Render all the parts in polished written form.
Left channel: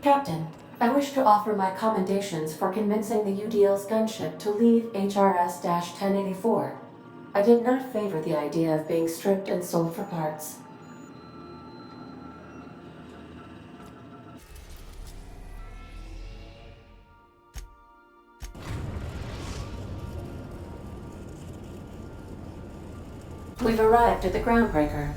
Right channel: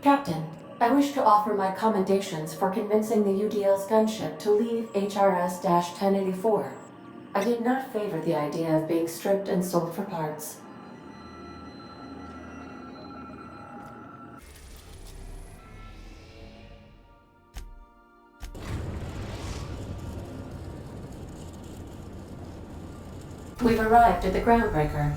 Captain, I wish to offer my commendations for convincing the UDL's gunship to leave HRS-1084. I did not favor the idea of being stripped and sold for parts. We've arrived at the groundbreaker.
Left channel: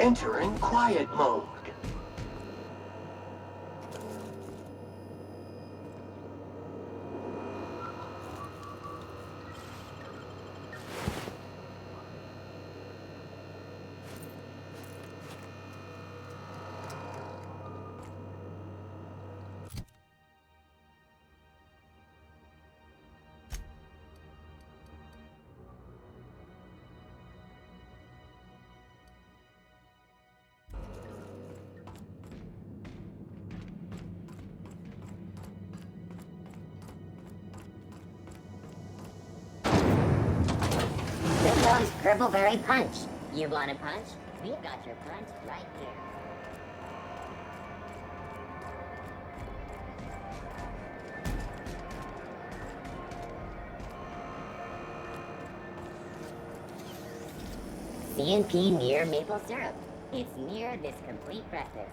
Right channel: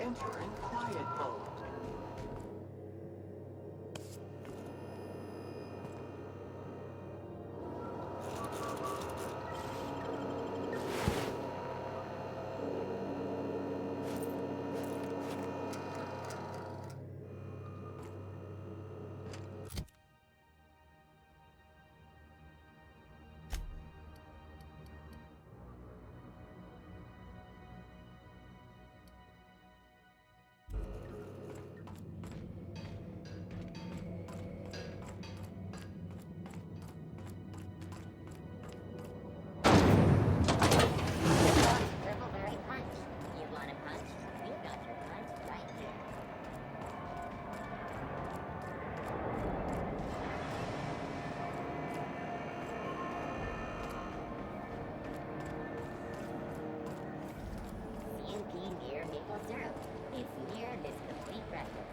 Entering quiet mode. Purpleberry Punch. You want a punch? We've got your punch right here. CNP near maple syrup. It's near this complete breakfast.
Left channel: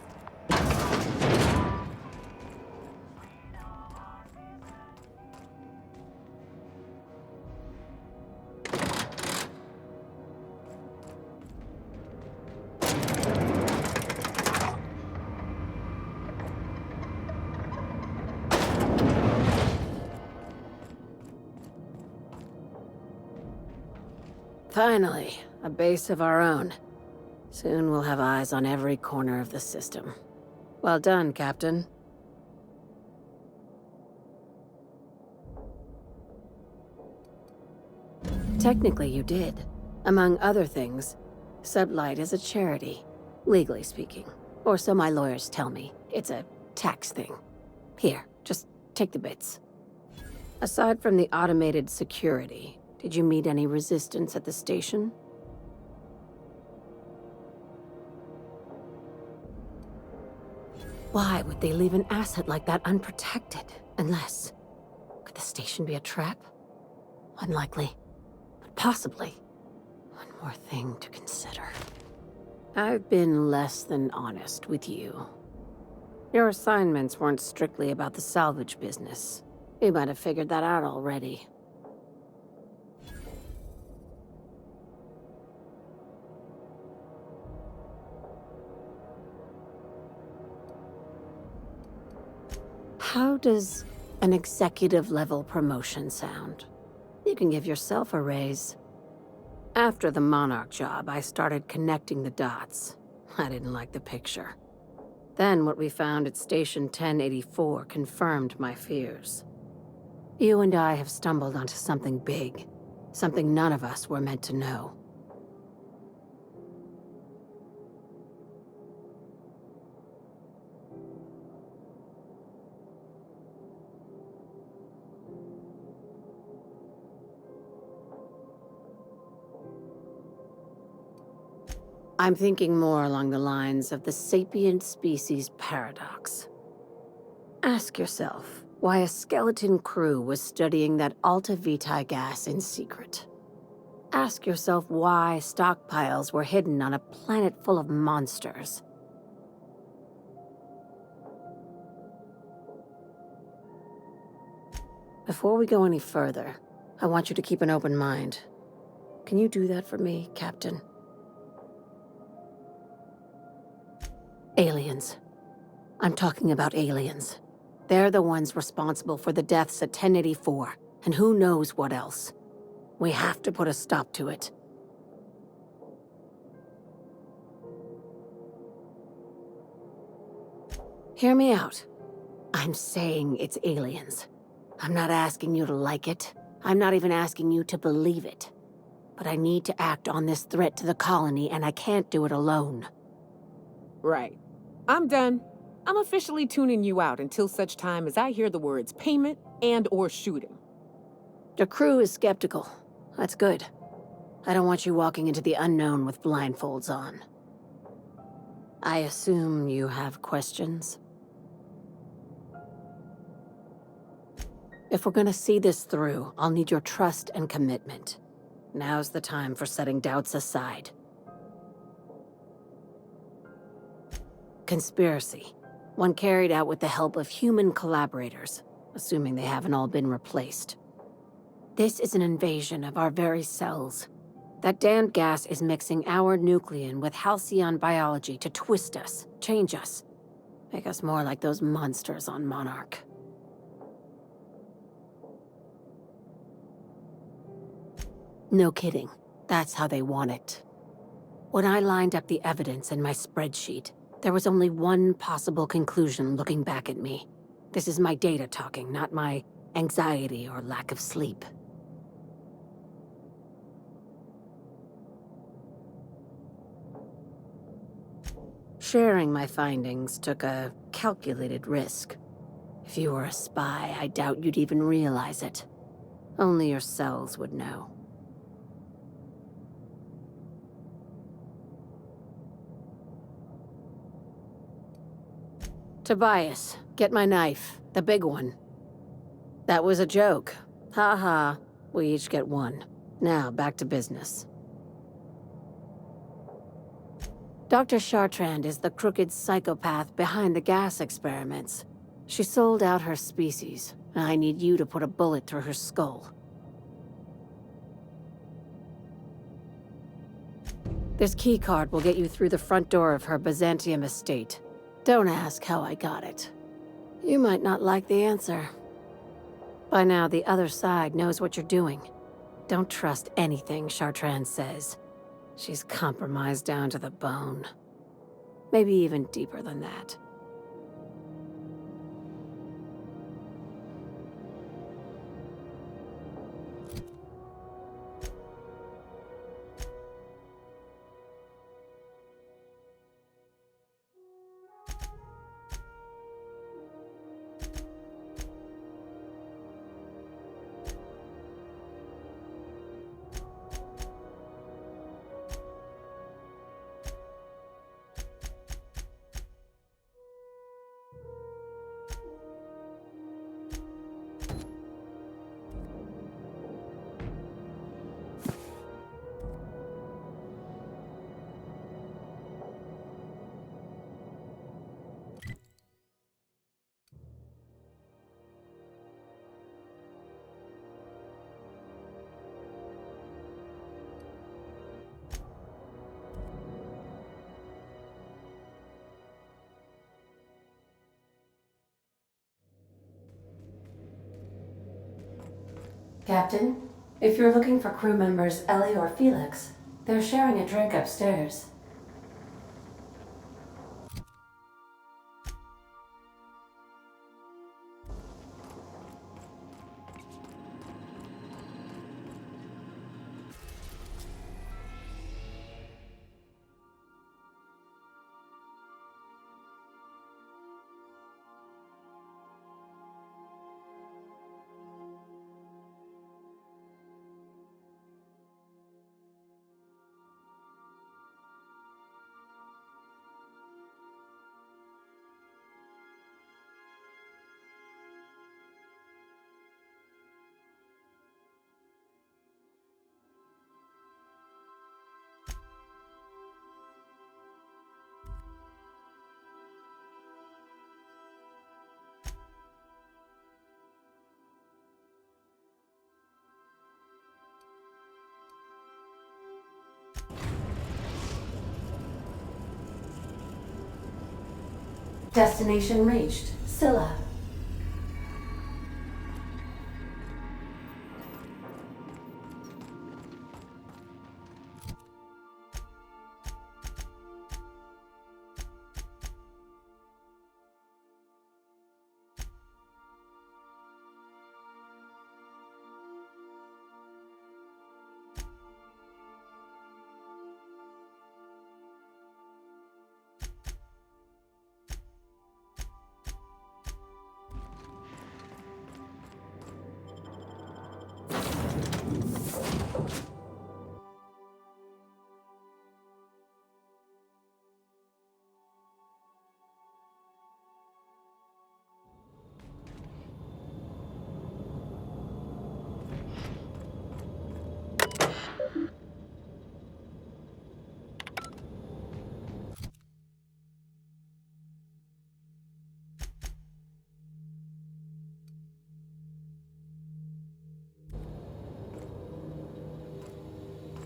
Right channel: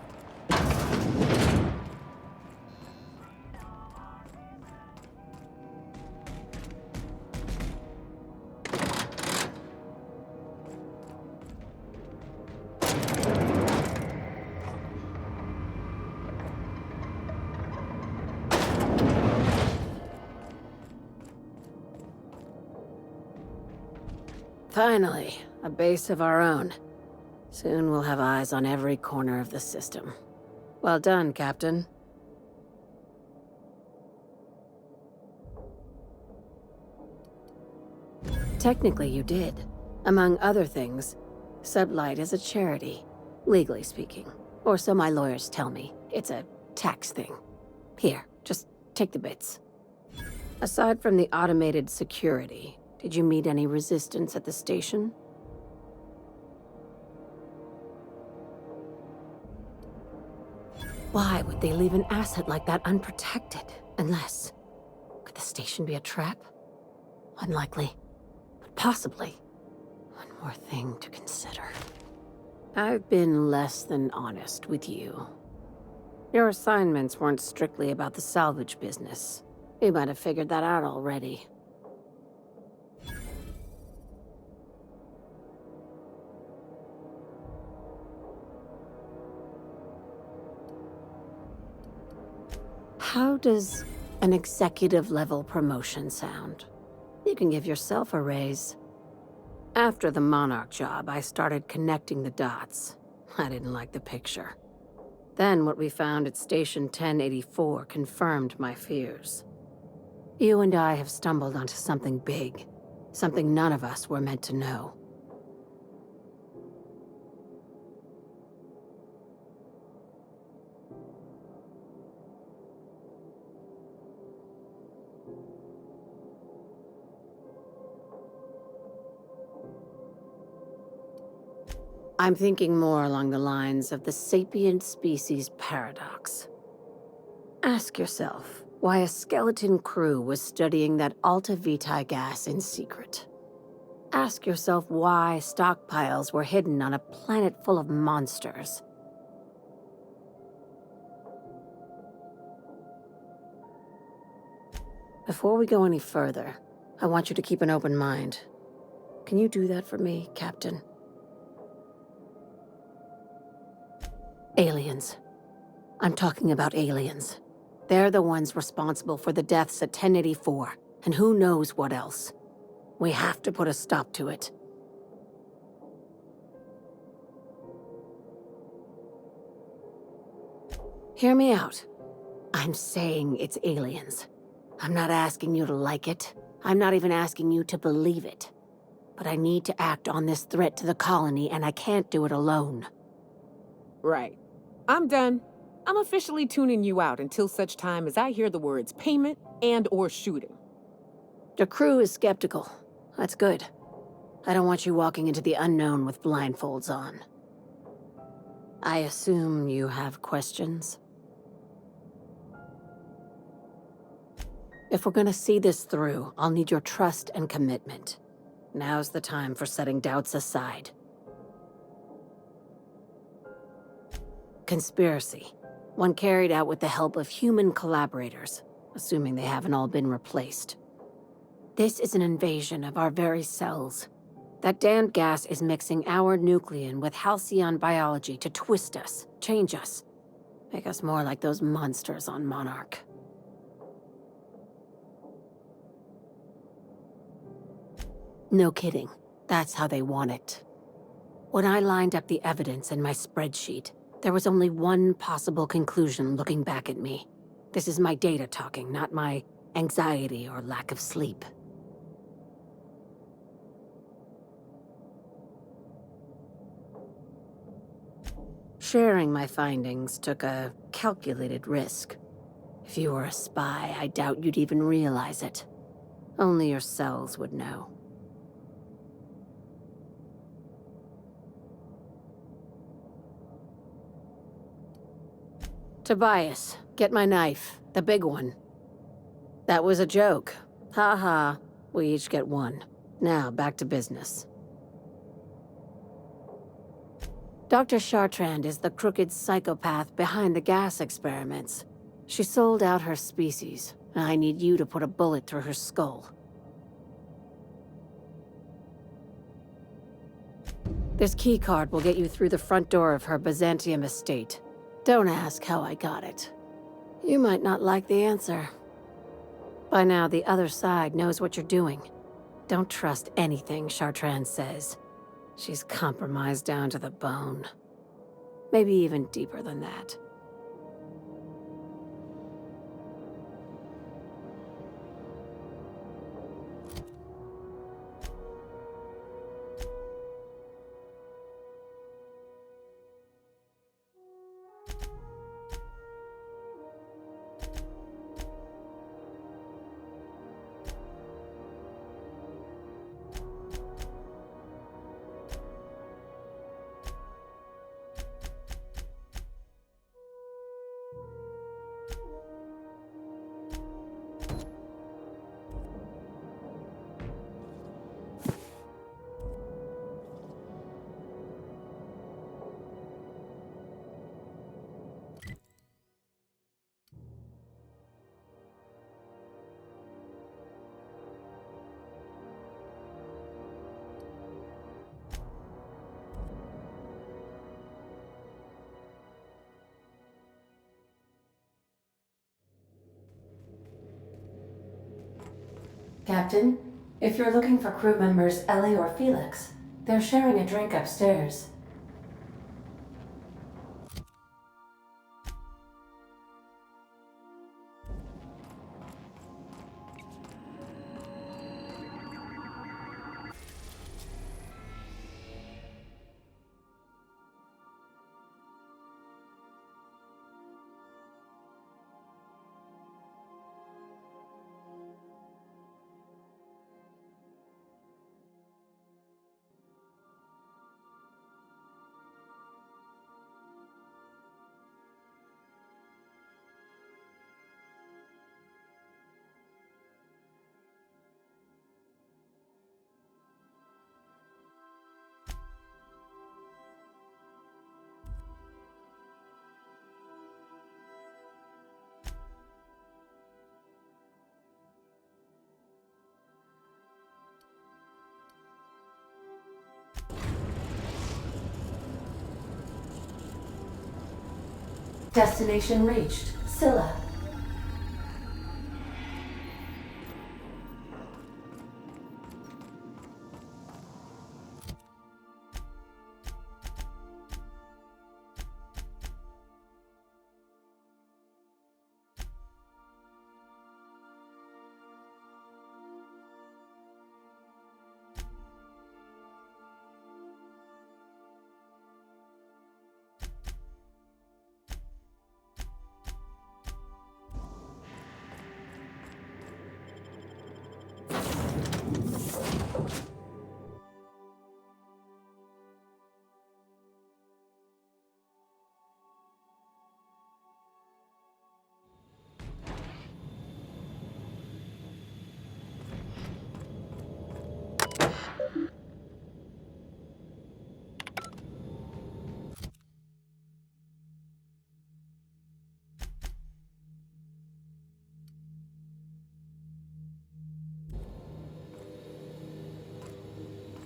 Finally, a base of our own. Soon we'll have eyes on every corner of the system. Well done, Captain. Technically, you did. Among other things, Sublight is a charity, legally speaking. Or so my lawyers tell me. It's a tax thing. Here, just take the bits. Aside from the automated security, did you meet any resistance at the station? Why would they leave an asset like that unprotected? Unless... Could the station be a trap? Unlikely. But possibly. One more thing to consider. I've been less than honest with you. Your assignments weren't strictly about the salvage business. You might have figured that out already. How does an executive-level promotion sound? You can give yourself a raise. After the Monarch job, I started connecting the dots. I didn't like the picture. Then what we found at Station 1084 confirmed my fears. You and I have stumbled onto something big. Something none of us were meant to know. I'm thinking more along the lines of the sapient species paradox. Ask yourself why a skeleton crew was studying that Alta Vitae gas in secret. Ask yourself why stockpiles were hidden on a planet full of monsters. Before we go any further, I want you to keep an open mind. Can you do that for me, Captain? Aliens. I'm talking about aliens. They're the ones responsible for the deaths at 1084, and who knows what else. We have to put a stop to it. Hear me out. I'm saying it's aliens. I'm not asking you to like it. I'm not even asking you to believe it. But I need to act on this threat to the colony, and I can't do it alone. Right. I'm done. I'm officially tuning you out until such time as I hear the words payment and/or shooting. The crew is skeptical. That's good. I don't want you walking into the unknown with blindfolds on. I assume you have questions? If we're gonna see this through, I'll need your trust and commitment. Now's the time for setting doubts aside. Conspiracy. One carried out with the help of human collaborators, assuming they haven't all been replaced. This is an invasion of our very cells. That damned gas is mixing our nucleon with halcyon biology to twist us, change us, make us more like those monsters on Monarch. No kidding. That's how they want it. When I lined up the evidence in my spreadsheet, there was only one possible conclusion looking back at me. This is my data talking, not my anxiety or lack of sleep. Sharing my findings took a calculated risk. If you were a spy, I doubt you'd even realize it. Only your cells would know. Tobias, get my knife. The big one. That was a joke. Ha ha. We each get one. Now, back to business. Dr. Chartrand is the crooked psychopath behind the gas experiments. She sold out her species, and I need you to put a bullet through her skull. This keycard will get you through the front door of her Byzantium estate. Don't ask how I got it. You might not like the answer. By now, the other side knows what you're doing. Don't trust anything Chartrand says. She's compromised down to the bone. Maybe even deeper than that. Captain, if you're looking for crew members Ellie or Felix, they're sharing a drink upstairs. Destination reached. Scylla.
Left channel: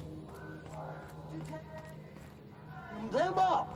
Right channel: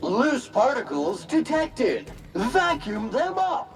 Loose particles detected. Vacuum them up.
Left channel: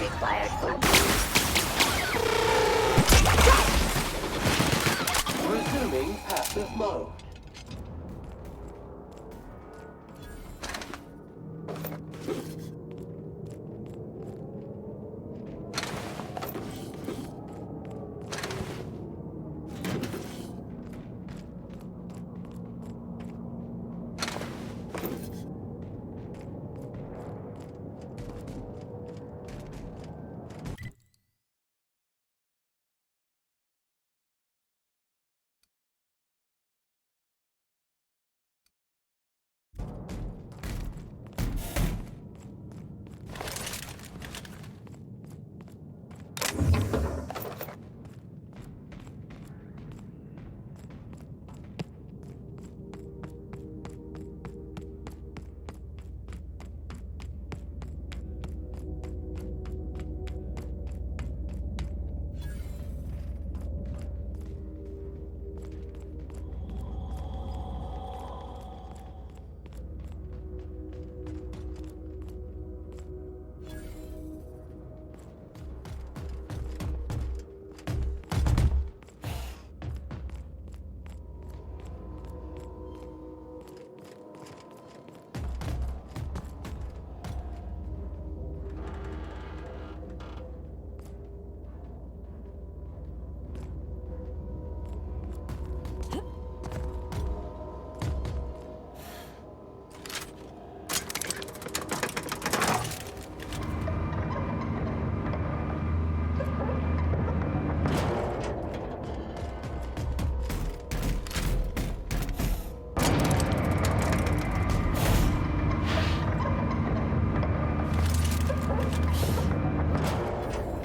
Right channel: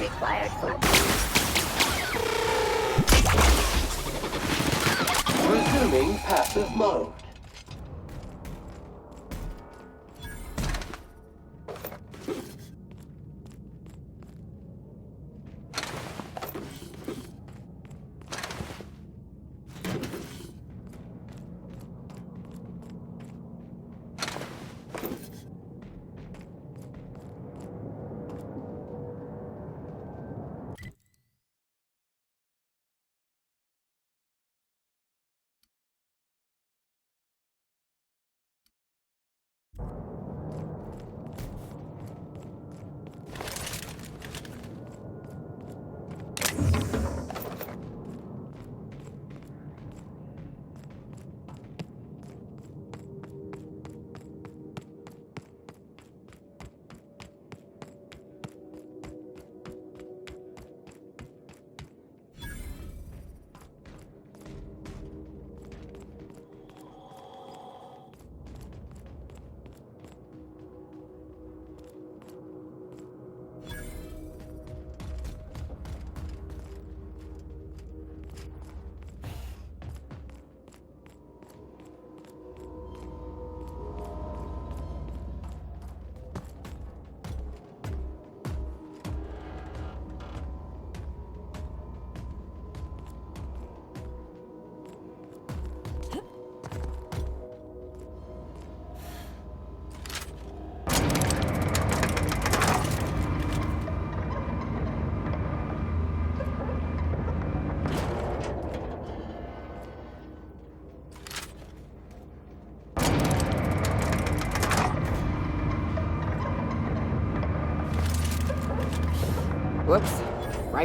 Required for Resuming passive mode.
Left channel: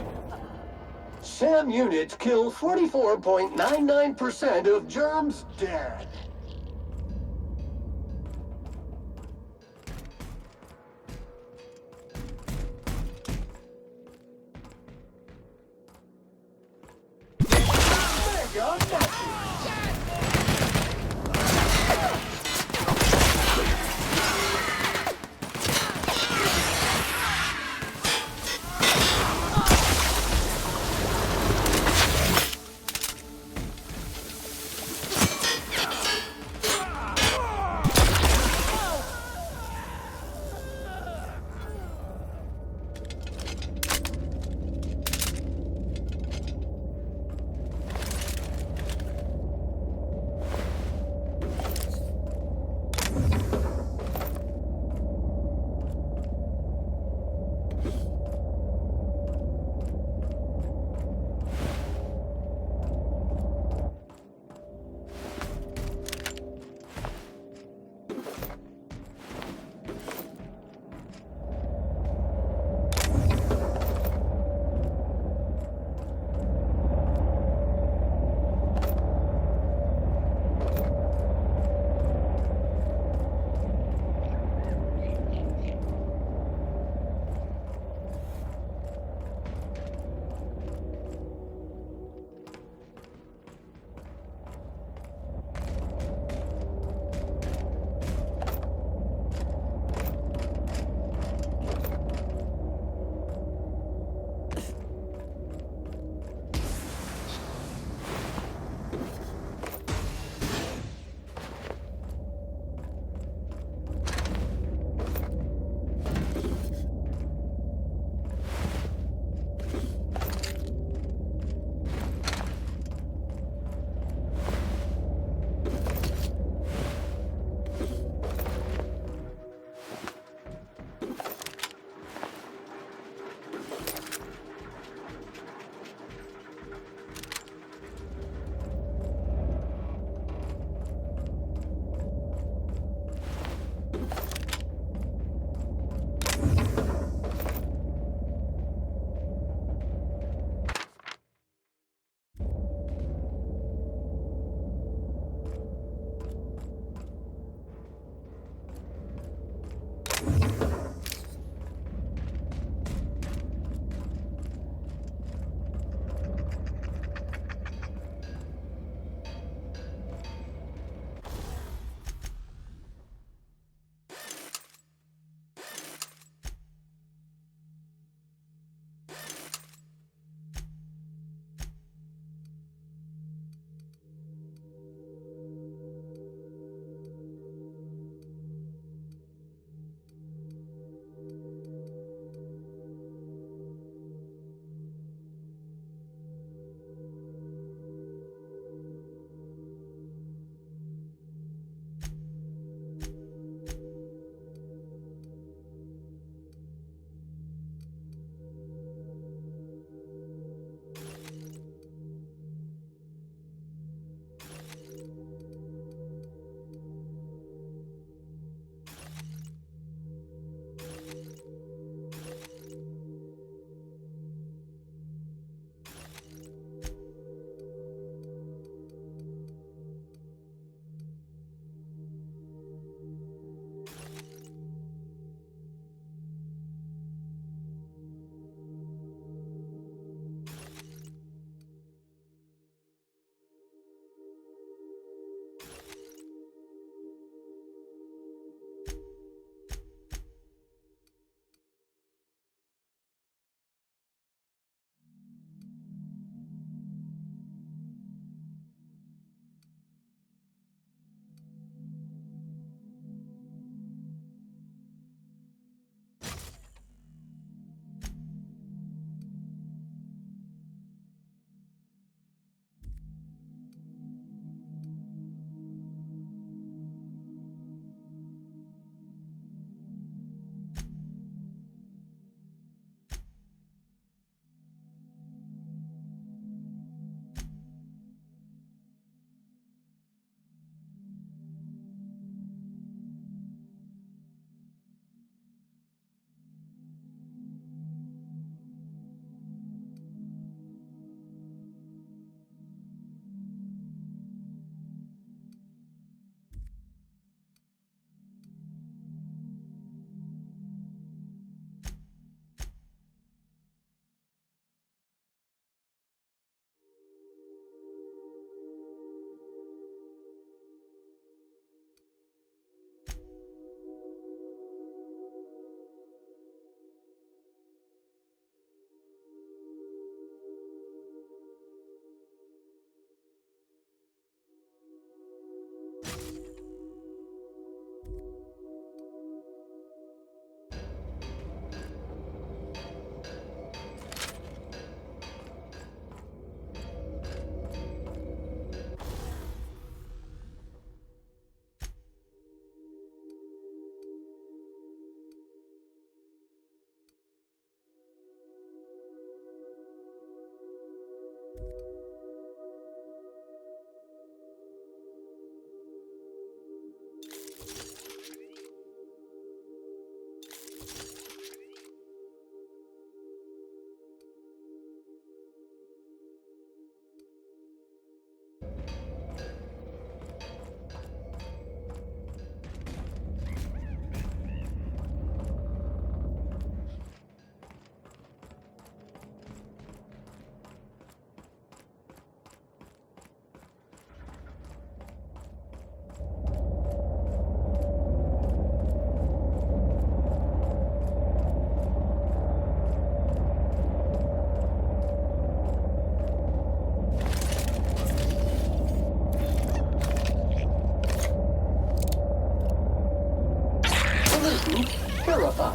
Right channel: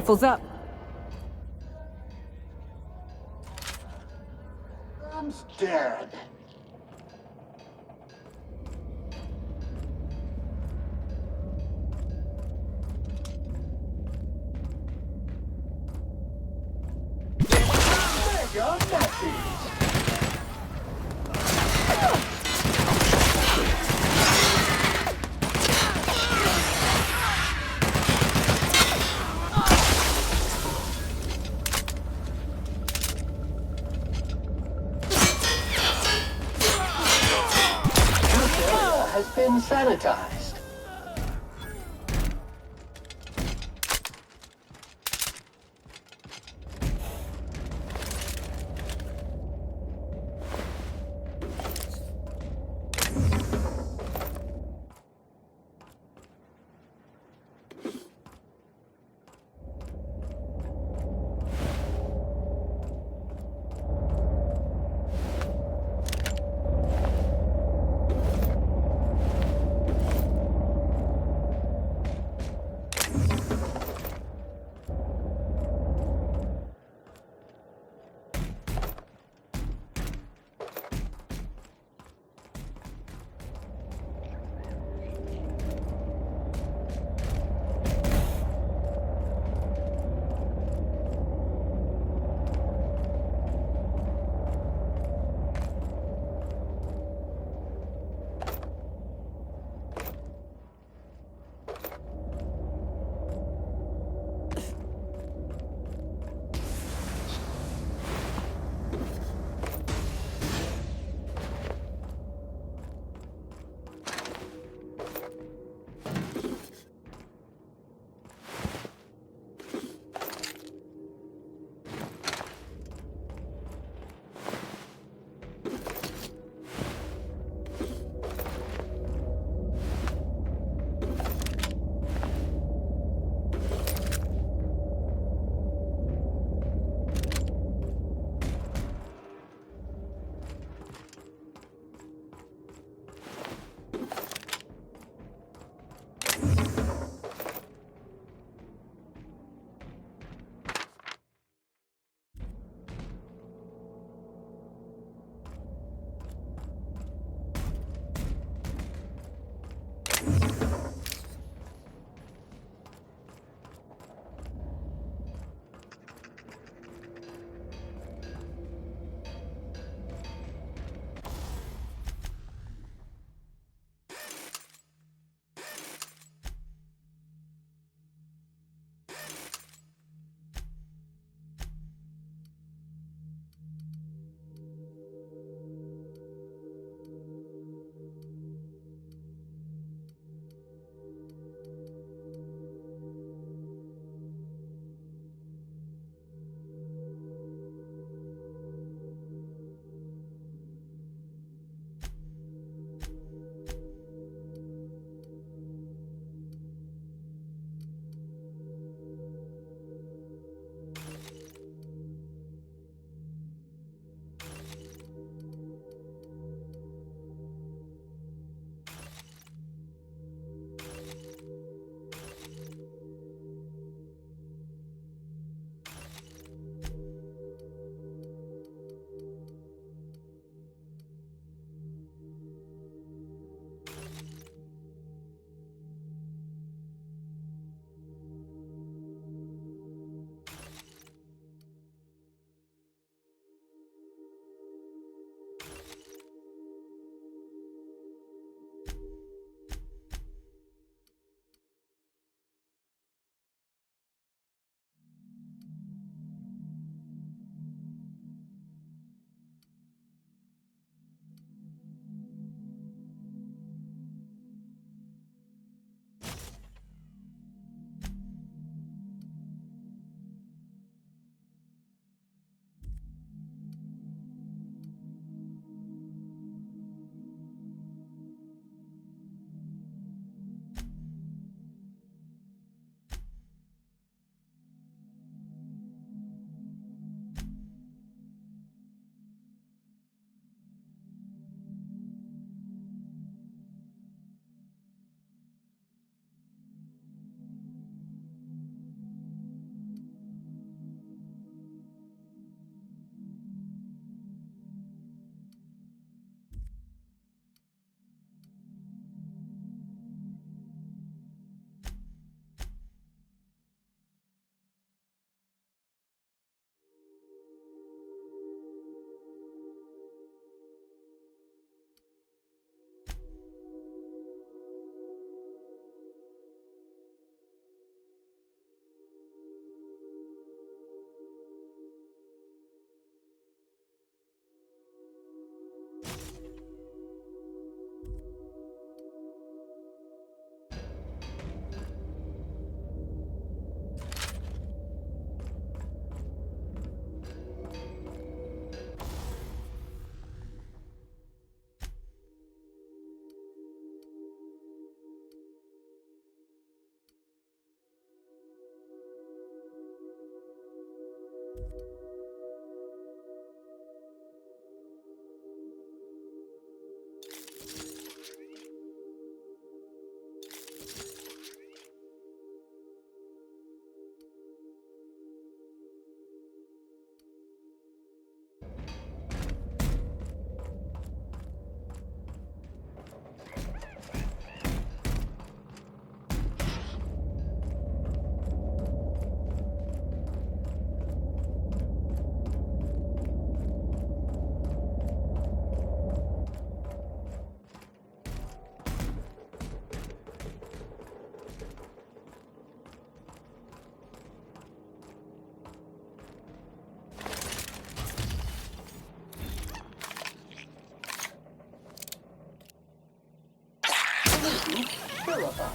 rifle's up. SAM units kill 44.99% of germs dead. Mega messy. Has been sanitized. Oops, verified.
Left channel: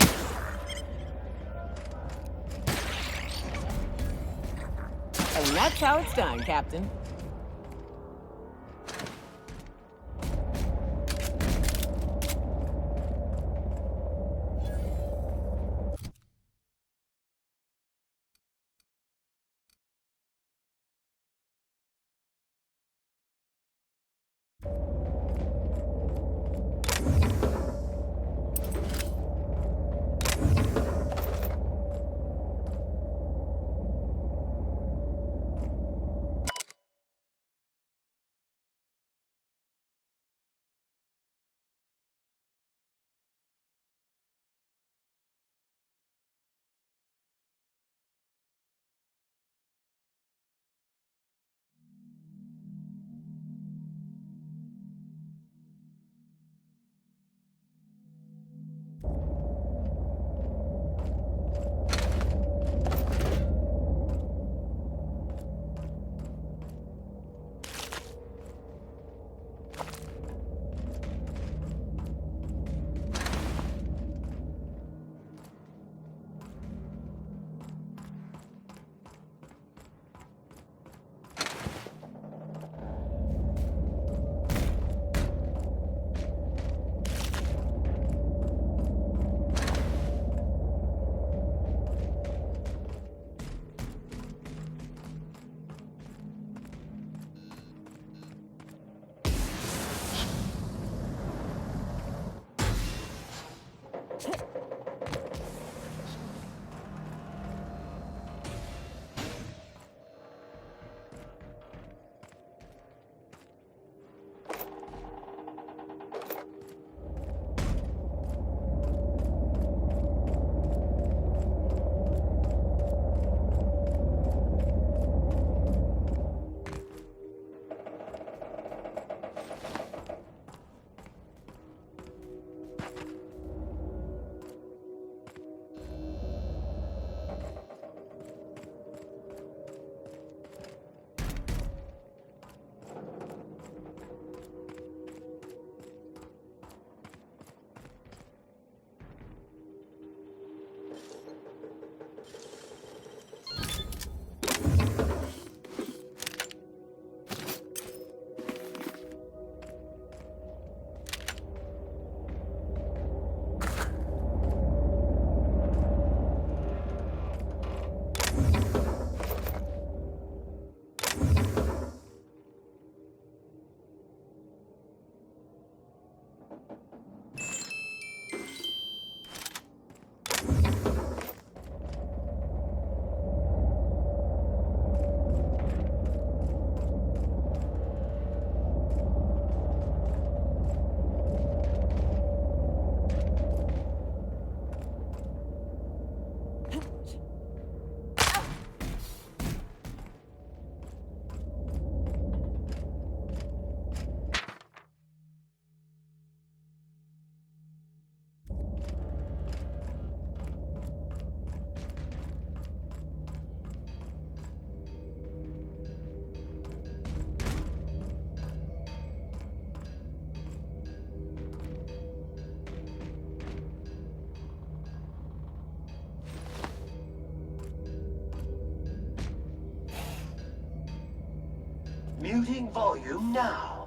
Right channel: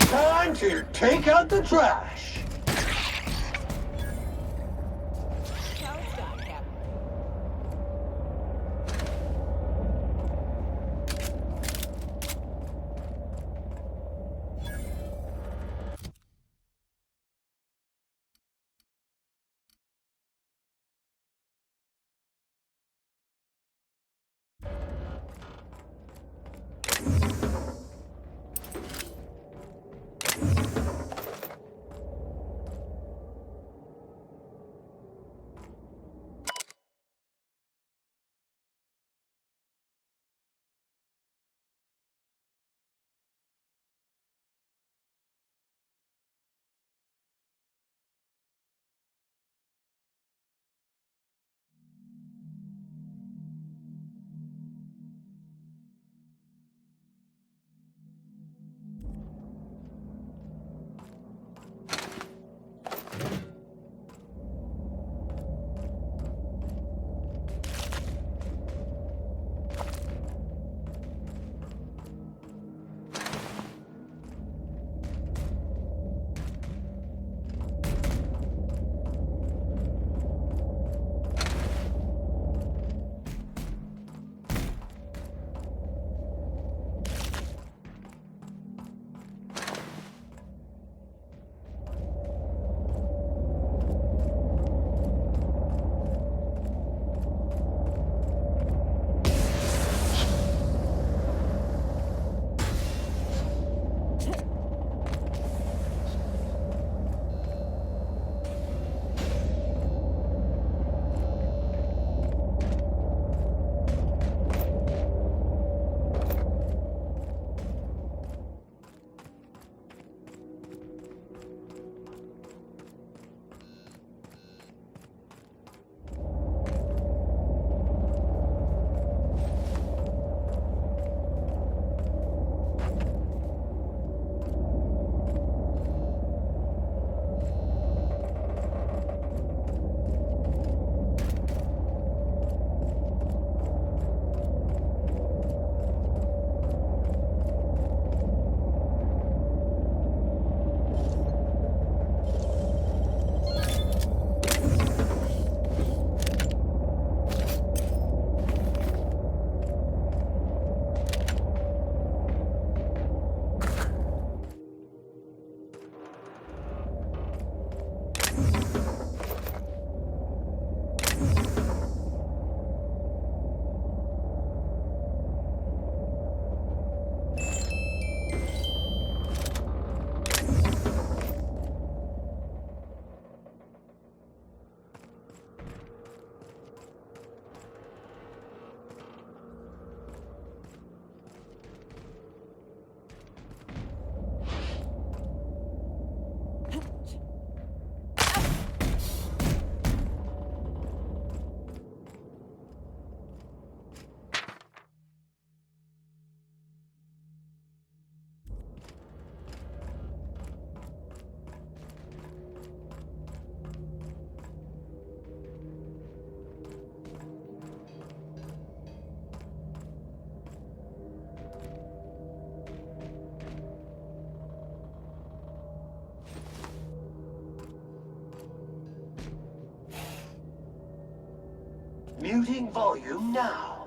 Time to take out the trash. And that's how it's done, Captain. Muting volume now.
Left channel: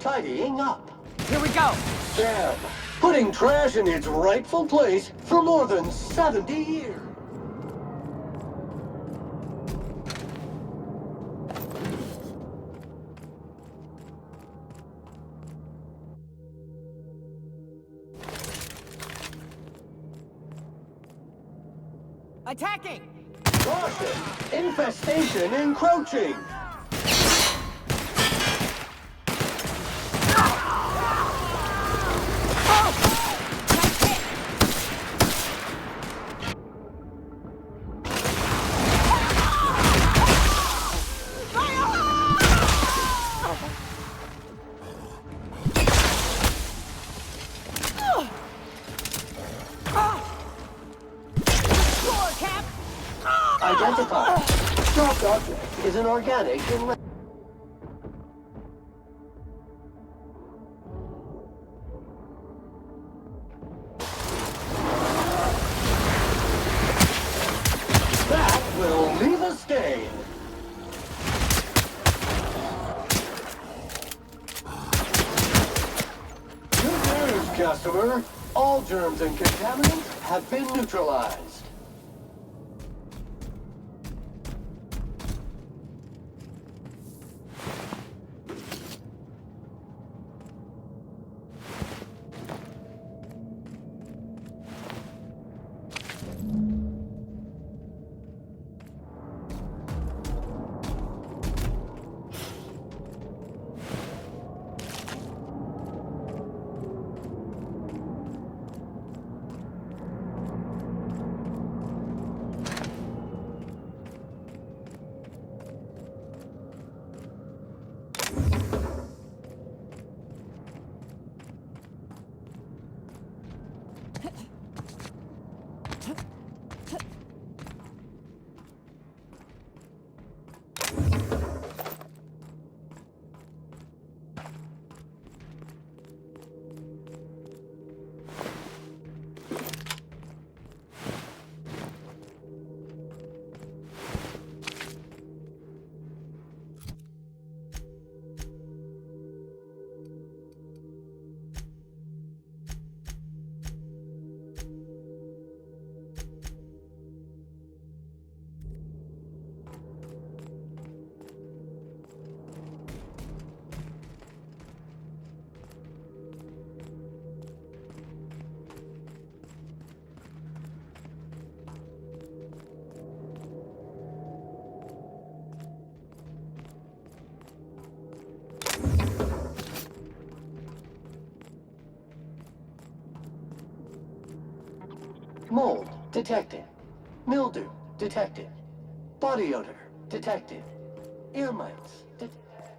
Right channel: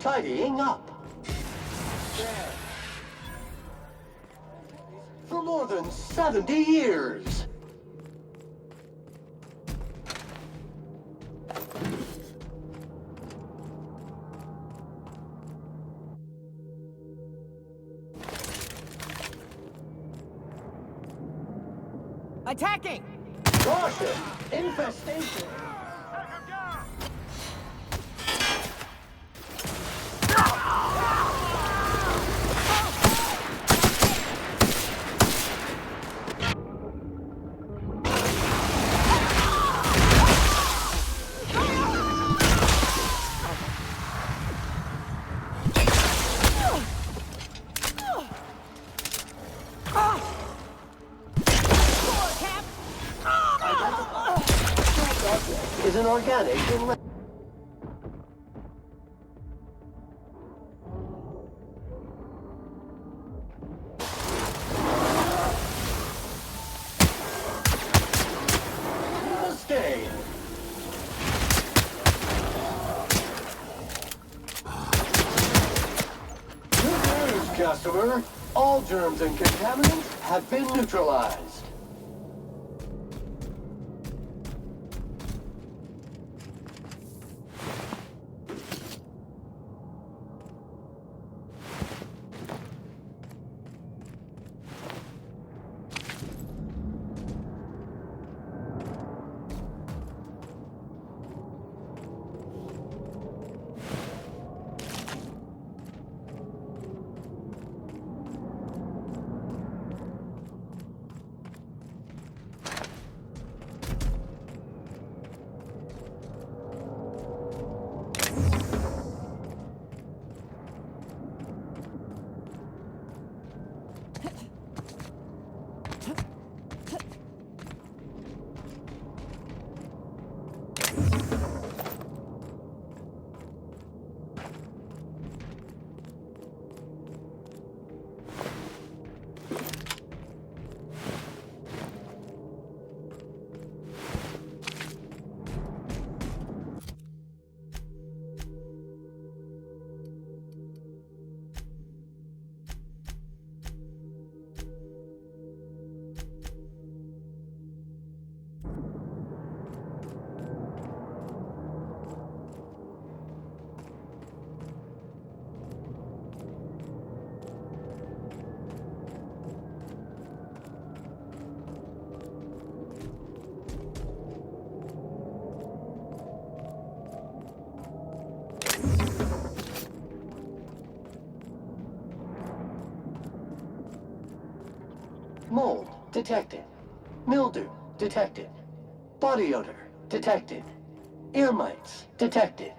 Tidying up. Here we go. Damn. Putting trash in its rightful place for more than 70 years. Attacking! Caution! Infestation encroaching! Identified. Stopped object is an organic in that will leave a stain. Good news, customer. All germs and contaminants have been neutralized. Mold detected. Mildew detected. Body odor detected. Ear mites detected.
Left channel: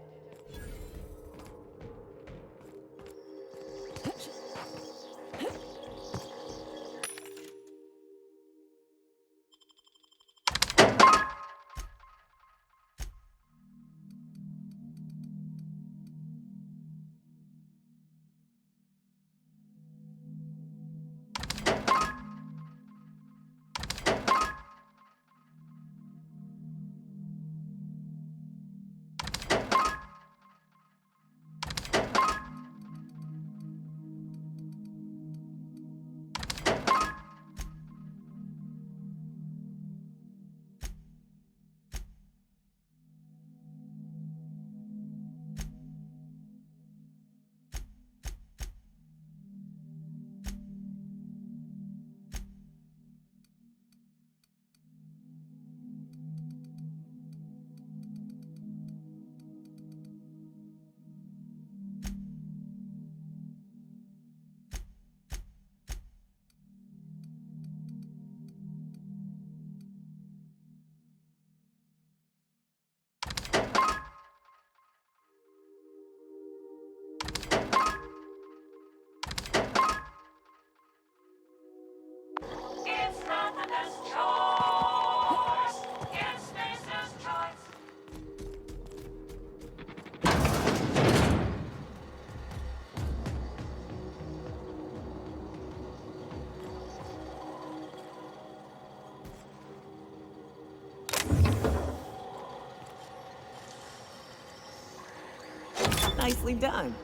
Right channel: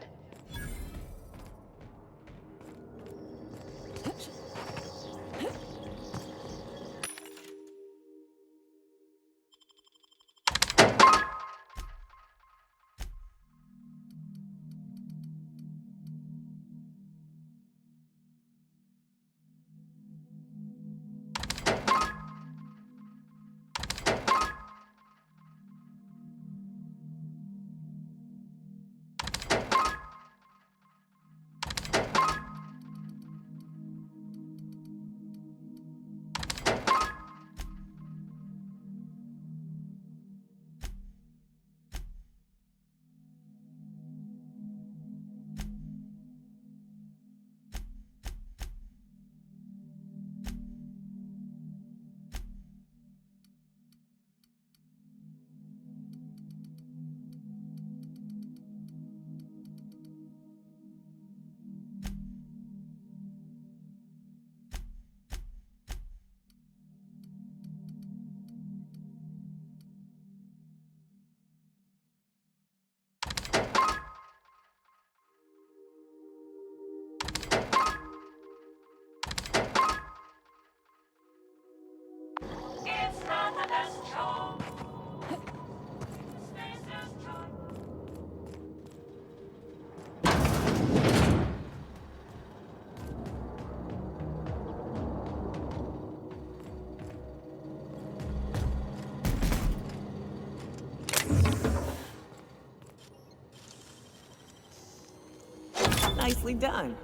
Nicely done.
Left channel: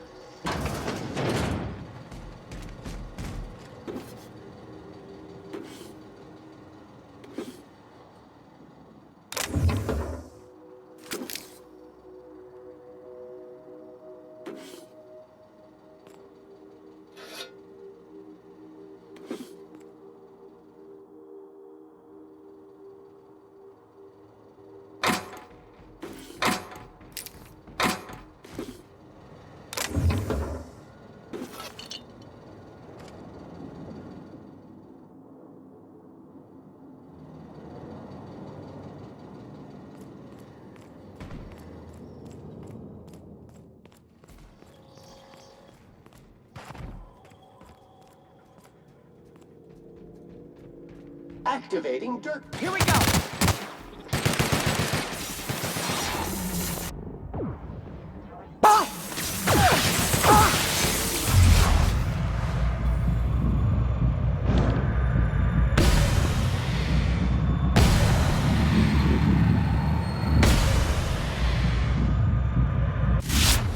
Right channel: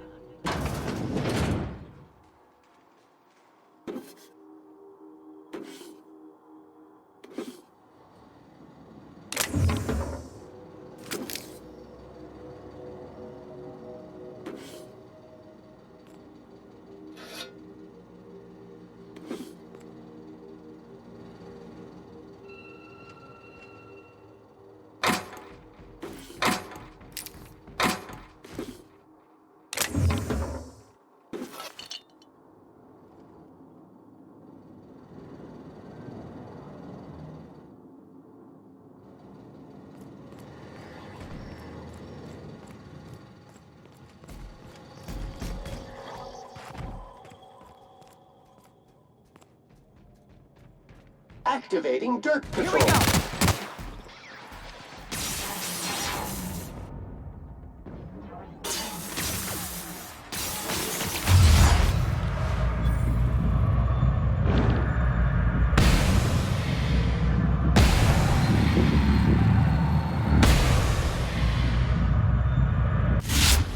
Activating dirt patrol. Here we go.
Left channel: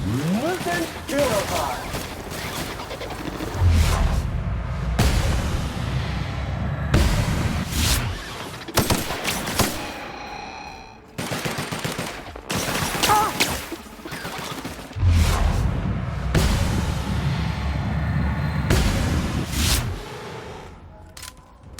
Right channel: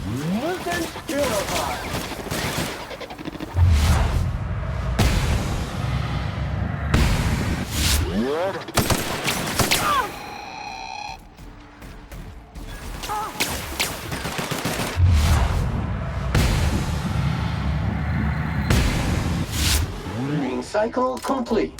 Mutant Purified. Green cycle complete.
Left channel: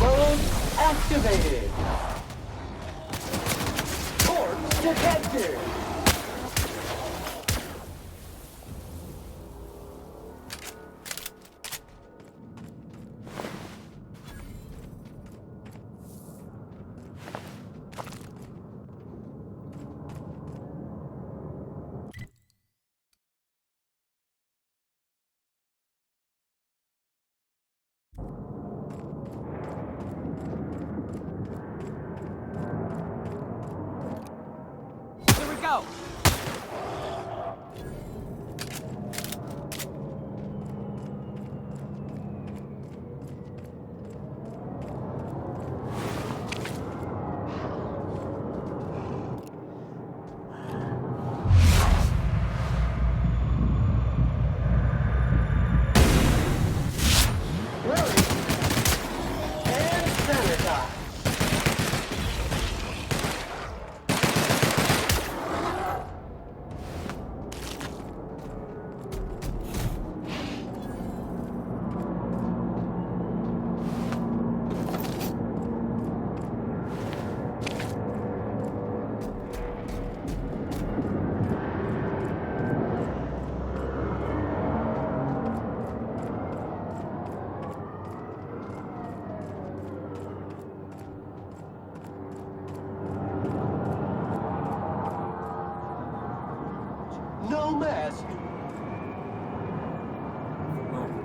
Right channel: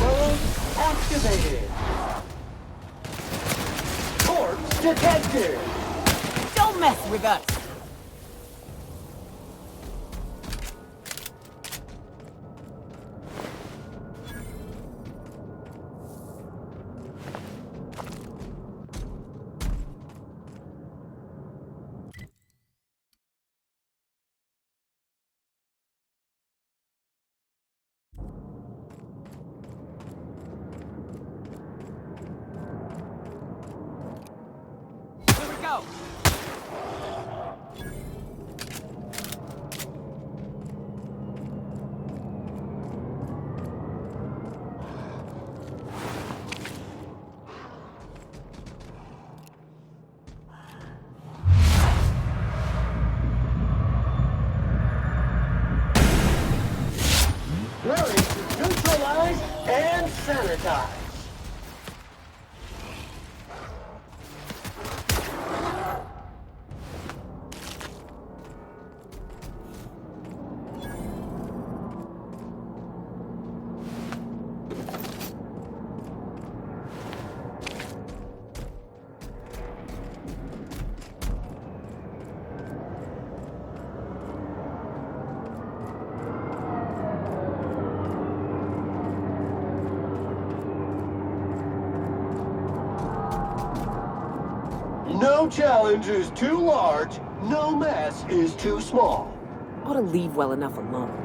Mode activated. Corpse detected. Don't mess with us. Here we go. Ready to neutralize and sanitize. No challenge is too large, no mess is too small. Ought to leave well enough alone.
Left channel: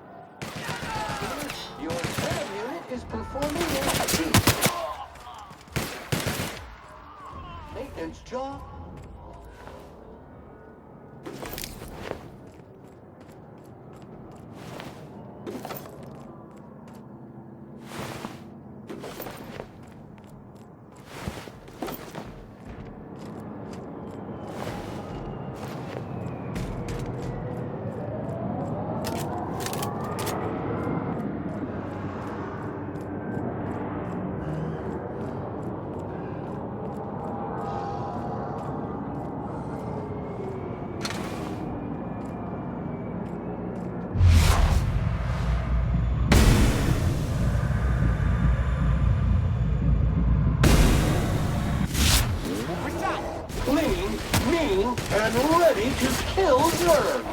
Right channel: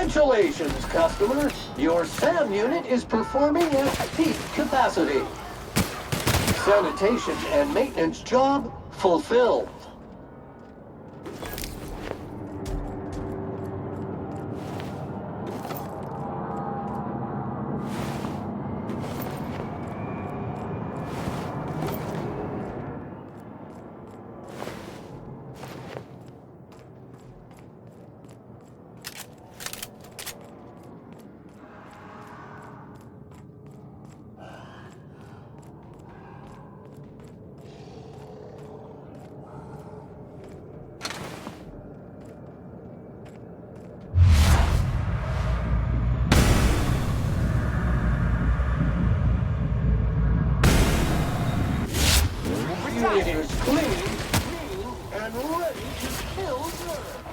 Congratulations, customer! Your SAM unit is performing at peak capacity. Sanitation and maintenance job fulfilled. Clean, mean, and ready to kill germs.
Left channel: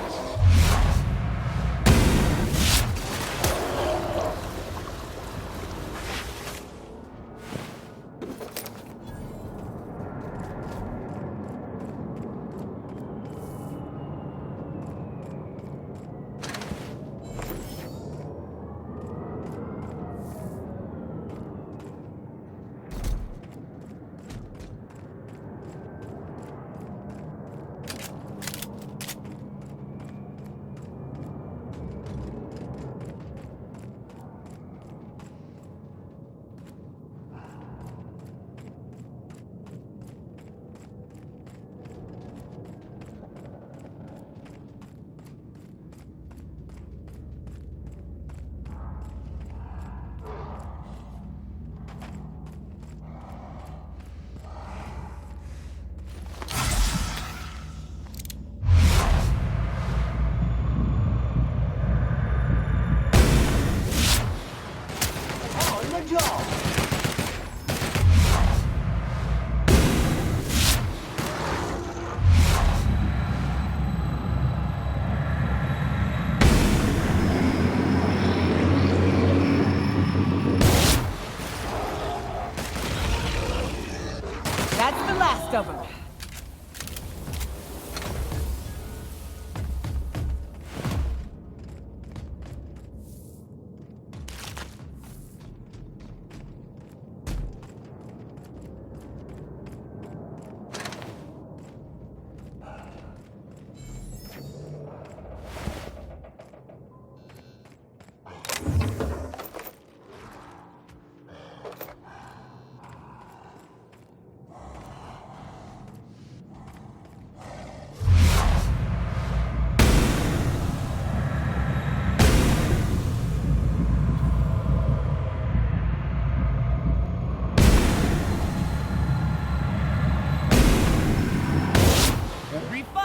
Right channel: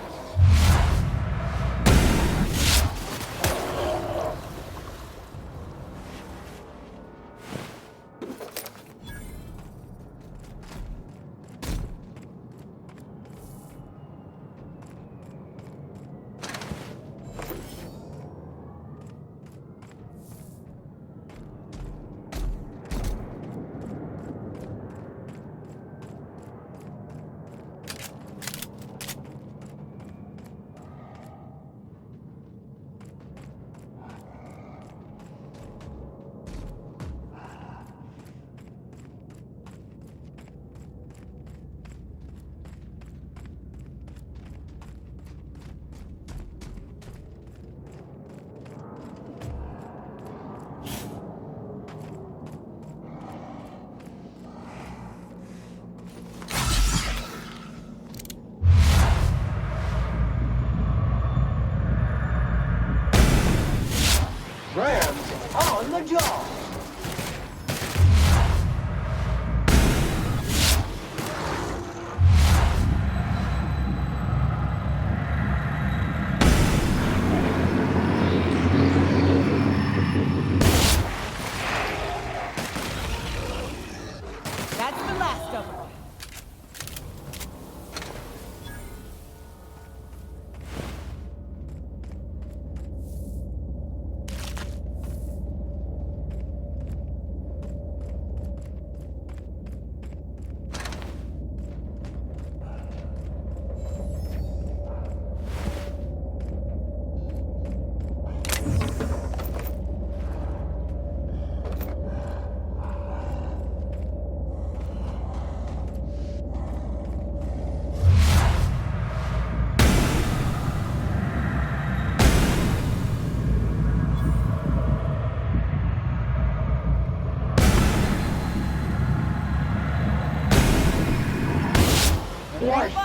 On the job. That's the last of them.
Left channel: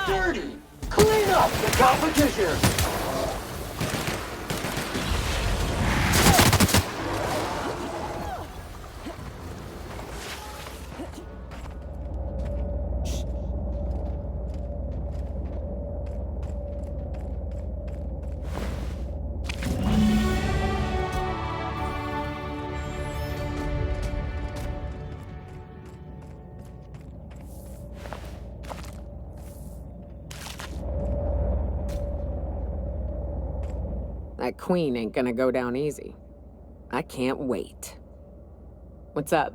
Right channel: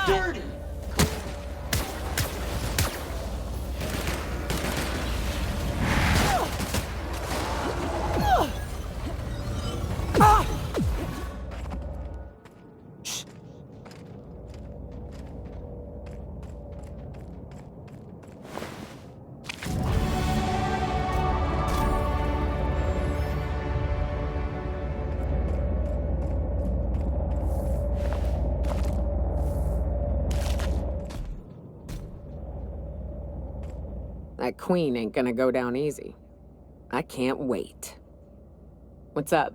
Dirty! Clean up the competition! That queen ain't gonna go down easy. I can't wait. What's up?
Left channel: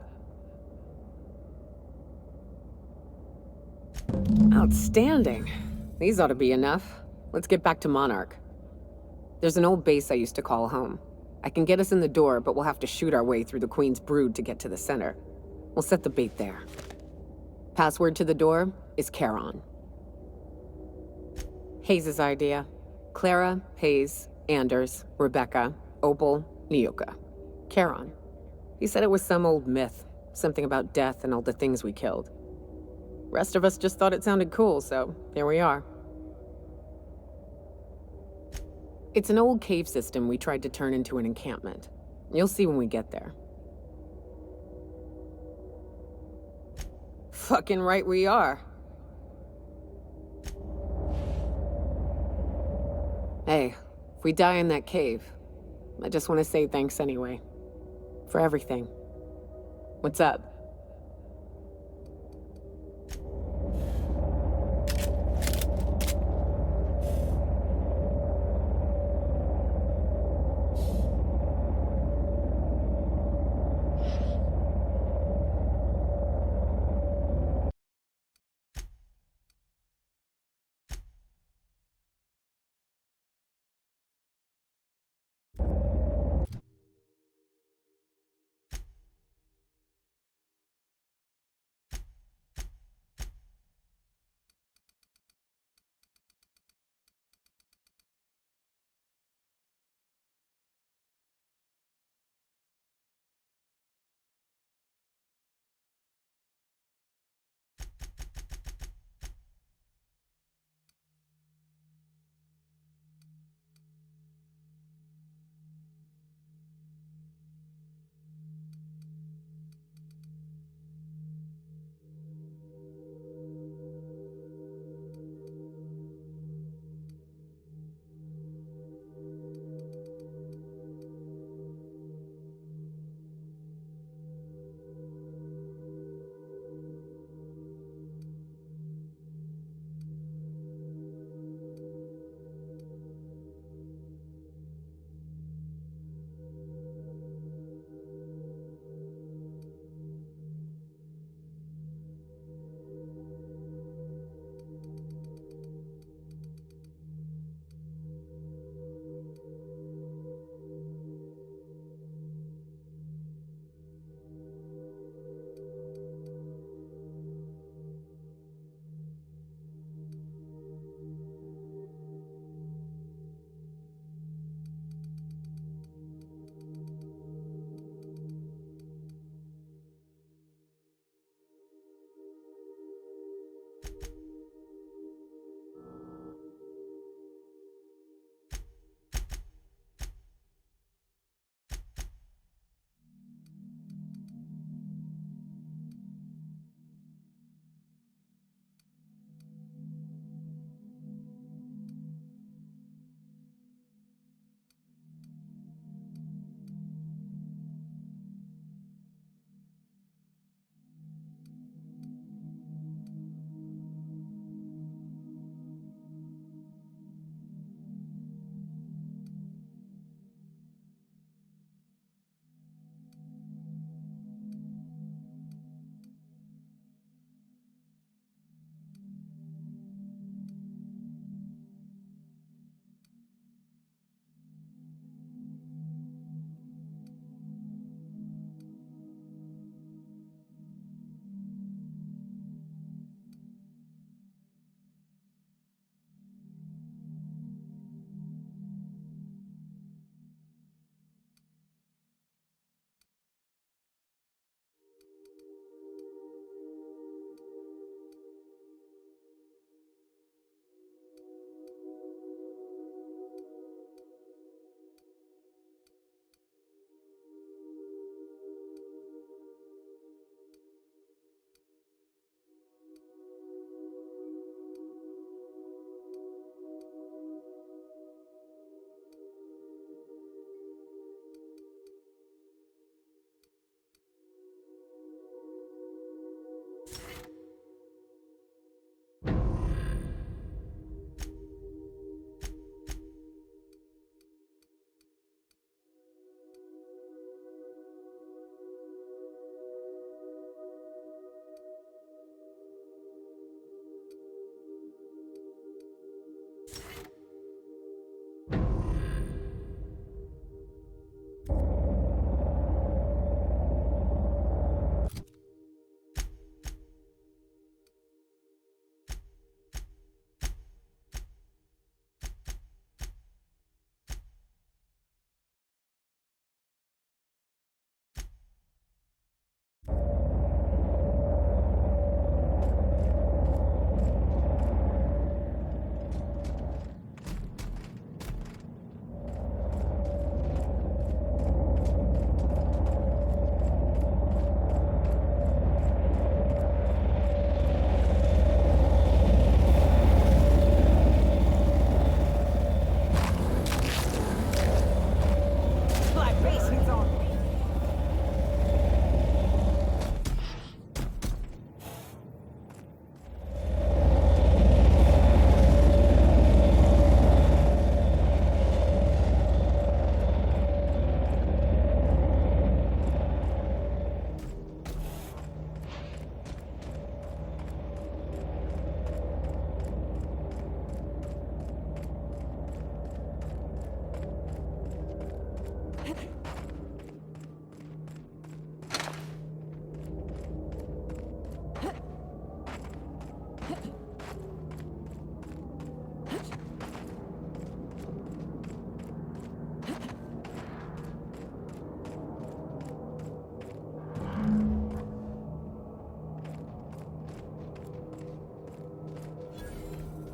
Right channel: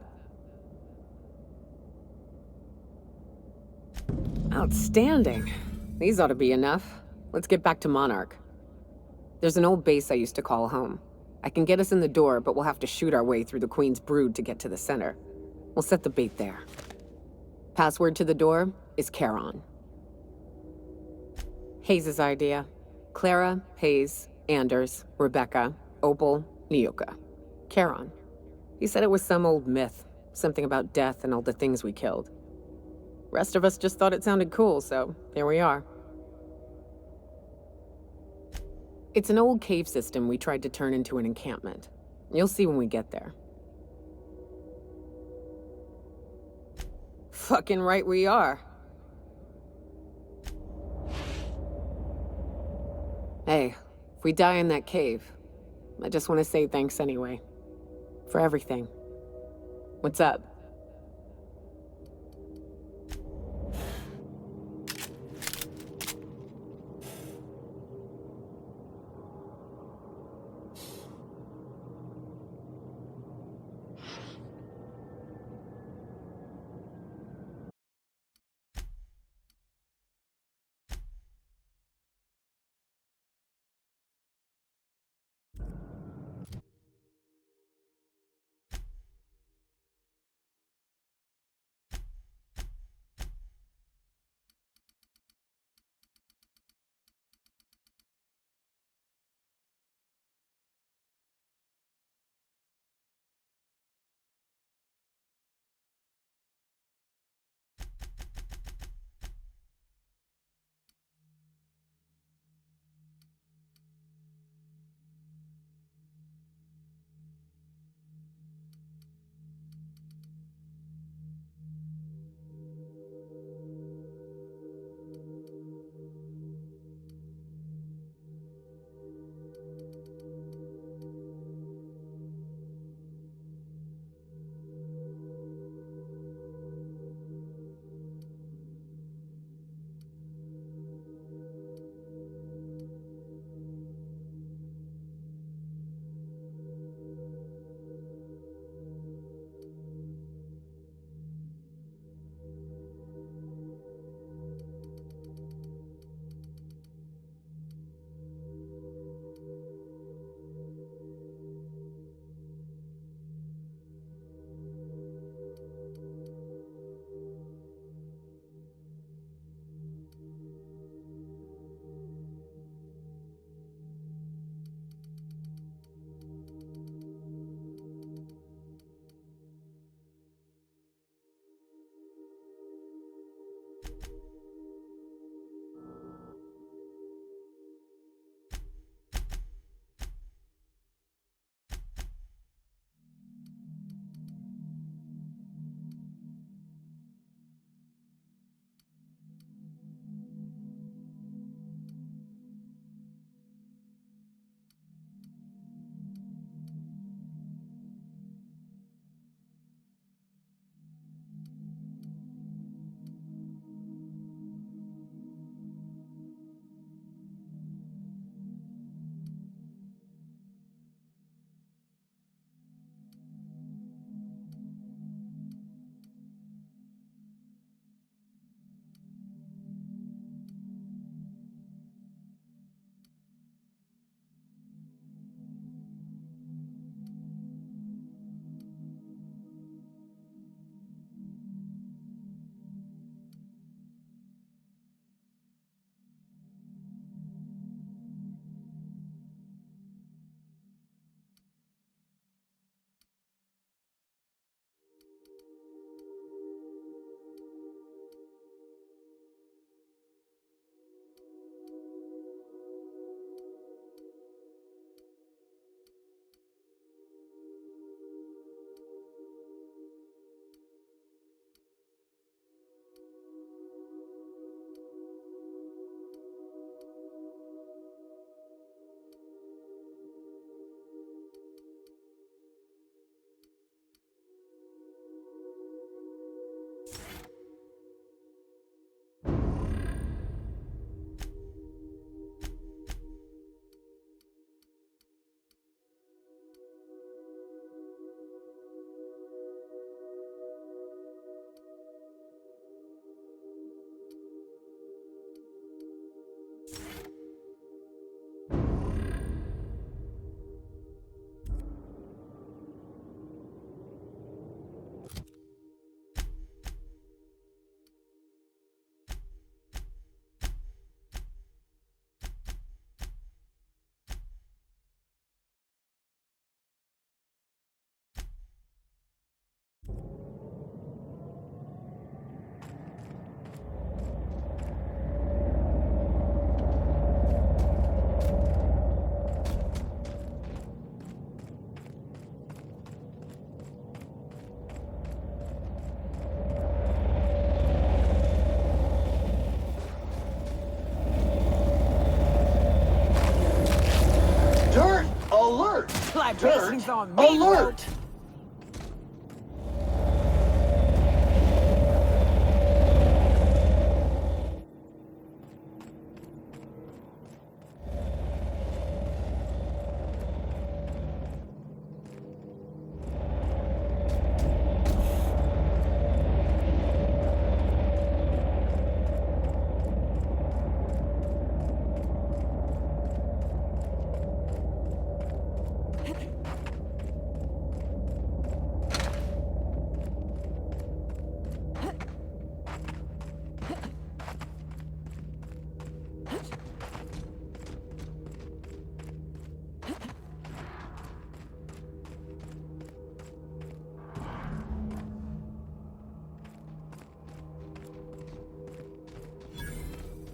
Outstanding. These ought to be enough. Let's get back to Monarch. There's an old base I used to call home. I can get us in the door, but we'll have to shoot our way through the Queen's brood to get to the center. We'll set the bait there. Password to the door is Charon. Hayes' idea. Clara, Hayes, Anders, Rebecca, Opal, Nyoka. Charon. He said it was some old myth, something about death and all the things we killed. Rest of us just thought it sounded cool, so here we are. It's an old cave system we tried to turn into an encampment. You'll see when we get there. Fucking right we are. Hey, if we die in that cave, I just want to say thanks anyway. For everything. What's up? Alert! Alert!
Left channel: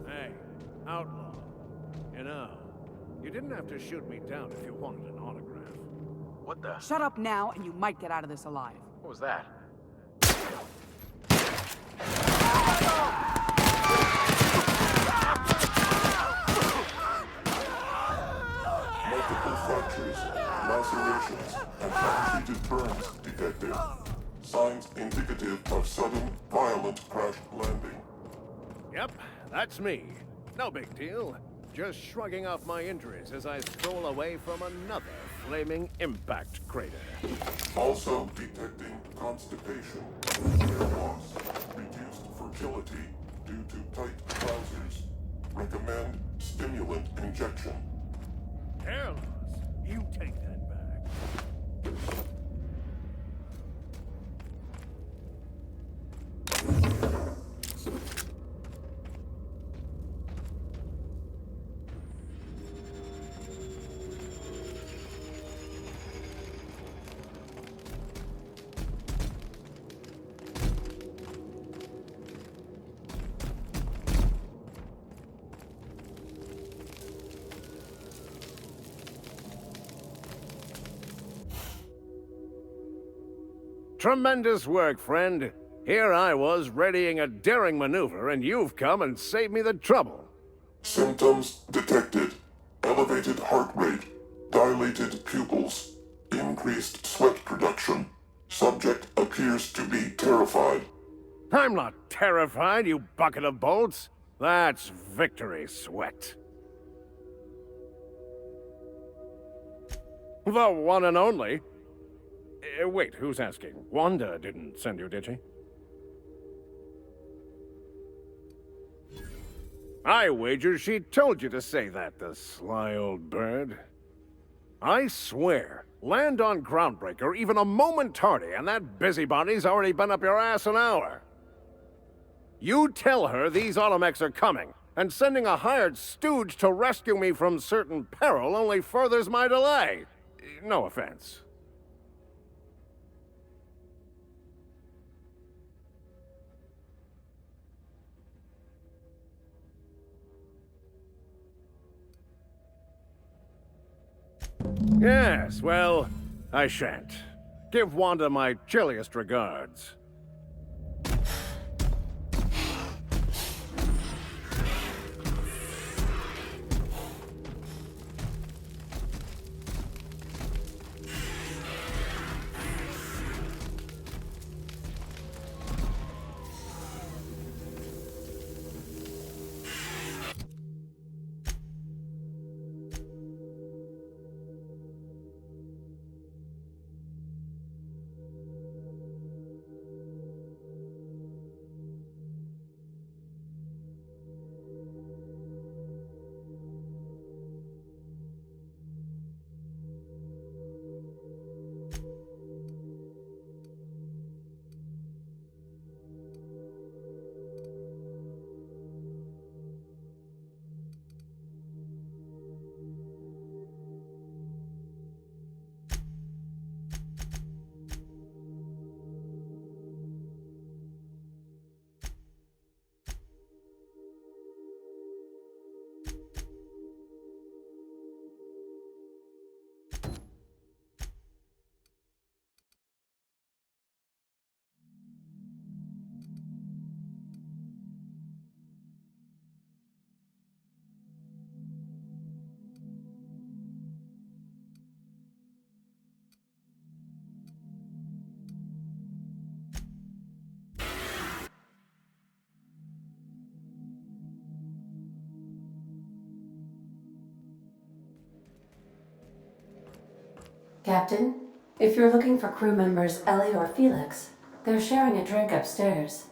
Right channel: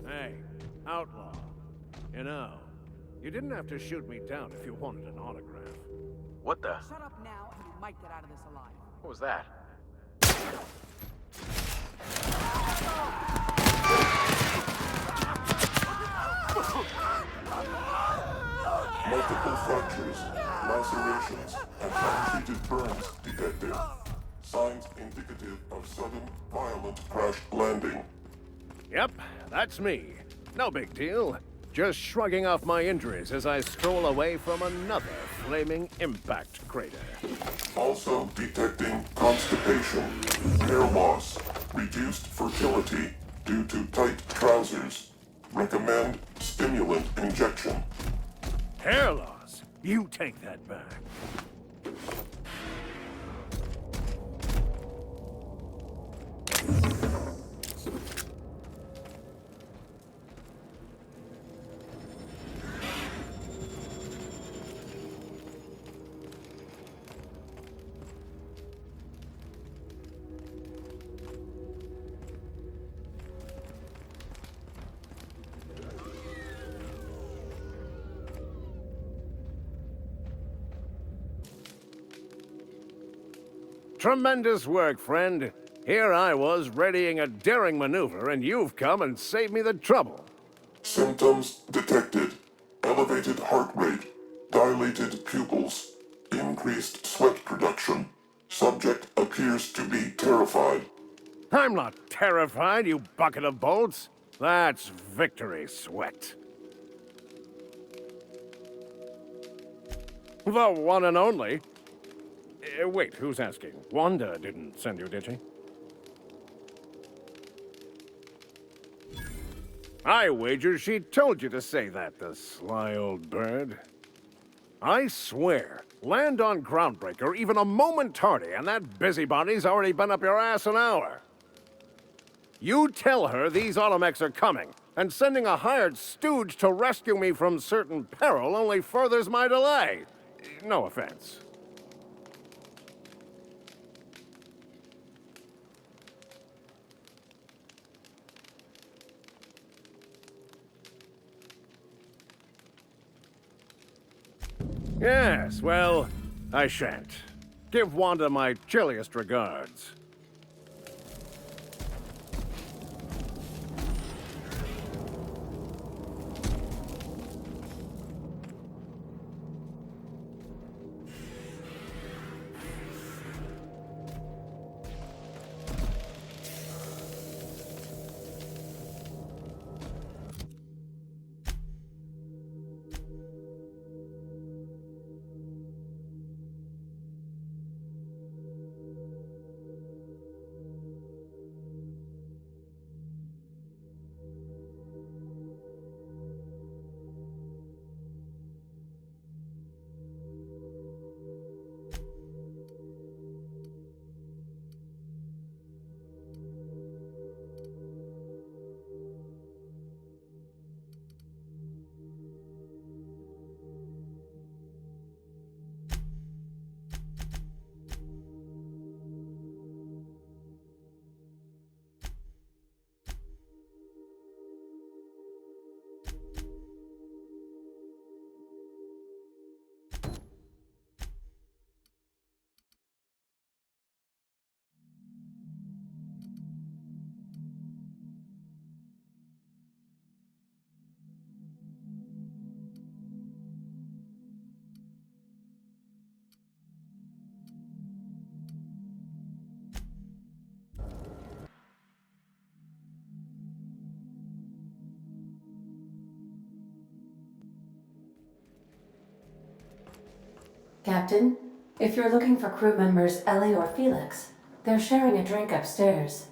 Hey, outlaw. You know, you didn't have to shoot me down if you wanted an autograph. What the? Shut up now, and you might get out of this alive. What was that? Multiple fractures, lacerations, and untreated burns detected. Signs indicative of sudden, violent crash landing. Yep, that's me. No big deal. Just shrugging off my injuries as I stroll away from another flaming impact crater. Also detecting constipation, hair loss, reduced fertility due to tight trousers. Recommend stimulant injection. Hair loss? You take that back. Tremendous work, friend. Here I was readying a daring maneuver, and you've come and saved me the trouble. Symptoms detected. Elevated heart rate, dilated pupils, increased sweat production. Subject appears to be terrified. I'm not terrified, you bucket of bolts. That's victory sweat. The one and only. Wait, who's asking? Wanda didn't send you, did she? I wager she told you to say that, the sly old bird. I swear, land on Groundbreaker even a moment tardy, and that busybody's already been up your ass an hour. You tell her these automechs are coming, and sending a hired stooge to rescue me from certain peril only furthers my delay. No offense. Yes, well, I shan't. Give Wanda my chilliest regards. Captain, if you're looking for crew members Ellie or Felix, they're sharing a drink upstairs.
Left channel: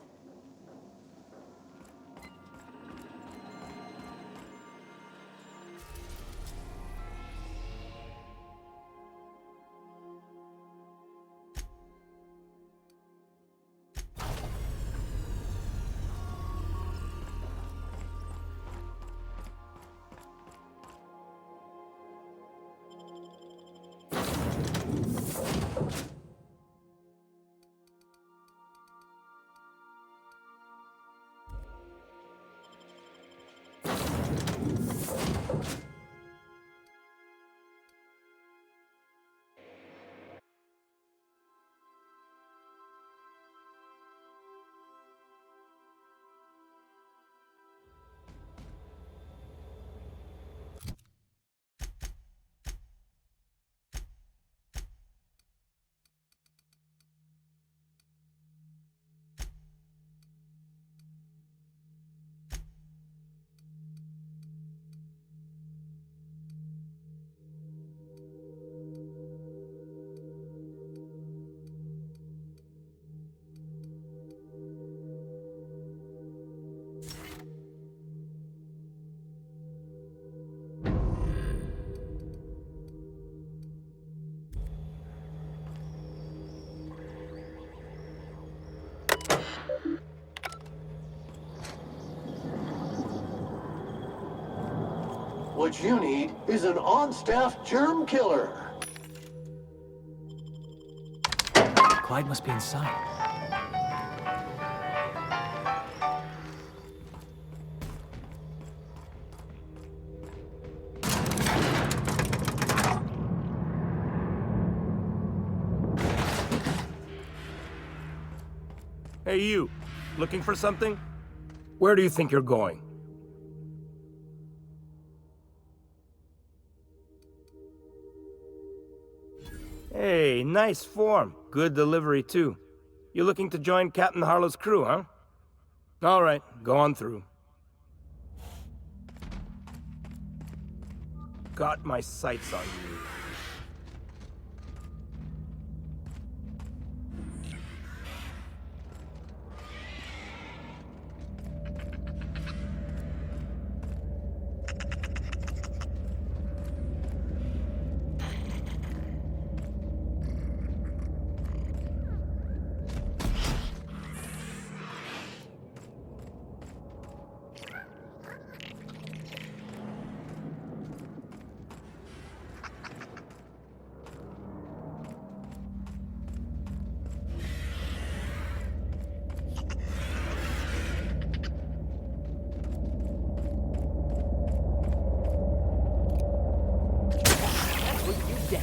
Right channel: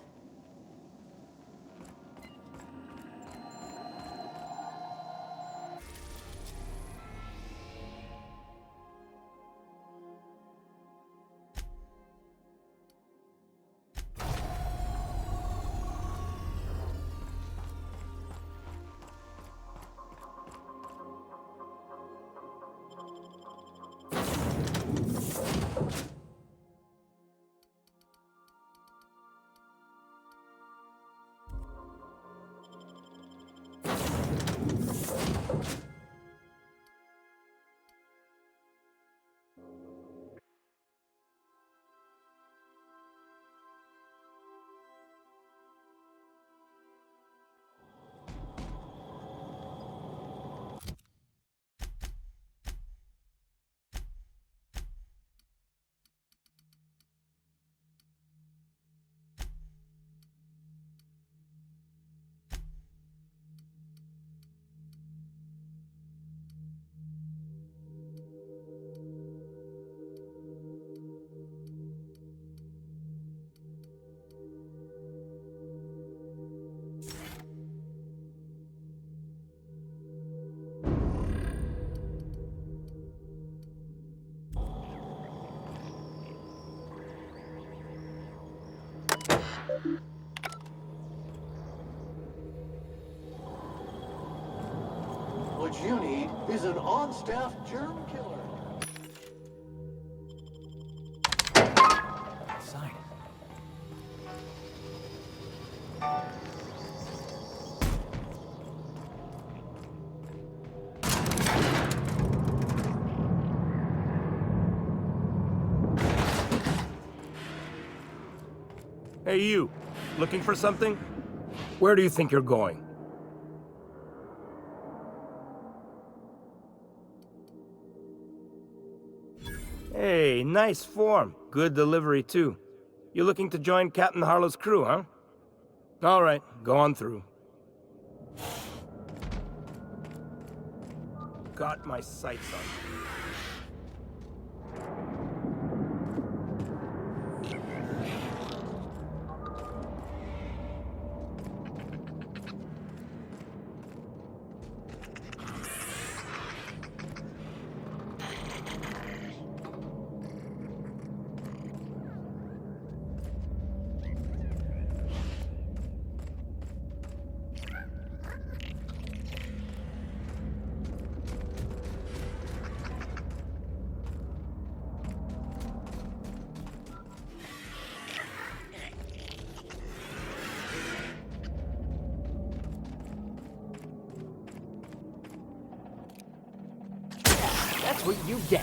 What you need is an on-staff germ killer. Clyde must be inside. Hey, you. Looking for something? Where do you think you're going? Hey, nice form. Good delivery, too. You looking to join Captain Harlow's crew, huh? All right, go on through. Got my sights on you. That's what you get.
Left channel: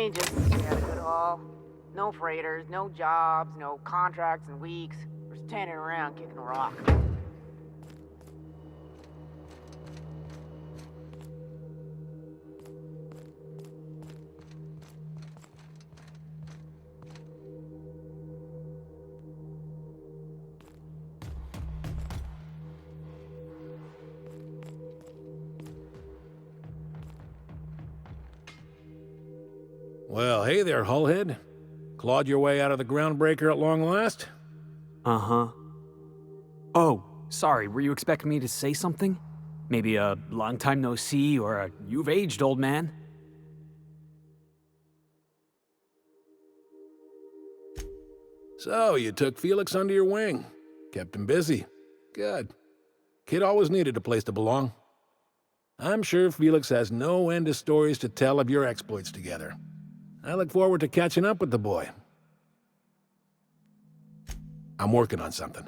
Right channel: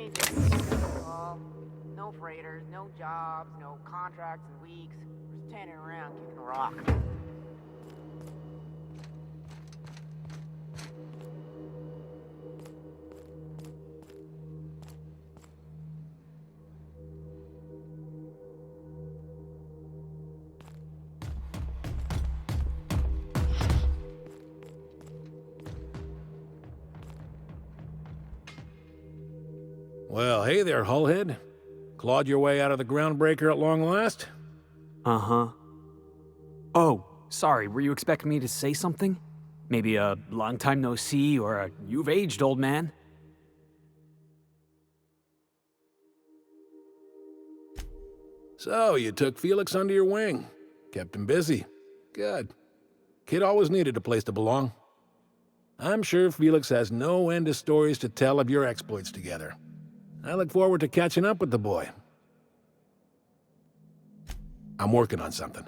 changes. That's all. No freighters, no jobs, no contracts in weeks. We're standing around kicking a rock. Well, hey there, Hullhead. Clawed your way out of the groundbreaker at long last? Uh-huh. Oh, sorry, were you expecting me to say something? Maybe a long time no see or a you've aged, old man? So, you took Felix under your wing. Kept him busy. Good. Kid always needed a place to belong. I'm sure Felix has no end of stories to tell of your exploits together. I look forward to catching up with the boy. I'm working on something.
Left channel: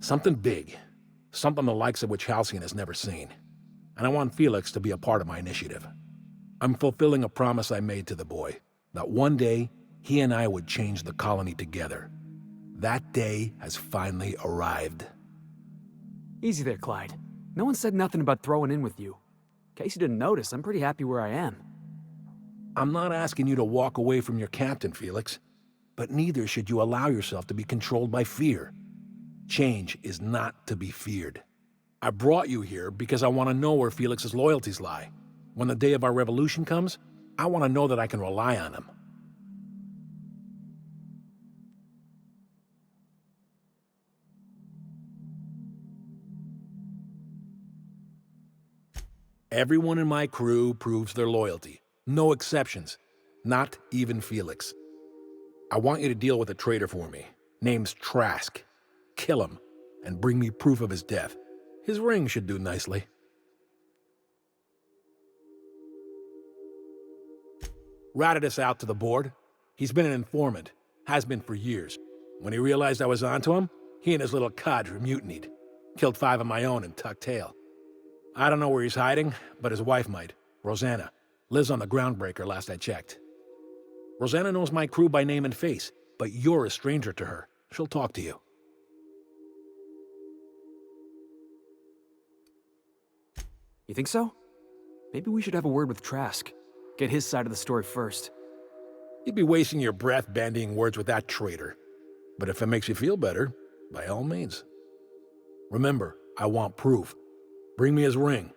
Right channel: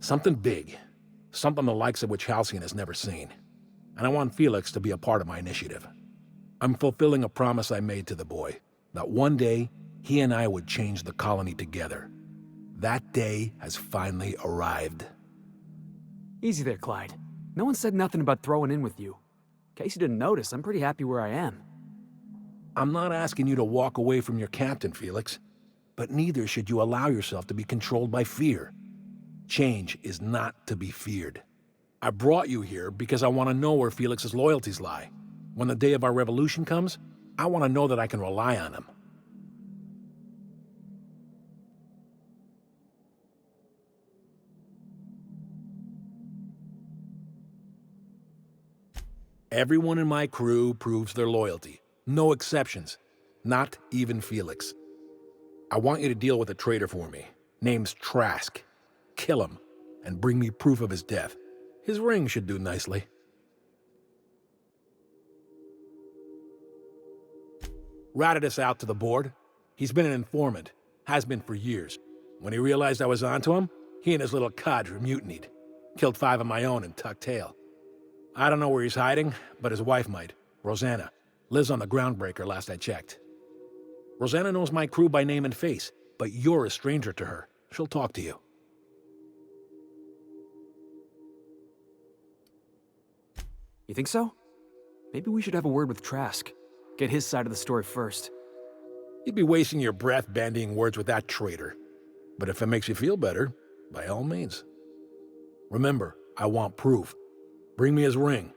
Something big. Something the likes of which Halcyon has never seen. And I want Felix to be a part of my initiative. I'm fulfilling a promise I made to the boy, that one day he and I would change the colony together. That day has finally arrived. Easy there, Clyde. No one said nothing about throwing in with you. In case you didn't notice, I'm pretty happy where I am. I'm not asking you to walk away from your captain, Felix. But neither should you allow yourself to be controlled by fear. Change is not to be feared. I brought you here because I want to know where Felix's loyalties lie. When the day of our revolution comes, I want to know that I can rely on him. Everyone in my crew proves their loyalty. No exceptions. Not even Felix. I want you to deal with a traitor for me. Name's Trask. Kill him, and bring me proof of his death. His ring should do nicely. Ratted us out to the board. He's been an informant. Has been for years. When he realized I was onto him, he and his little cadre mutinied. Killed 5 of my own and tucked tail. I don't know where he's hiding, but his wife might. Rosanna. Lives on the groundbreaker last I checked. Rosanna knows my crew by name and face, but you're a stranger to her. She'll talk to you. You think so? Maybe we should have a word with Trask. Get his side of the story first. You'd be wasting your breath bandying words with that traitor. But if it makes you feel better, by all means. Remember, I want proof. Bring me his ring.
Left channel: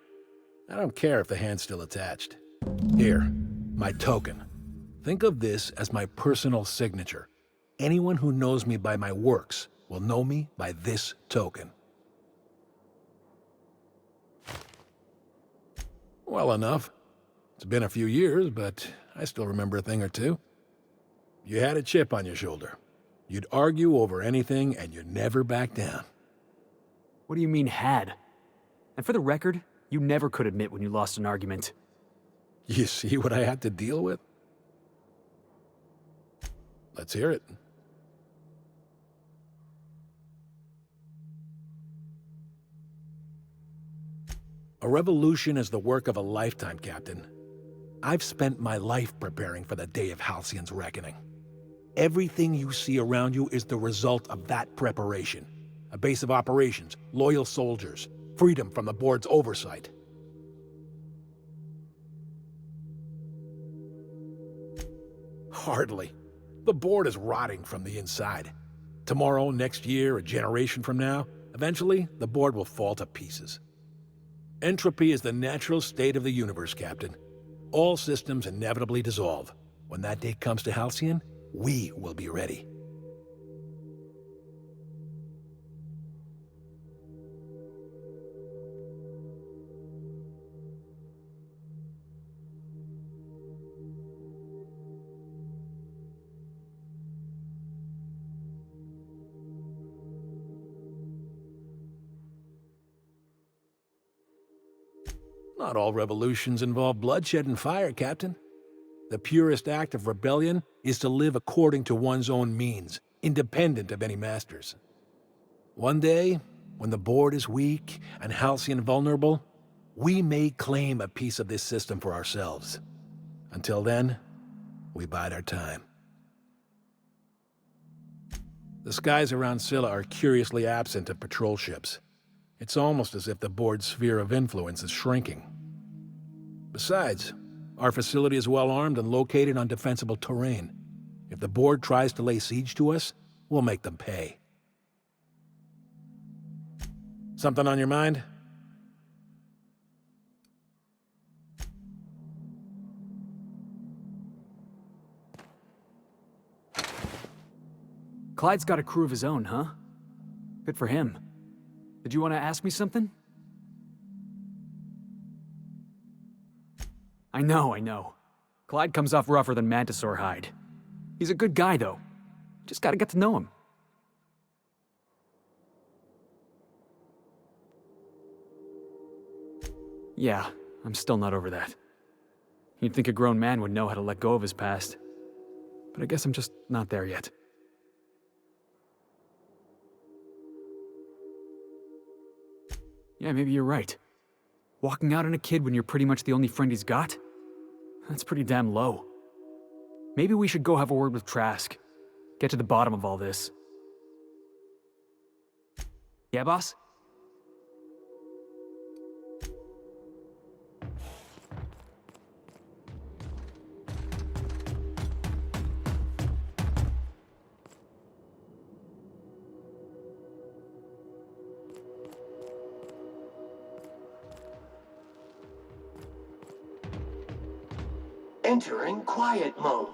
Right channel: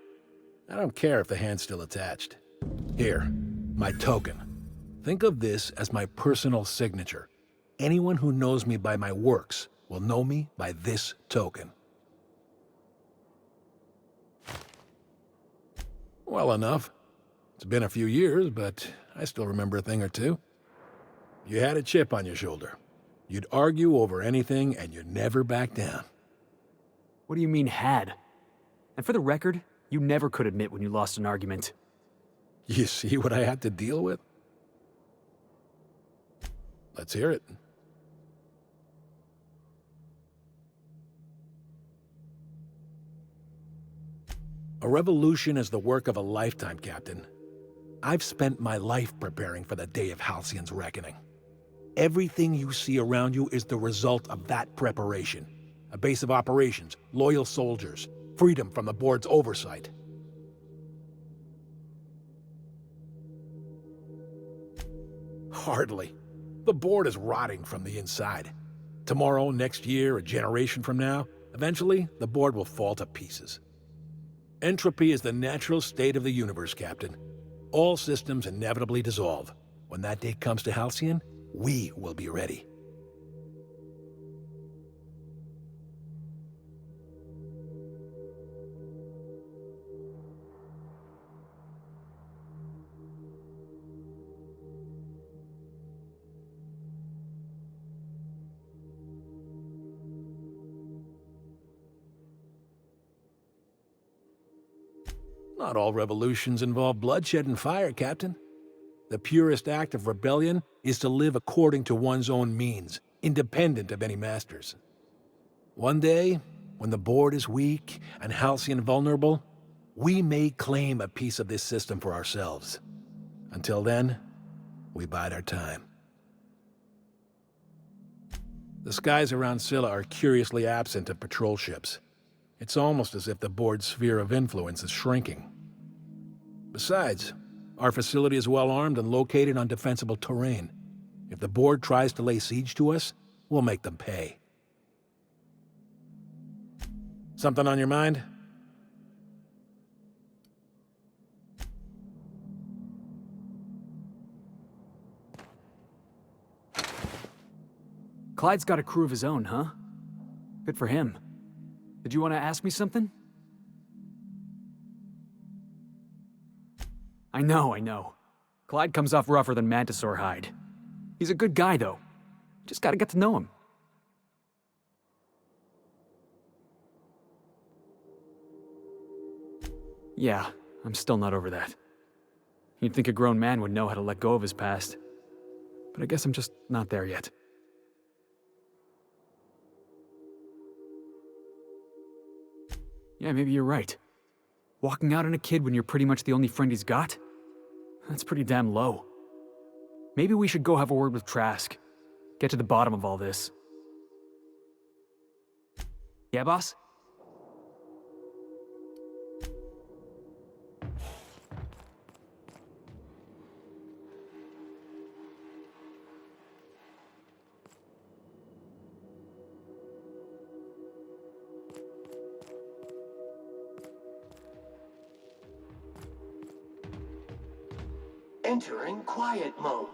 I don't care if the hand's still attached. Here, my token. Think of this as my personal signature. Anyone who knows me by my works will know me by this token. Well enough. It's been a few years, but I still remember a thing or two. You had a chip on your shoulder. You'd argue over anything, and you'd never back down. What do you mean, had? And for the record, you never could admit when you lost an argument. You see what I had to deal with? Let's hear it. A revolution is the work of a lifetime, Captain. I've spent my life preparing for the day of Halcyon's reckoning. Everything you see around you is the result of that preparation. A base of operations, loyal soldiers, freedom from the board's oversight. Hardly. The board is rotting from the inside. Tomorrow, next year, a generation from now, eventually, the board will fall to pieces. Entropy is the natural state of the universe, Captain. All systems inevitably dissolve. When that day comes to Halcyon, we will be ready. Not all revolutions involve bloodshed and fire, Captain. The purest act of rebellion is to live according to one's own means, independent of any masters. One day, when the board is weak and Halcyon vulnerable, we may claim a piece of this system for ourselves. Until then, we bide our time. The skies around Scylla are curiously absent of patrol ships. It's almost as if the board's sphere of influence is shrinking. Besides, our facility is well armed and located on defensible terrain. If the board tries to lay siege to us, we'll make them pay. Something on your mind? Clyde's got a crew of his own, huh? Good for him. Did you want to ask me something? I know. Clyde comes off rougher than Mantisaur hide. He's a good guy, though. Just gotta get to know him. Yeah, I'm still not over that. You'd think a grown man would know how to let go of his past. But I guess I'm just not there yet. Yeah, maybe you're right. Walking out on a kid when you're pretty much the only friend he's got? That's pretty damn low. Maybe we should go have a word with Trask. Get to the bottom of all this. Yeah, boss? Entering quiet mode.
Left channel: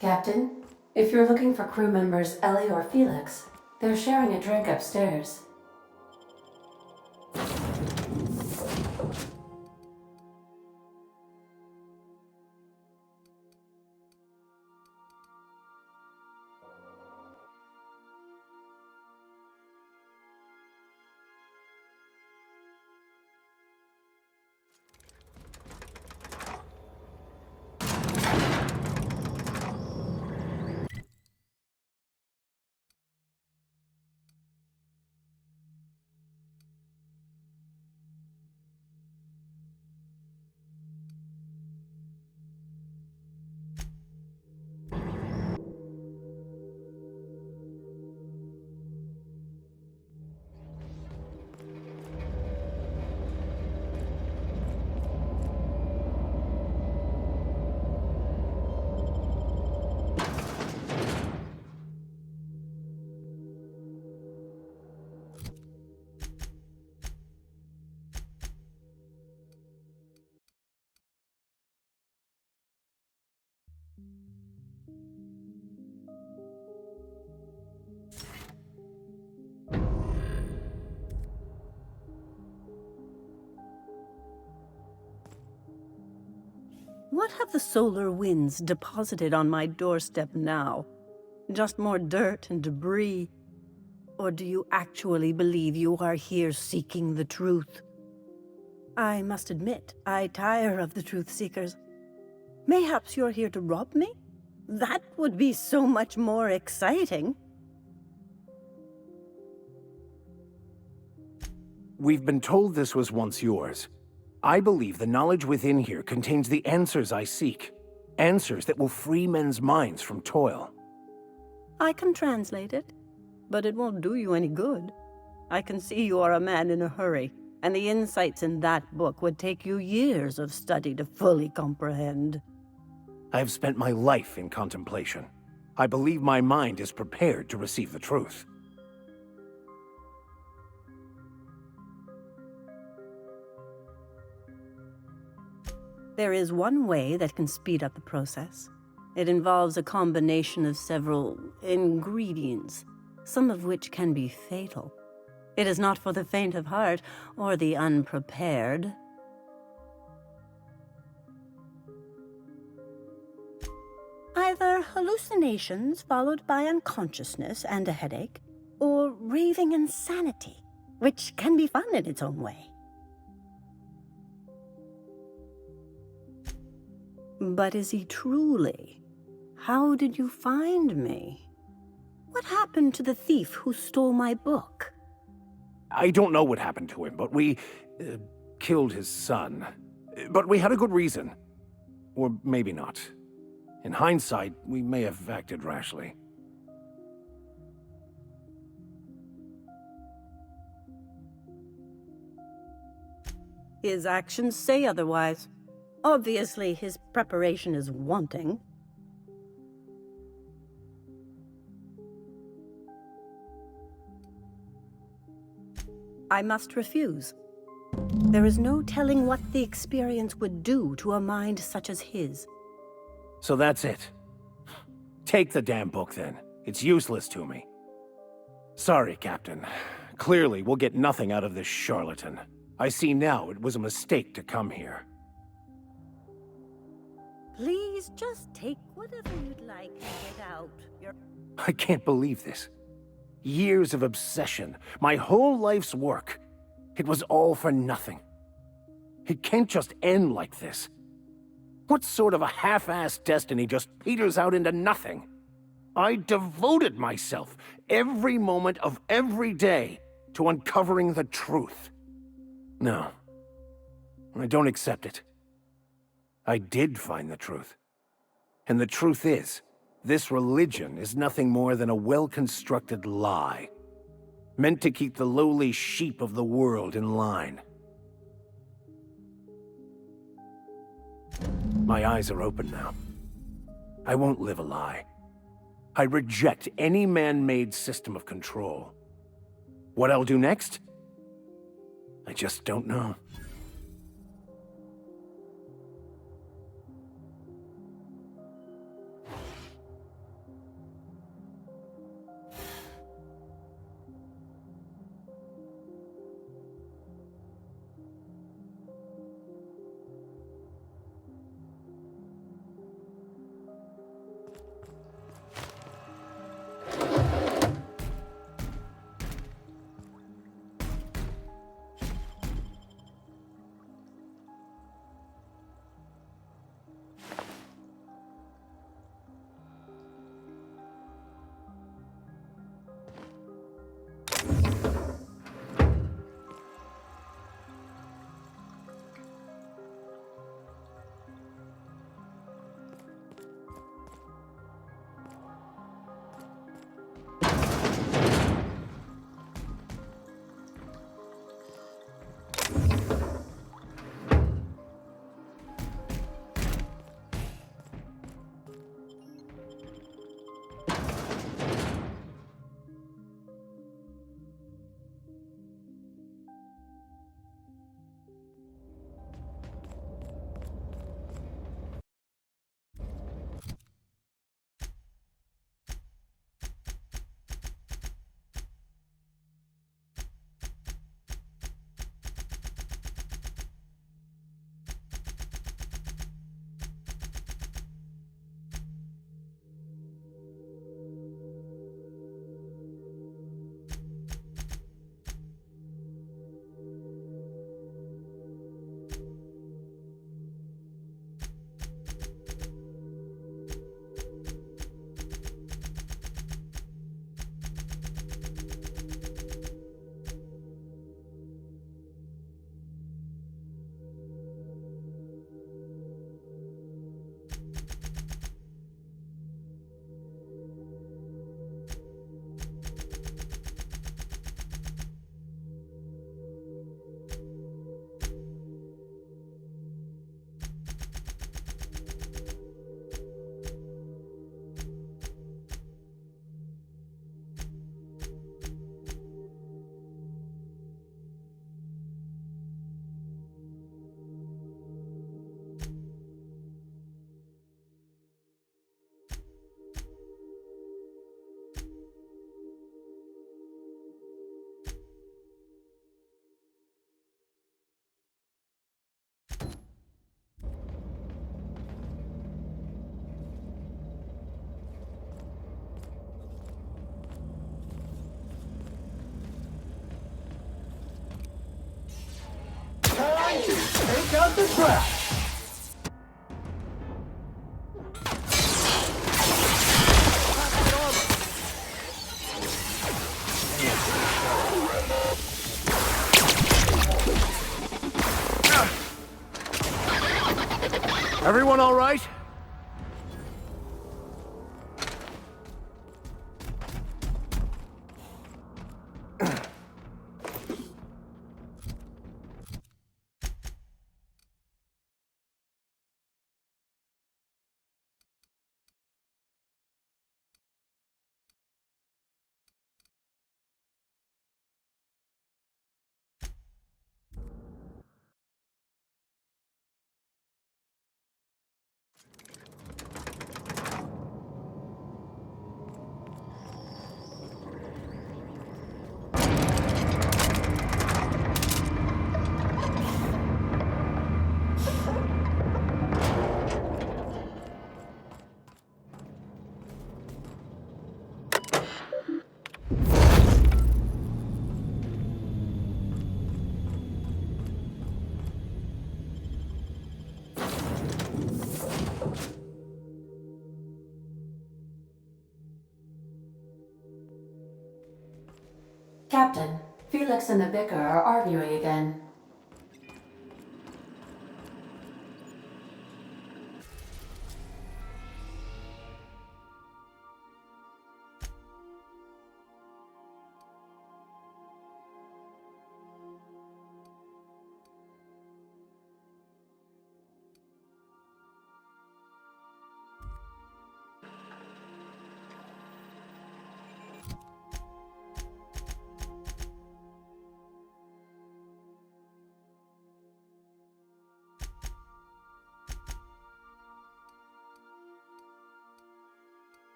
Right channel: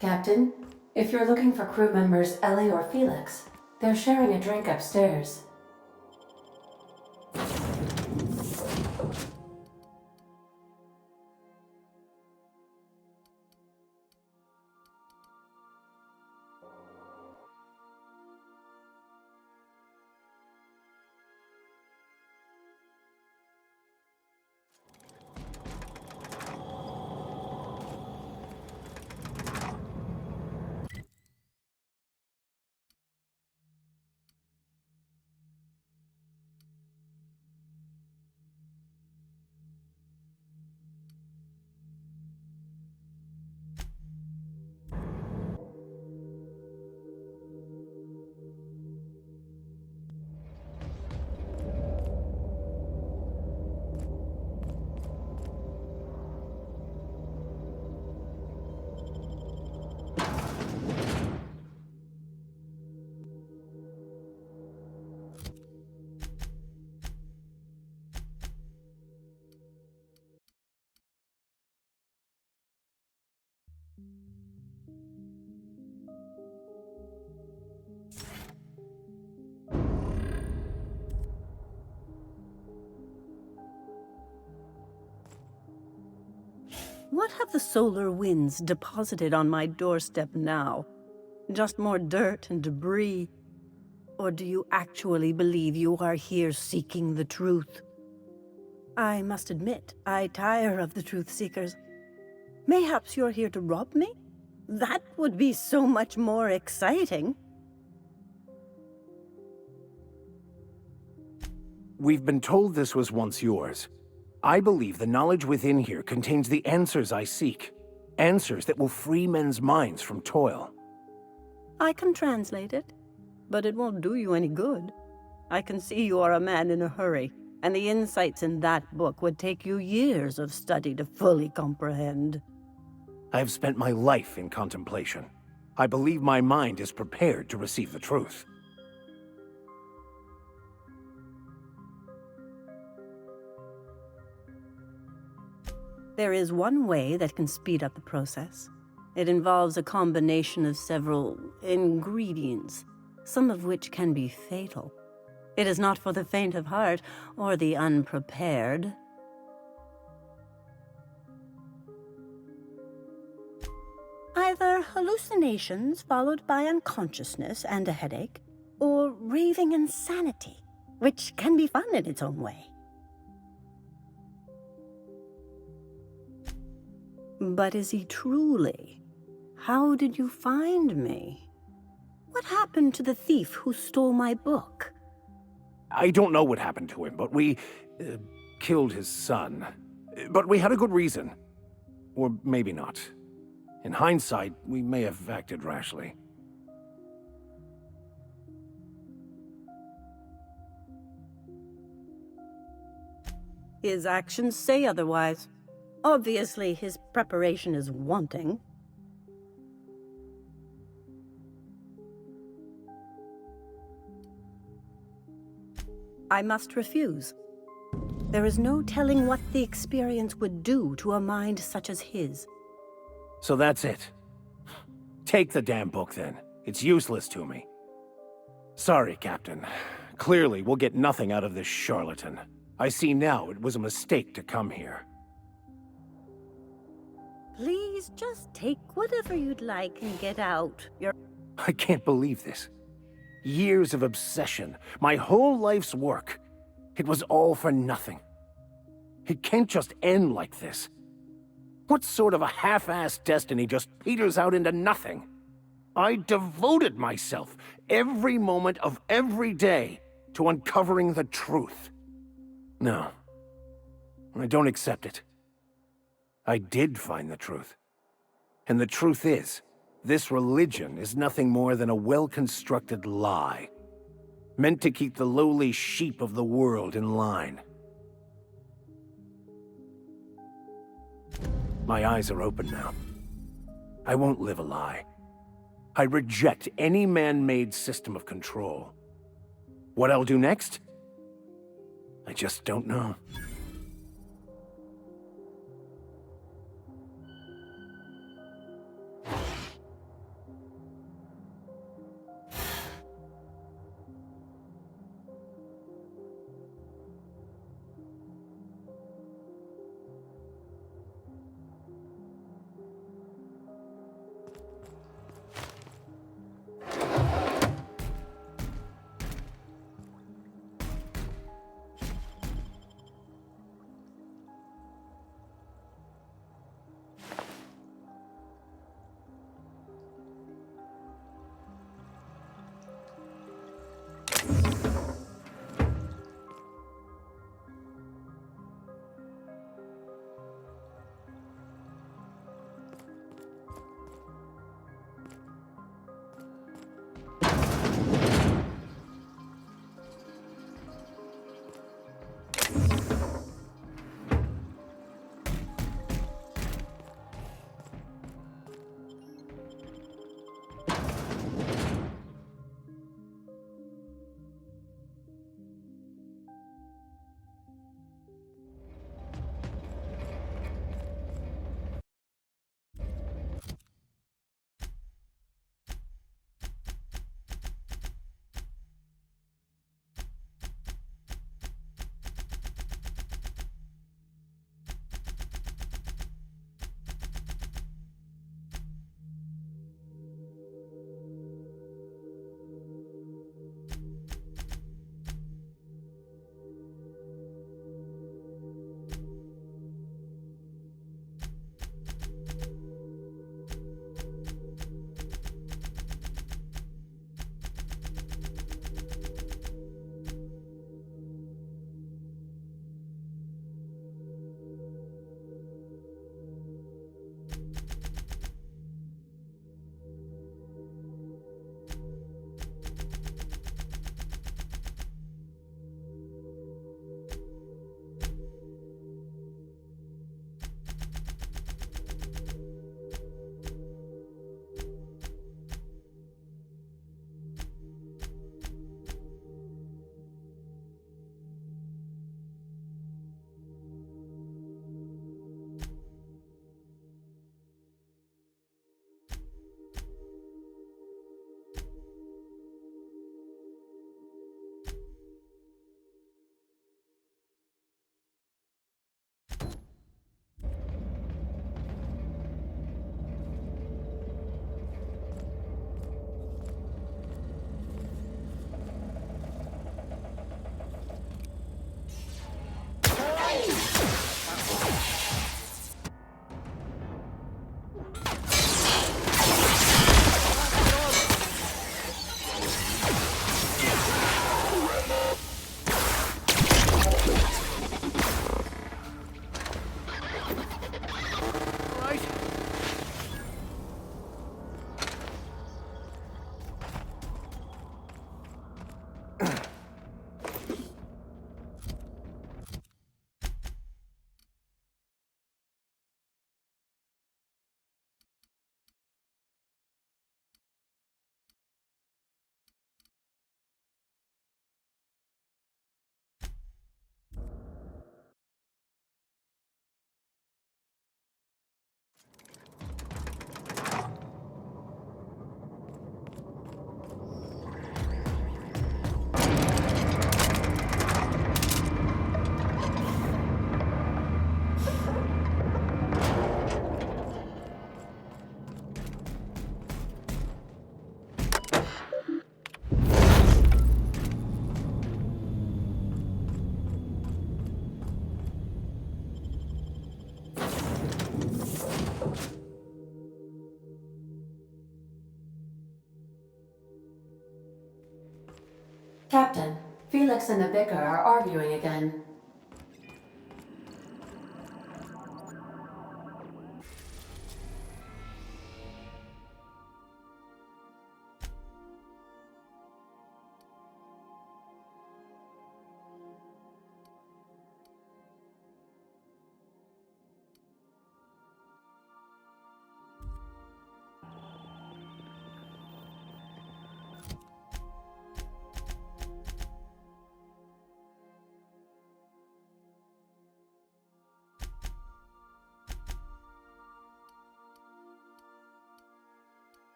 Captain, if you're looking for crew members Ellie or Felix, they're sharing a drink upstairs. What have the solar winds deposited on my doorstep now? Just more dirt and debris? Or do you actually believe you are here seeking the truth? I must admit, I tire of the truth seekers. Mayhaps you're here to rob me? That would be so much more exciting. We've been told this was once yours. I believe the knowledge within here contains the answers I seek. Answers that will free men's minds from toil. I can translate it, but it won't do you any good. I can see you are a man in a hurry, and the insights in that book would take you years of study to fully comprehend. I have spent my life in contemplation. I believe my mind is prepared to receive the truth. There is one way that can speed up the process. It involves a combination of several ingredients, some of which can be fatal. It is not for the faint of heart or the unprepared. Either hallucinations followed by unconsciousness and a headache, or raving insanity, which can be fun in its own way. But is he truly? How did you find me? What happened to the thief who stole my book? I don't know what happened to him, but we killed his son. But we had a good reason. Or maybe not. In hindsight, we may have acted rashly. His actions say otherwise. Obviously, his preparation is wanting. I must refuse. There is no telling what the experience would do to a mind such as his. So that's it. Take the damn book, then. It's useless to me. Sorry, Captain. Clearly, we'll get nothing out of this charlatan. I see now it was a mistake to come here. Please just take whatever you'd like and get out. I can't believe this. Years of obsession, my whole life's work. It was all for nothing. It can't just end like this. What sort of a half-assed destiny just peters out into nothing? I devoted myself every moment of every day to uncovering the truth. No, I don't accept it. I did find the truth. And the truth is, this religion is nothing more than a well-constructed lie, meant to keep the lowly sheep of the world in line. My eyes are open now. I won't live a lie. I reject any man-made system of control. What I'll do next? I just don't know. the trap! Everyone all right? Captain, Felix and the Vicar are arguing again.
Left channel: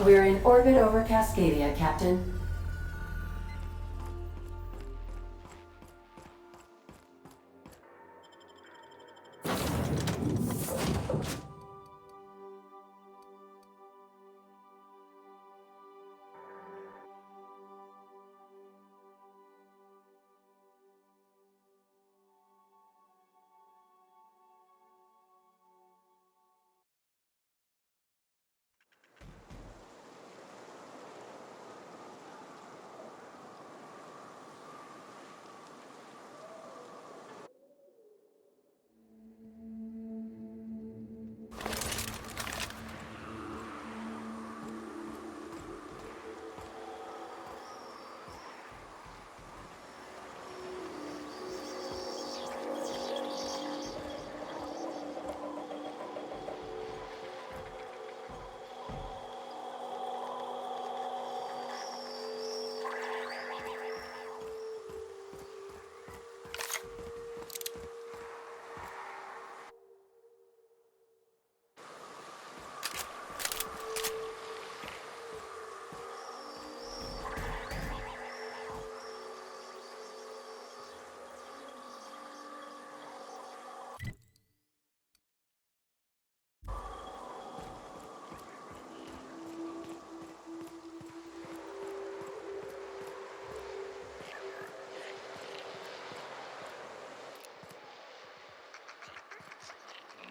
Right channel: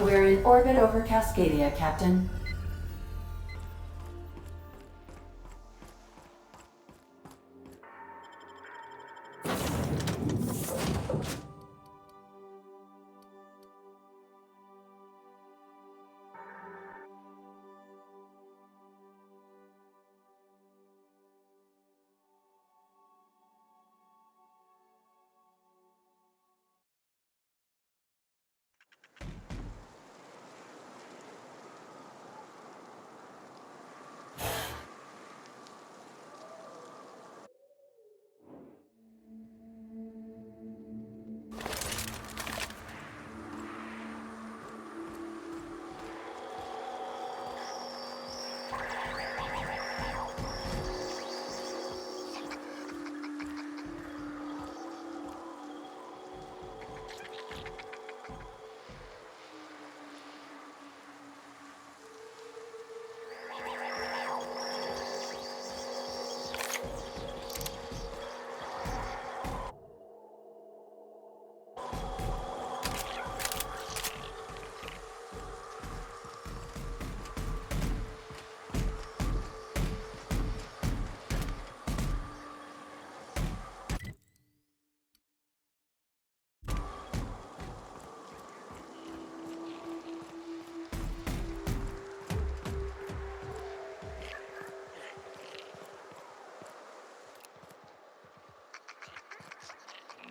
We're in orbit over Cascadia, Captain.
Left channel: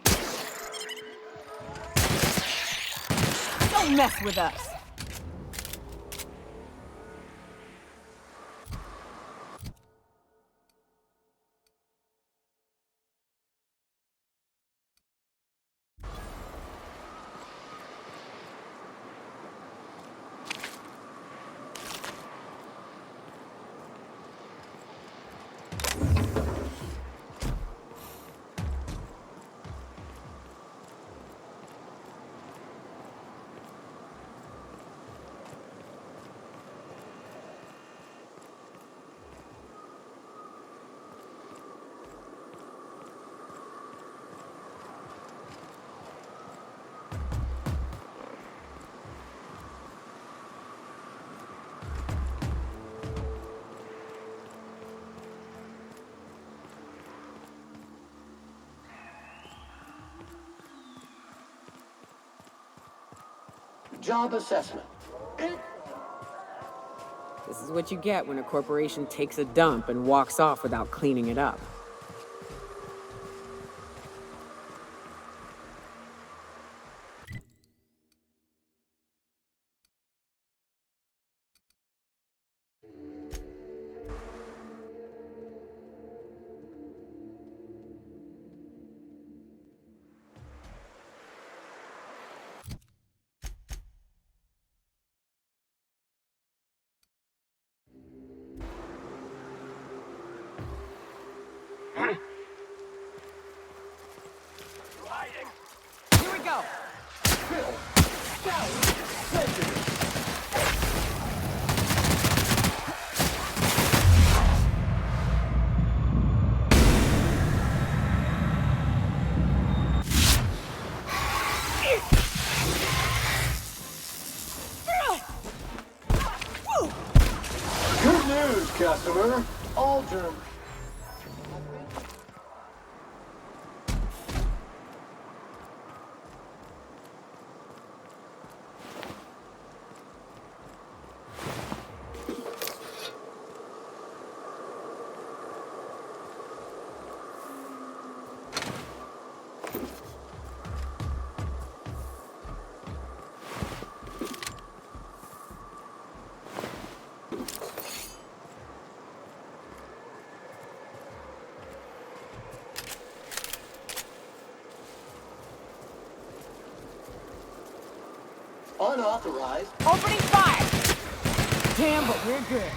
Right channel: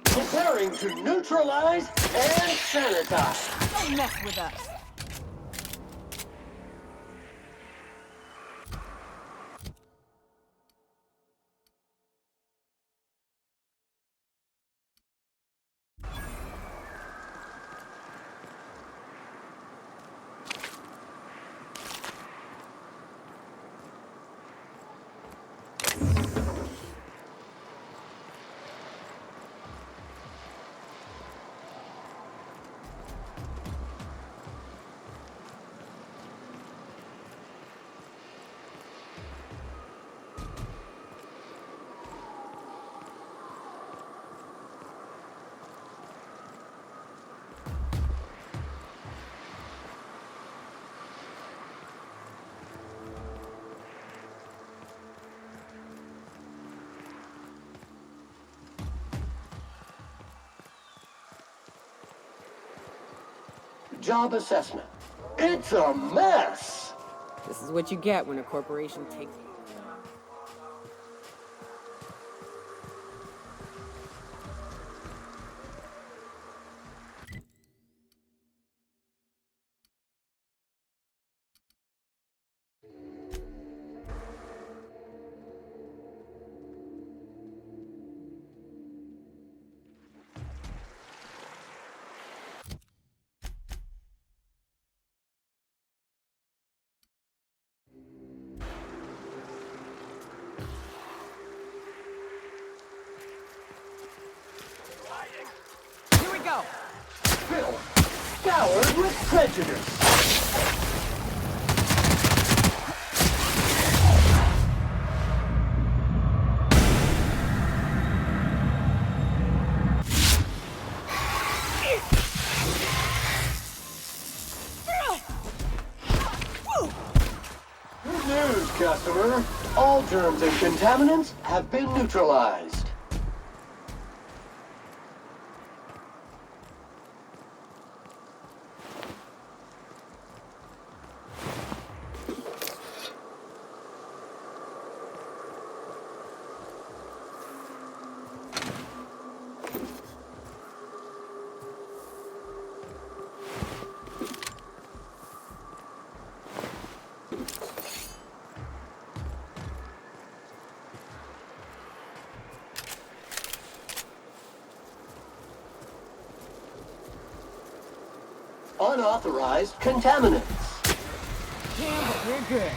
Preparing to neutralize and sanitize. Don't mess with us. Job assessment. It's a mess. This is what you get when a corporation takes a dump and walks off without cleaning it up. Here we go! Phil, scoured with prejudice. Good news, customer. All germs and contaminants have been neutralized. Unauthorized contaminants. Damn, but we're good.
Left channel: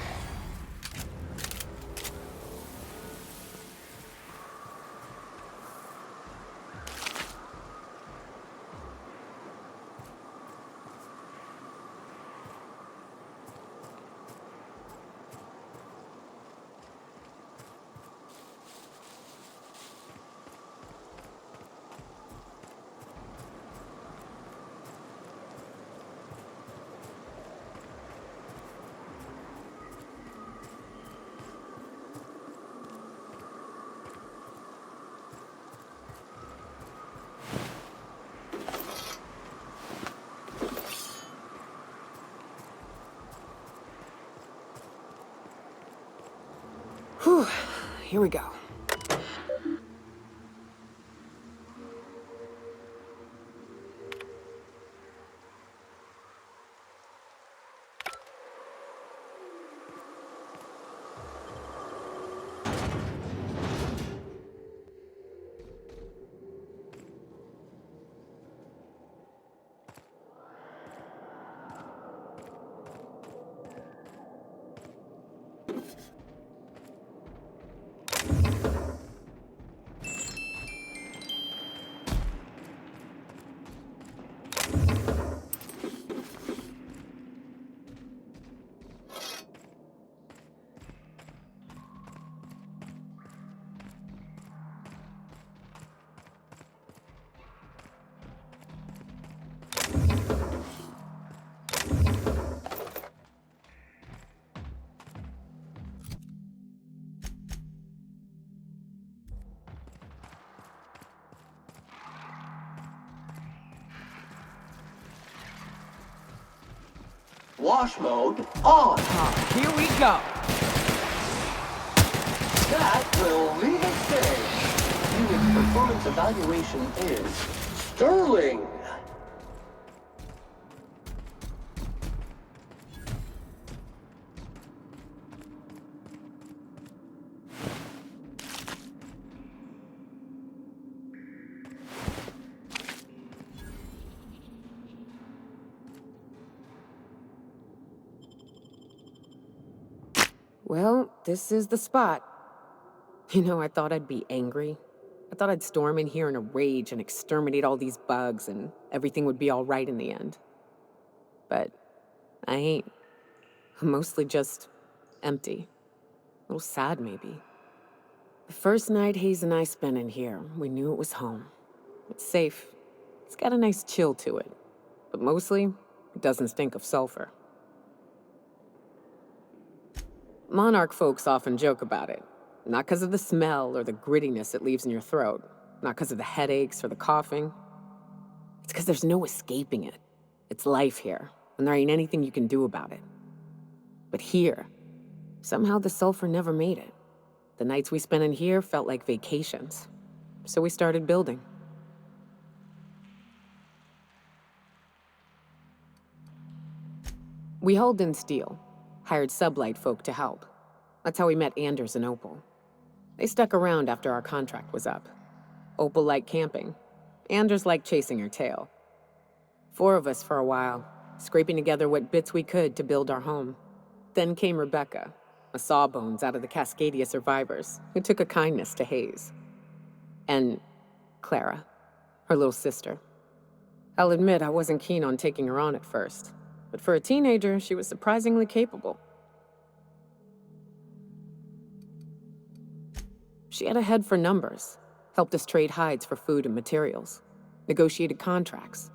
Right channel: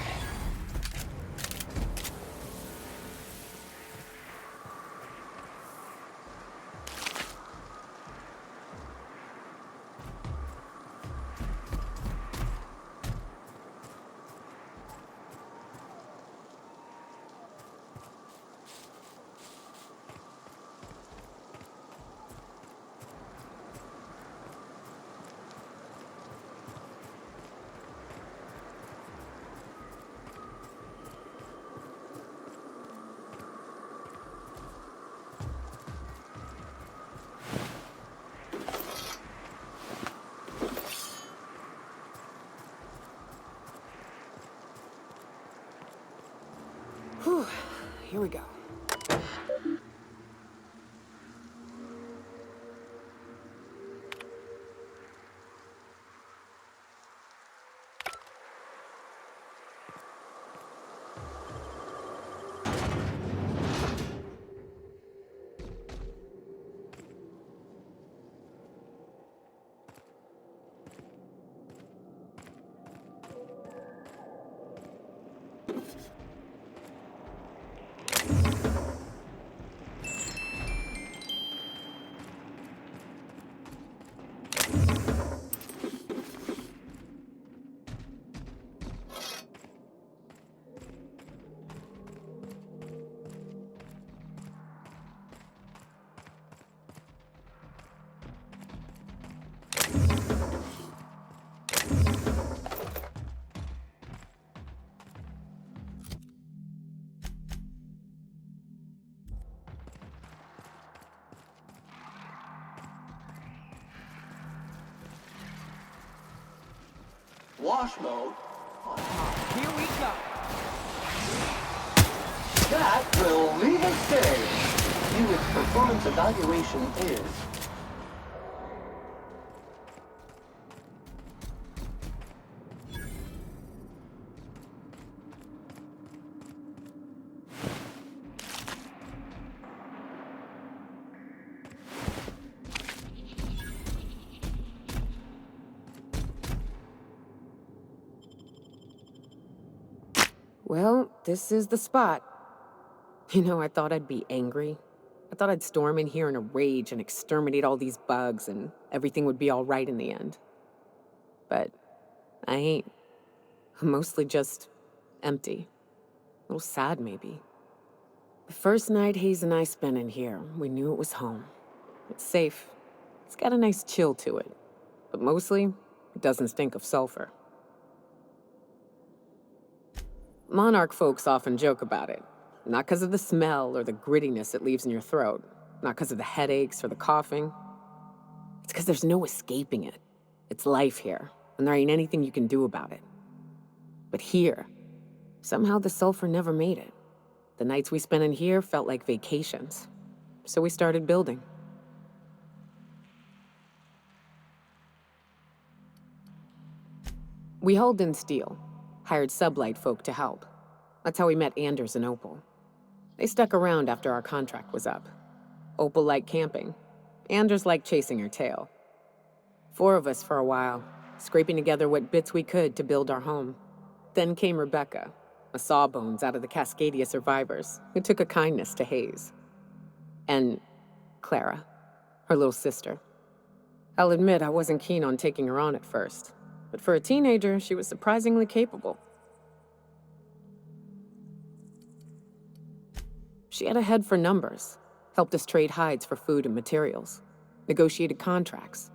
Whew, here we go. Wash mode on. Here we go. That will leave it safe. Unit performance evaluation is sterling. Well, this is the spot. You know, I thought I'd be angry. I thought I'd storm in here in a rage and exterminate all these bugs and everything would be all right in the end. But I ain't. I'm mostly just empty. A little sad, maybe. The first night Hayes and I spent in here, we knew it was home. It's safe. It's got a nice chill to it. But mostly, it doesn't stink of sulfur. Monarch folks often joke about it. Not because of the smell or the grittiness it leaves in your throat. Not because of the headaches or the coughing. It's because there's no escaping it. It's life here, and there ain't anything you can do about it. But here, somehow the sulfur never made it. The nights we spent in here felt like vacations. So we started building. We hauled in steel, hired sublight folk to help. That's how we met Anders and Opal. They stuck around after our contract was up. Opal liked camping. Anders liked chasing her tail. 4 of us for a while, scraping together what bits we could to build our home. Then came Rebecca, a sawbones out of the Cascadia survivors, who took a kindness to Hayes. And Clara, her little sister. I'll admit I wasn't keen on taking her on at first, but for a teenager, she was surprisingly capable. She had a head for numbers, helped us trade hides for food and materials, negotiated contracts.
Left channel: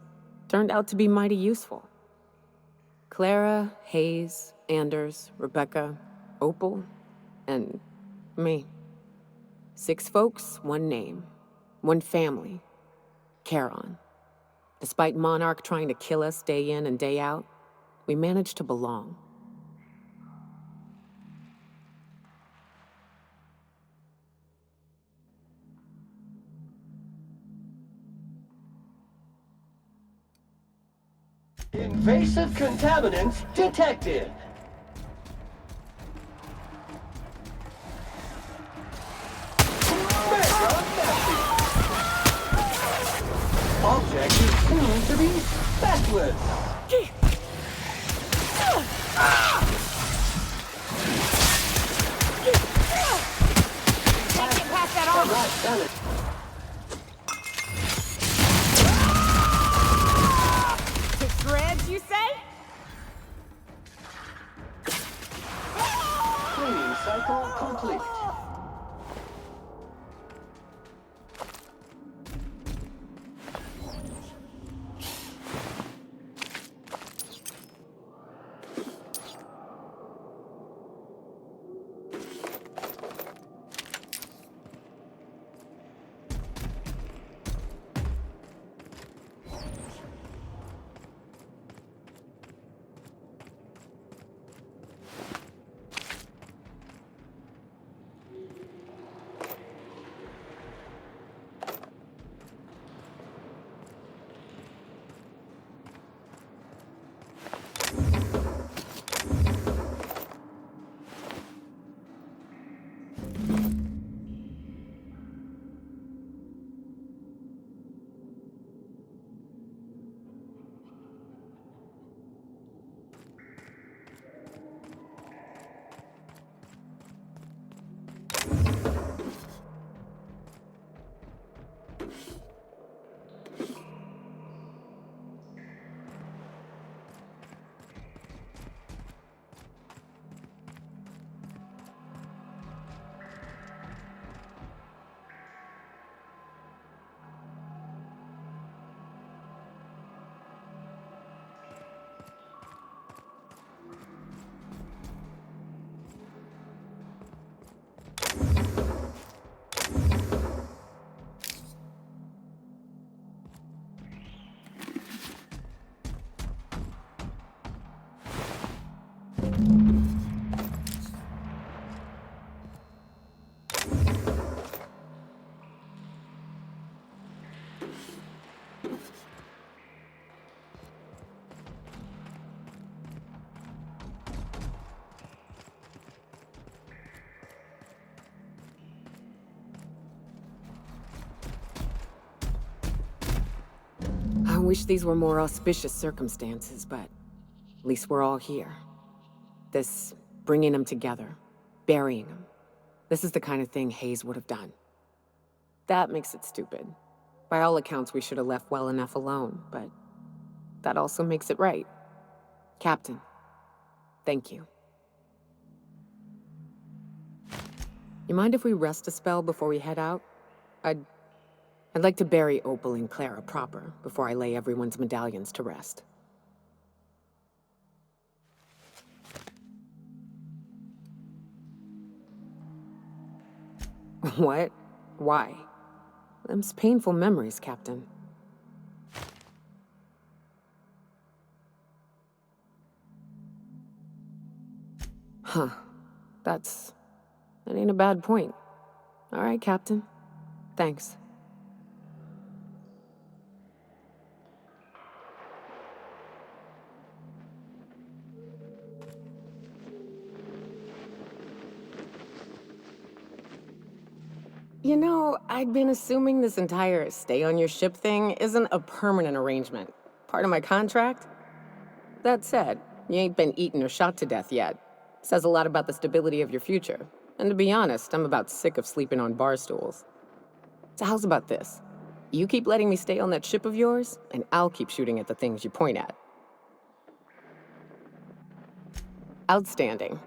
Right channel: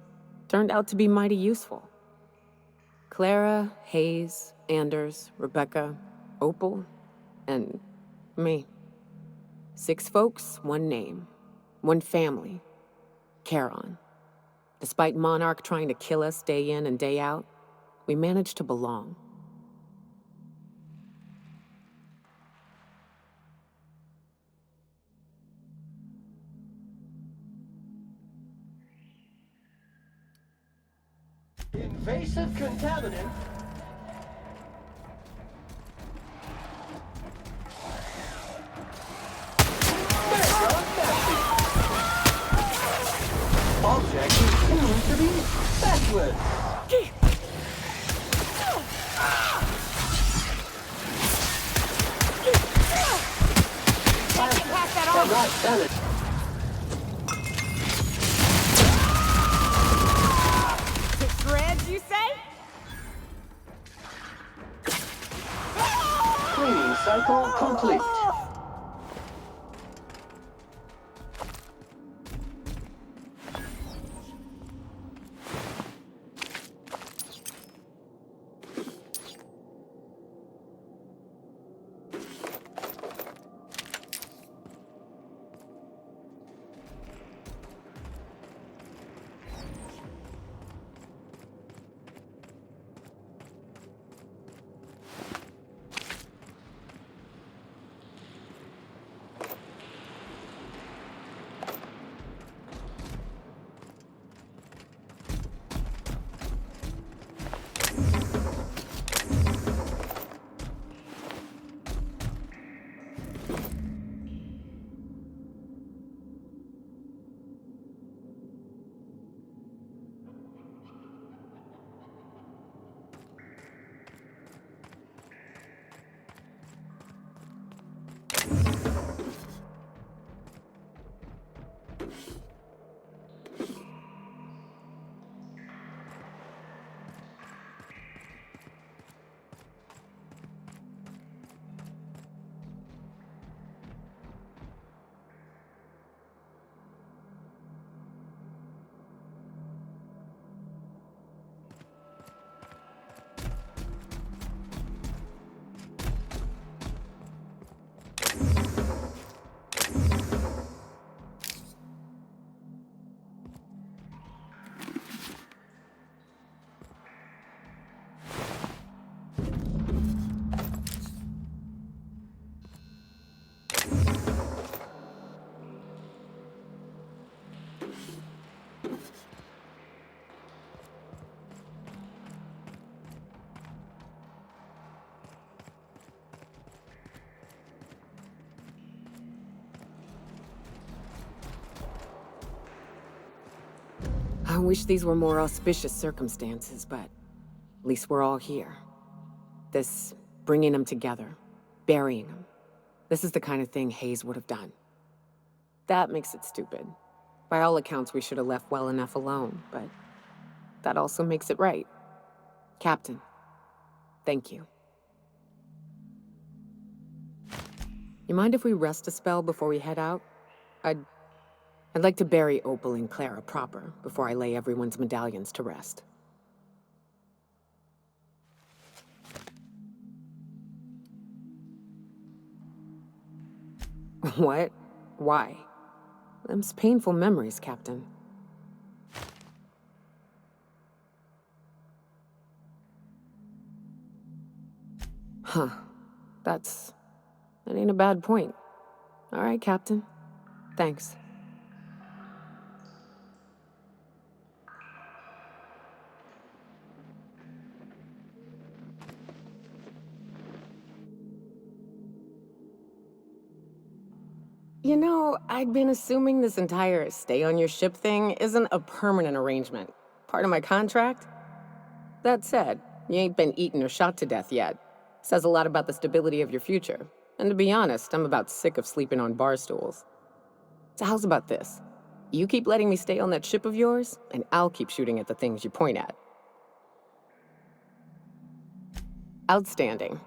Turned out to be mighty useful. Clara, Hayes, Anders, Rebecca, Opal, and me. 6 folks, 1 name, 1 family, Charon. Despite Monarch trying to kill us day in and day out, we managed to belong. Invasive contaminants detected. Mega message. Object is soon to be speckless. Can't get past that armor. Shreds, you say? Cleaning cycle complete. I wish these were more auspicious circumstances, but at least we're all here. This bringing them together, burying them. This is the kind of thing Hayes would have done. That makes it stupid. By all accounts, we should have left well enough alone, but that also makes it right. Captain, thank you. You mind if we rest a spell before we head out? I'd like to bury Opal and Clara proper before I lay everyone's medallions to rest. What? Why? Them's painful memories, Captain. Huh. That ain't a bad point. All right, Captain. Thanks. You know, I'd been assuming this entire stay on your ship thing isn't a permanent arrangement. Part of my contract? That said, you ain't been eaten or shot to death yet. Says a lot about the stability of your future. And to be honest, I'm about sick of sleeping on bar stools. So how's about this? You keep letting me stay on that ship of yours, and I'll keep shooting at the things you point at. Outstanding.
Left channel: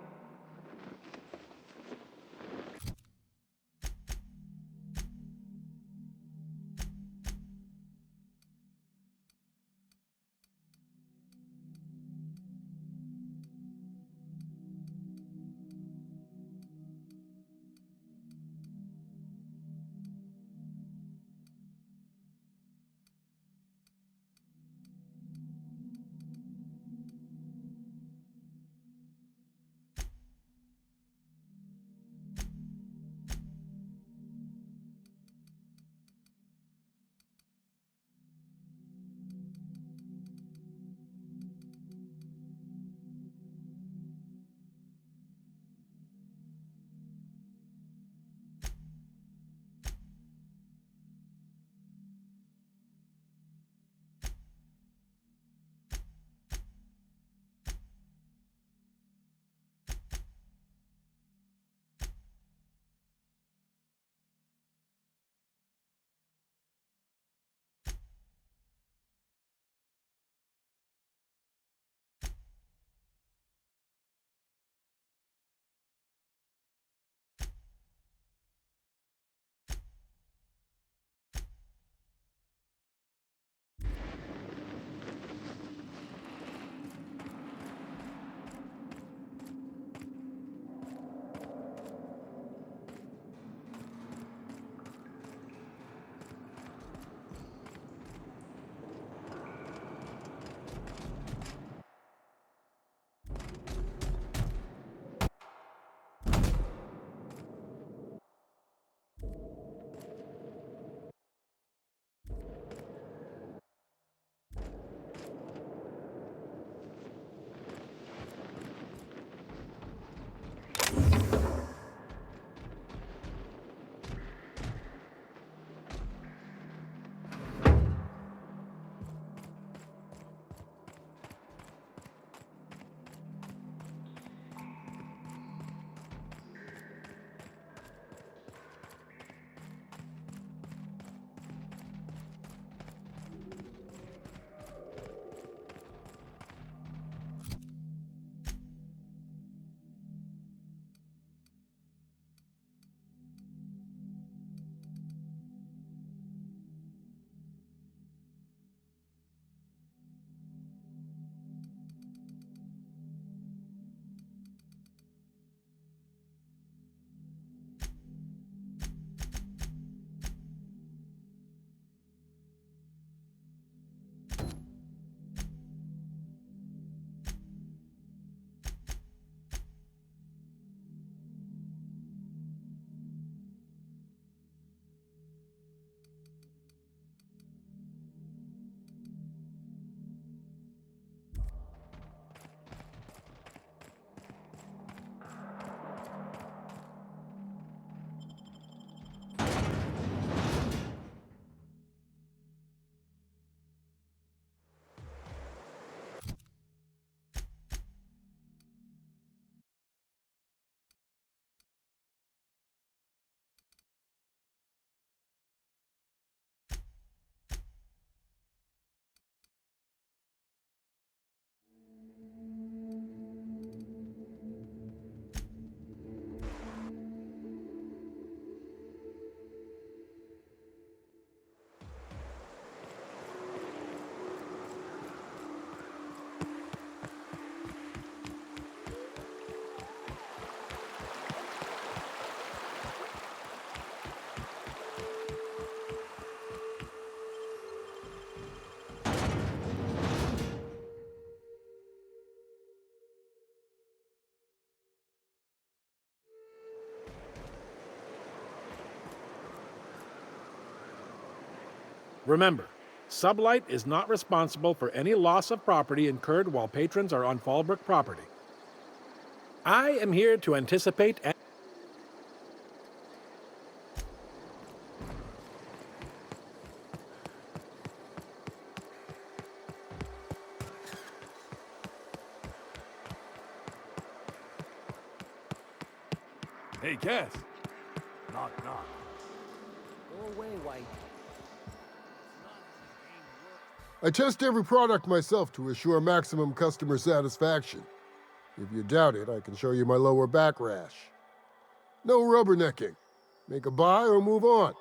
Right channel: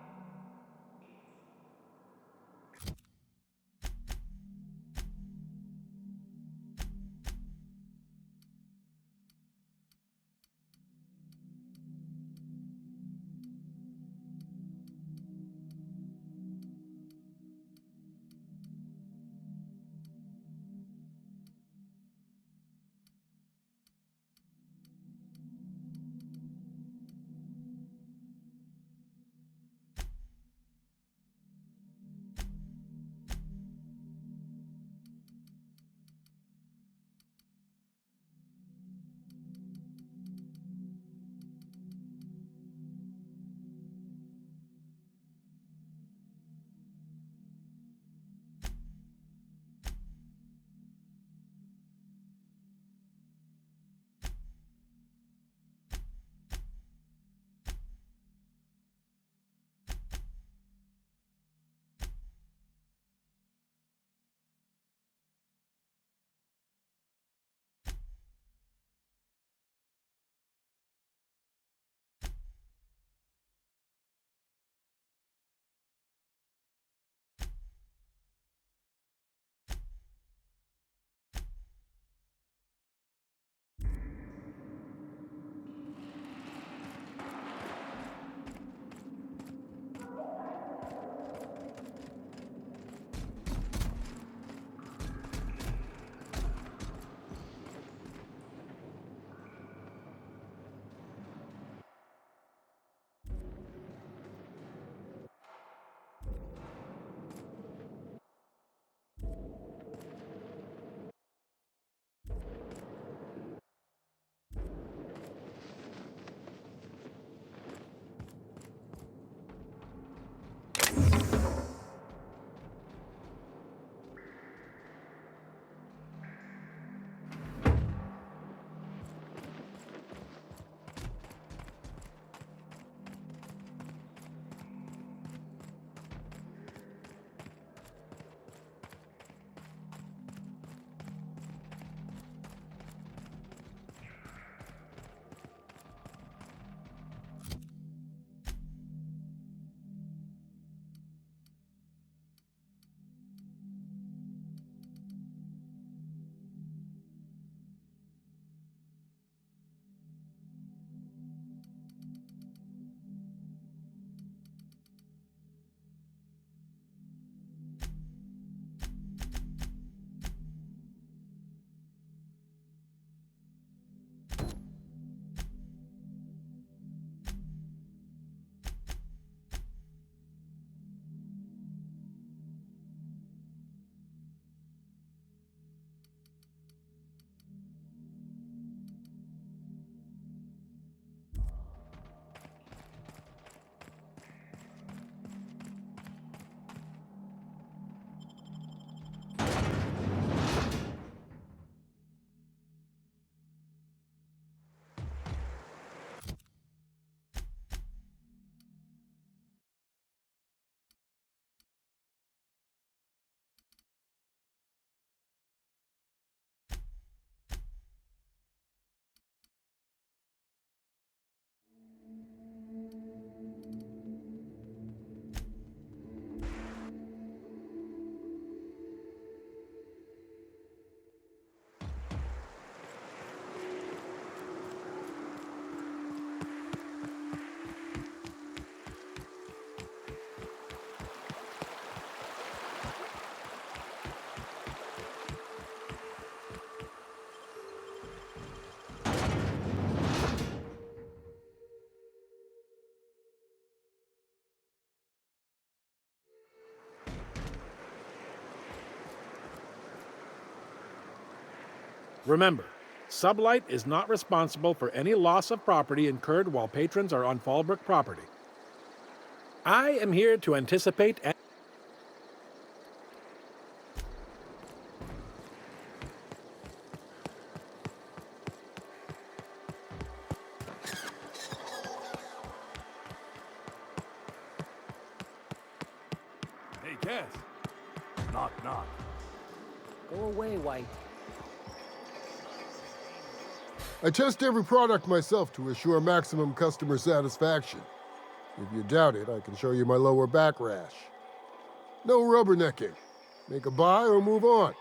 Remember, Sublight is not responsible for any loss of property incurred while patrons are on Fallbrook property. I am here to anticipate and... Hey, Cass. Knock, knock. Go away, White. I test every product myself to assure maximum customer satisfaction. If you doubt it, I can show you my lower back rash. No rubbernecking. Make a buy or move on.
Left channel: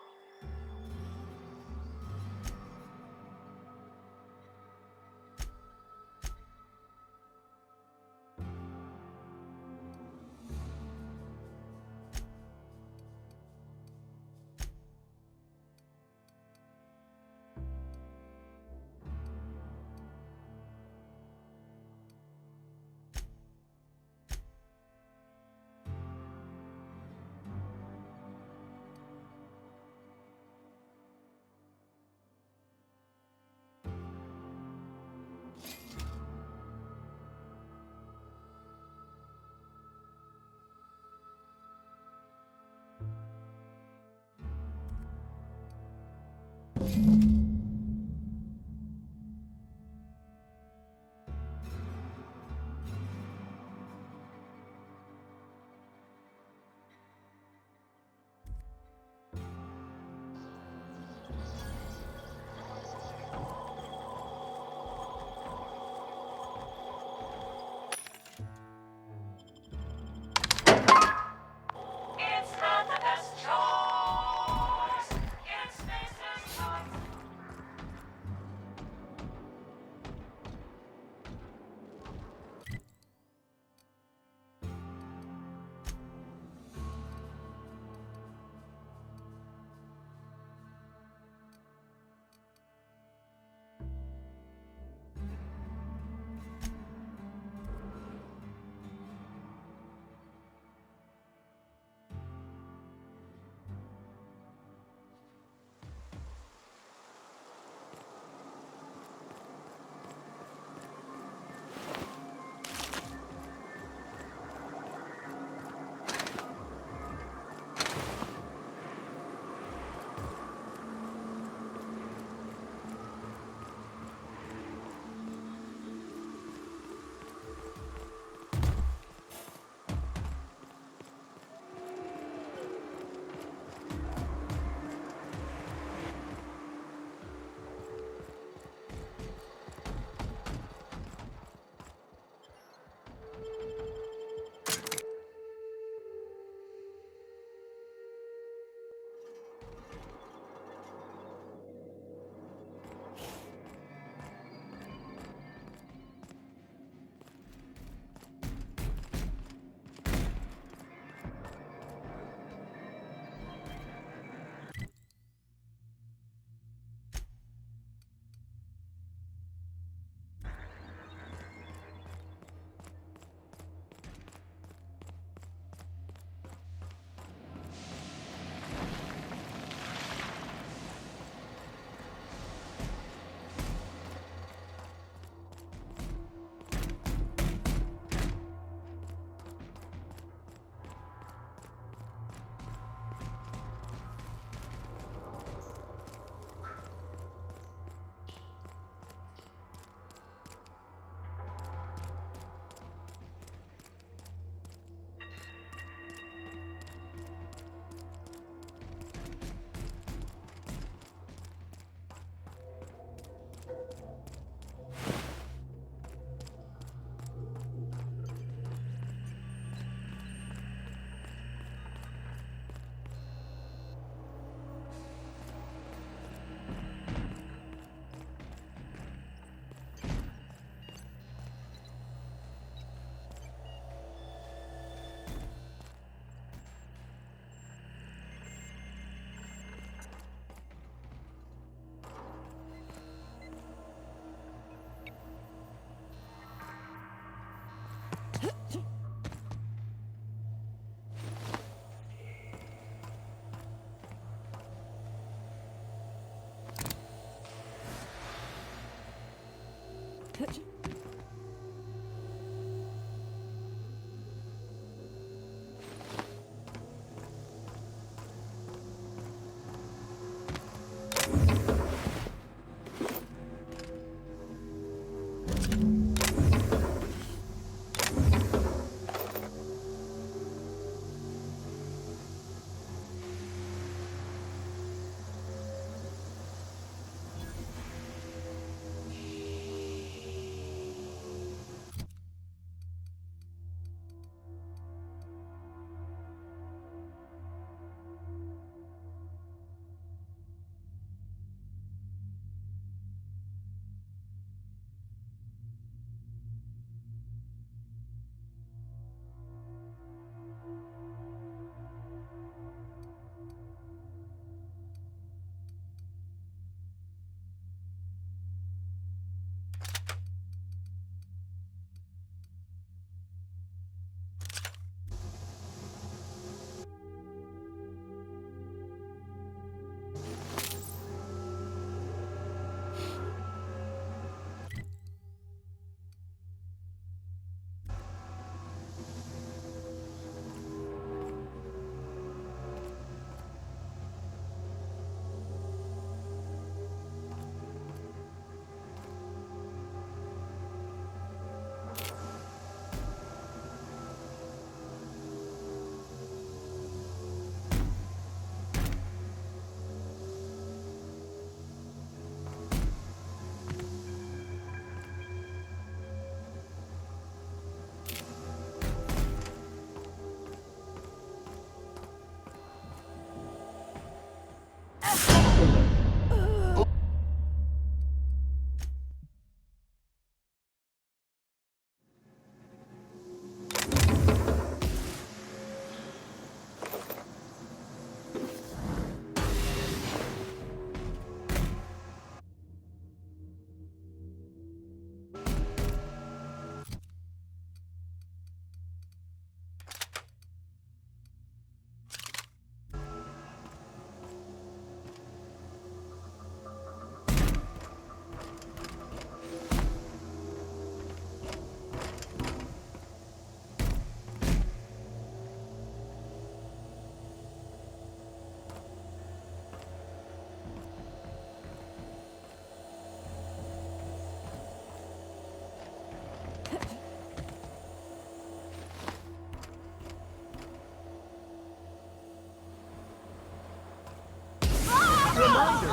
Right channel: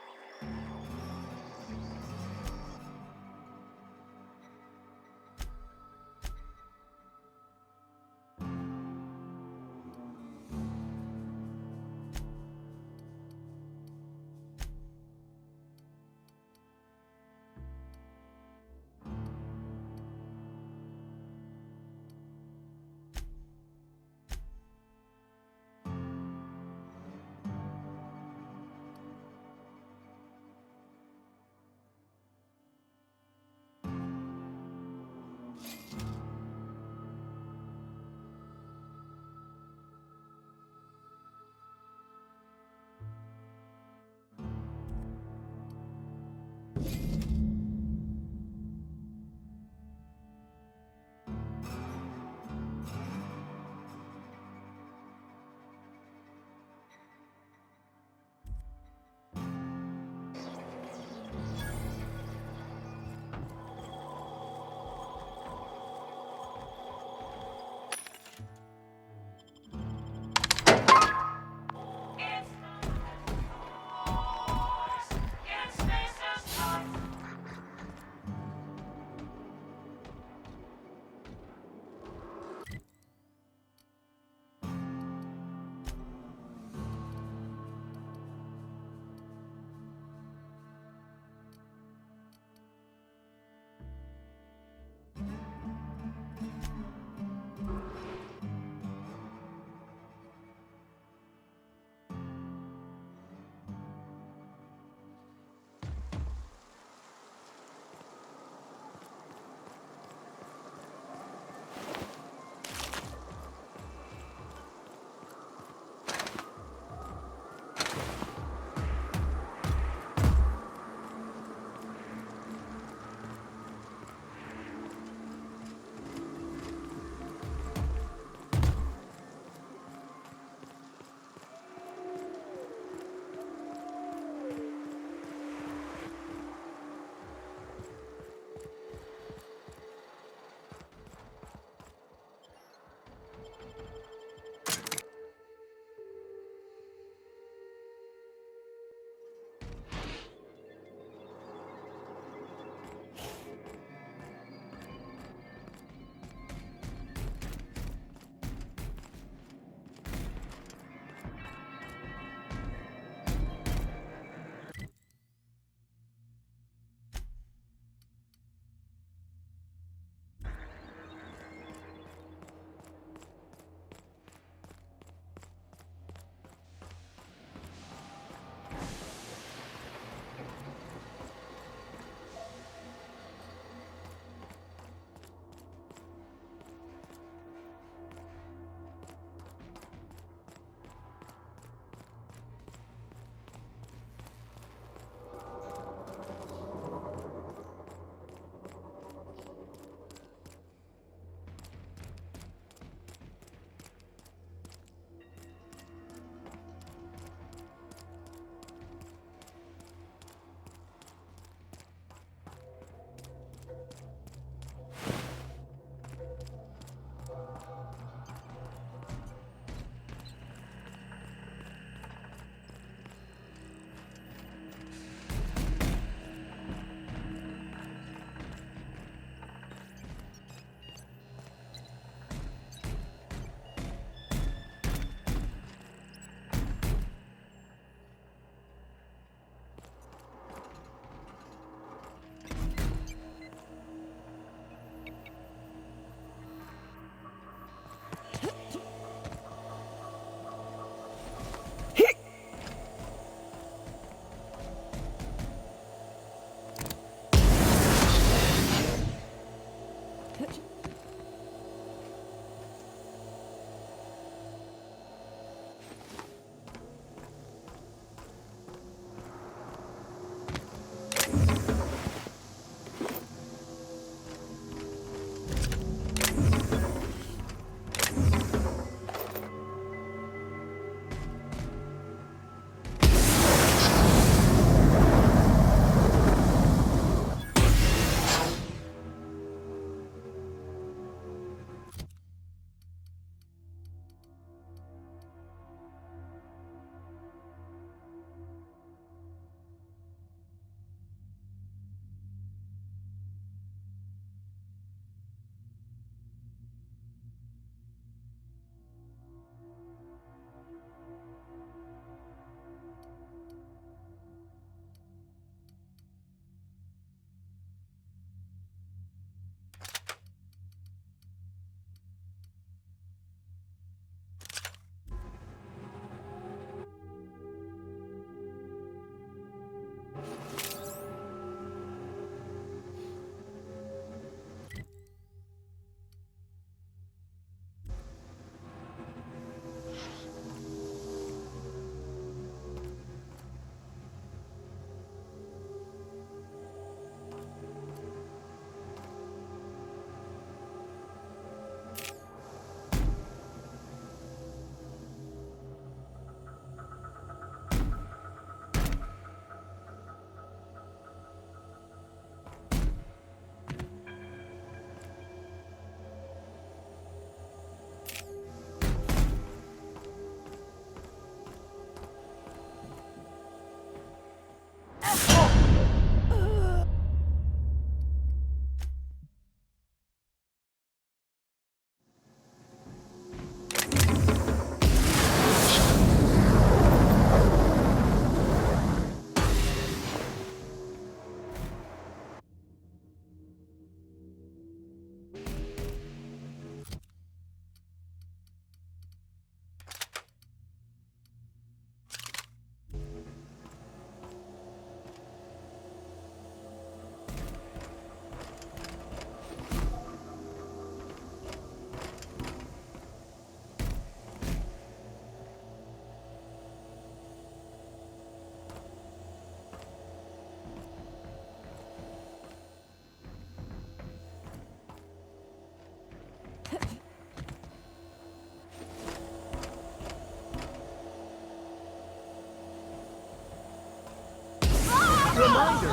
Reminder,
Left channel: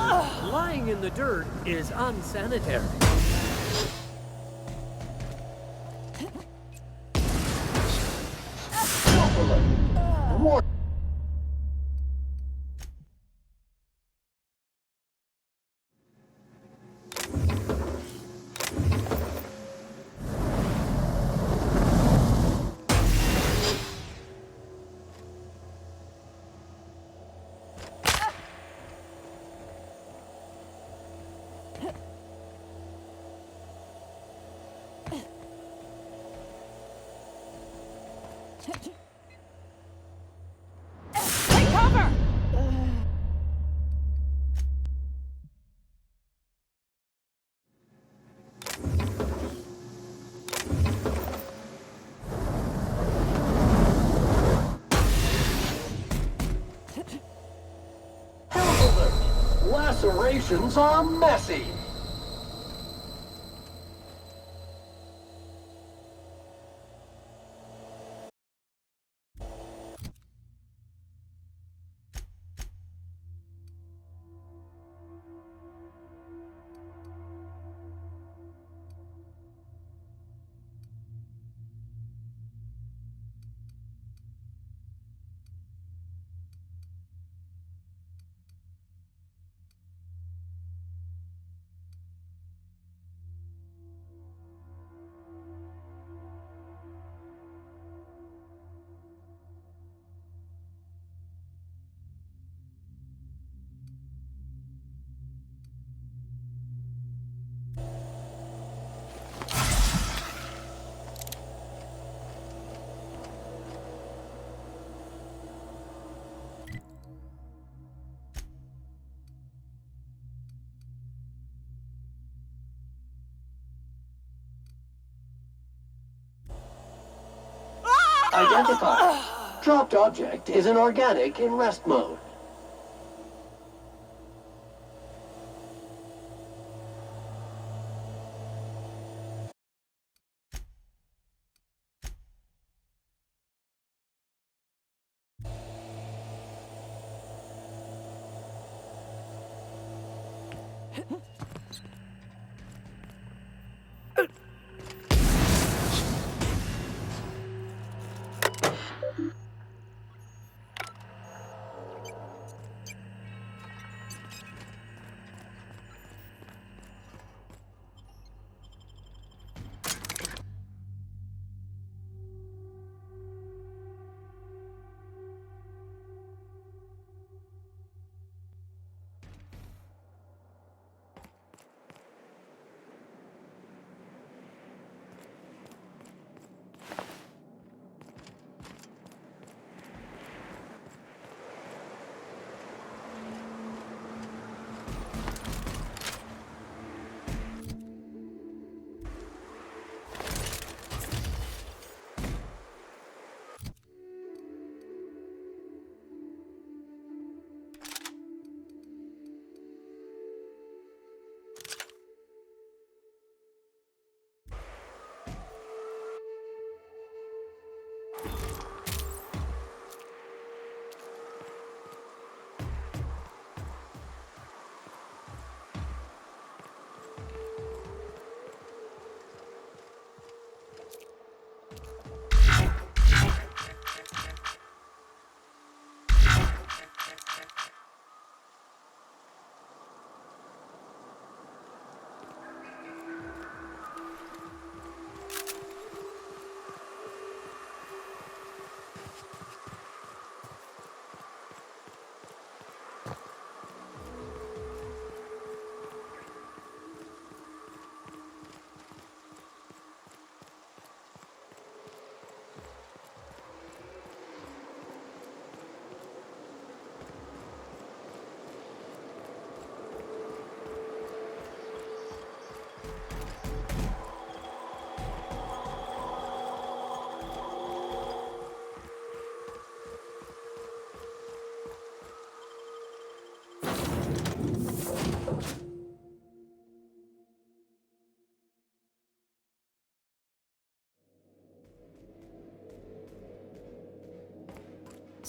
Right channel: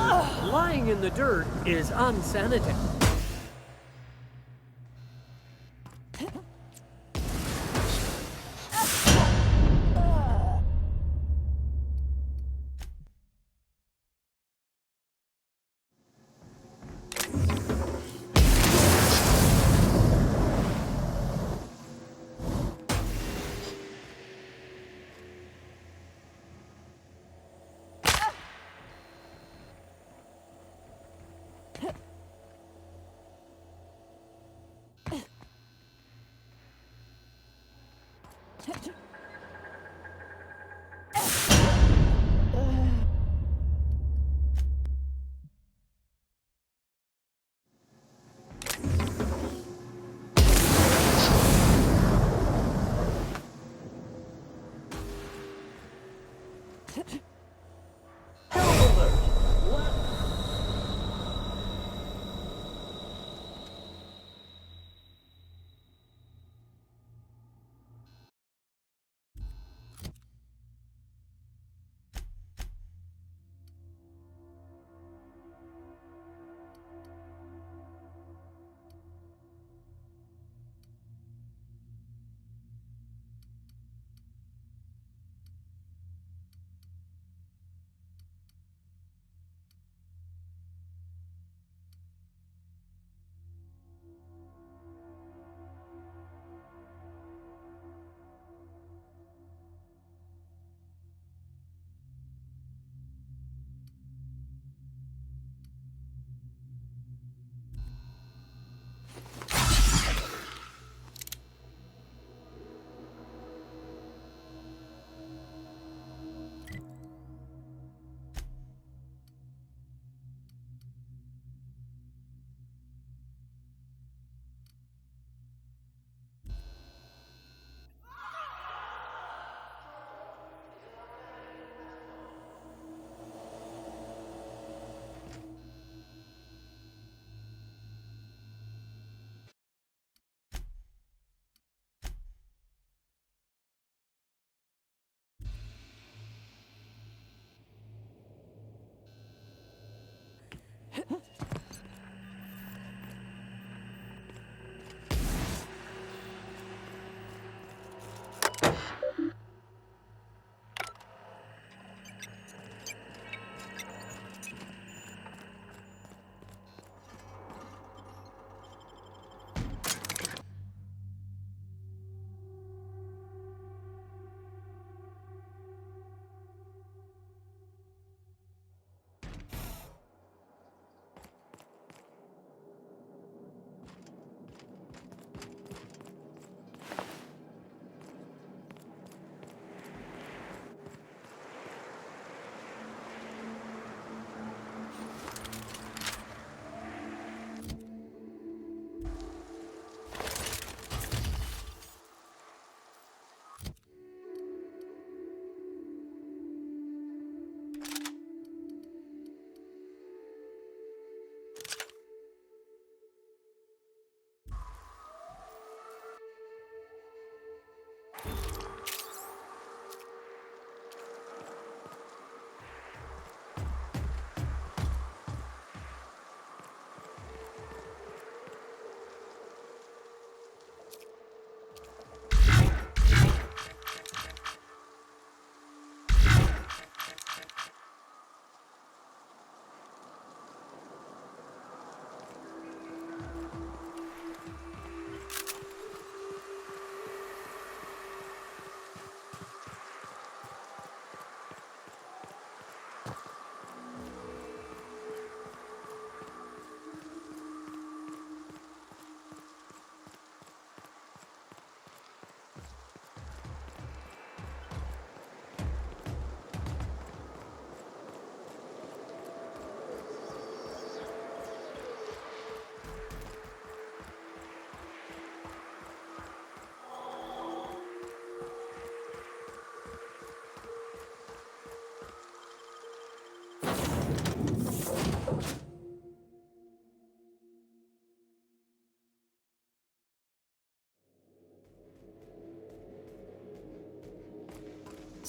lying in the dirt is unsanitary. Health alert! Lacerations are messy! Identified. Dropped object is an organic in rest mode.